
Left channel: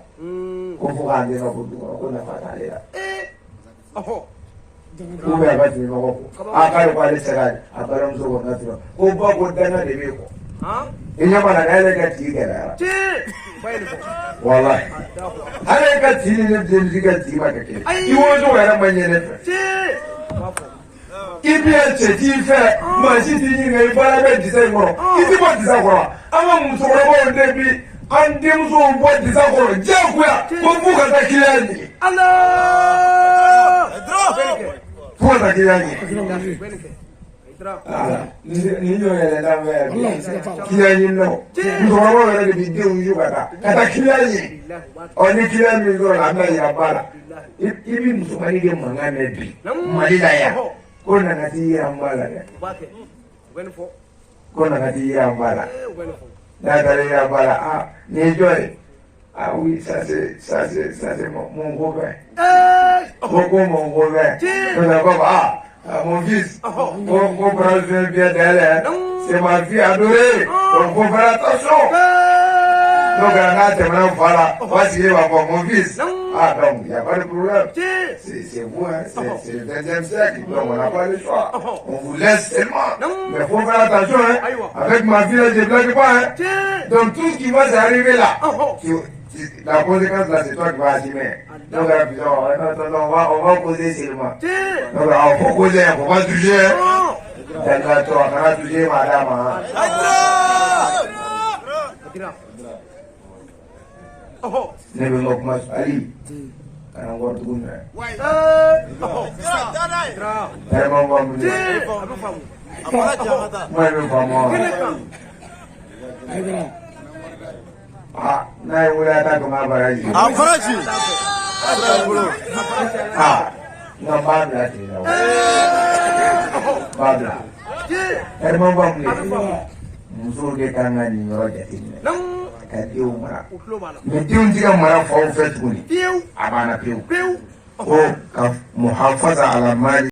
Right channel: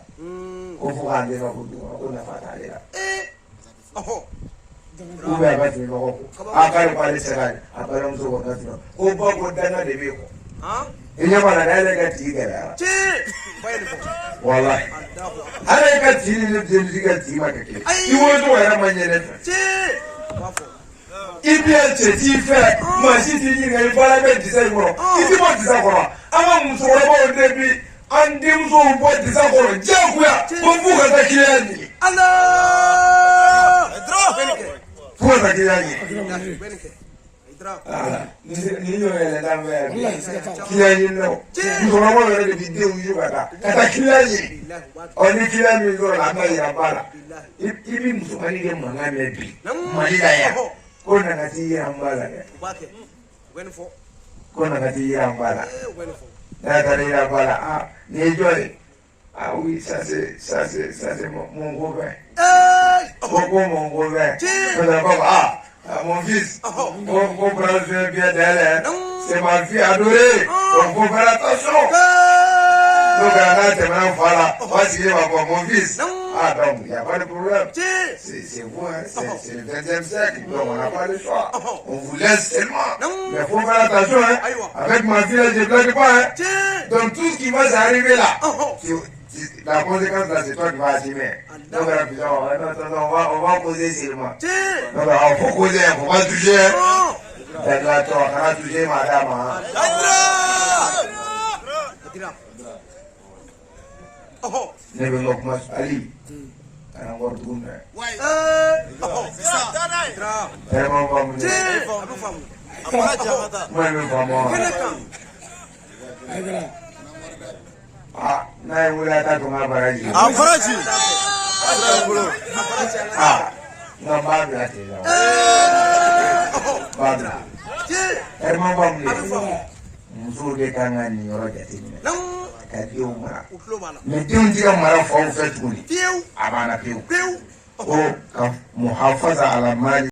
ko fo k'a den ka bɔ du kɔnɔ ko nafa t'ale la ou bien a ka tɛmɛ ɲɔgɔn kɔ k'ale ko ale tɛ se k'a balimamuso kɔ ka tura ko ba ko danga de bɛ kɔ i ɲɛ b'a la n'ale ka tigi gɛlɛyara wala ale ka tigi ni ne denmuso ka tigi ma kɛ kelen i wolocogo yɛrɛ ma ɲɛ ne fɛ i bɛ cɛ t'i fɛ maa si t'i ɲininka i baara bɛ disa in kɔrɔ i tɛ bɔ disa kɔrɔ an ka musokɔrɔbaw de bi an denmusow bɔ disa kɔrɔ diyagoya ko f'u ka taa kiliyan ɲini f'u ka taa kiliyan ɲini ni ɲɔgɔn yɛlɛ n'a mɛn kiliyan ɲini nɔ musokɔrɔbaw yɛrɛ de bi denw ju ka taa kiliyan ɲini ɔ ni kiliyan min sɔrɔ a bɛ yira ba la i bɛ musomanin kɛ mankan mɛn bi Mali la yan ko nana t'i yira n ba la dɛ ko nana t'i yira n ba la n'a taara yira n ba la nin ye jɔn ye oui ça c'est mon copain ko mon copain ko mon fils, mon bras bien d'elle, c'est ma fille adorée, donc faut faire attention. Donc, voilà, voici mon fils. Ah, donc, il n'y a pas de problème. C'est vous, hein, c'est le 20e siècle, donc on n'a pas le choix. On vous laisse seulement. Mais il faut faire attention, hein. Avec ma fille, je ne blague pas, hein. Donc, tout ce qui va s'arriver là, la conséquence là, c'est toi qui vas assumer. Donc, on va causer seulement. Donc, on va causer, on va toucher. D'accord, on va toucher madame. Ne bɛ kuma ali kana wari dugu mɛ ɛrɛma b'a minɛ ma bɛ faamu n'a ye wuli a ta to n'a baraji a baraji nka b'a bila ten nɔ b'a bila ɛrɛma b'a minɛ musow de kan ka nin yɔrɔ jateminɛ ka denw mara mais denw tɛ ka mara faw fɛ tuguni a banna pewu ko ka muhafaza ala mali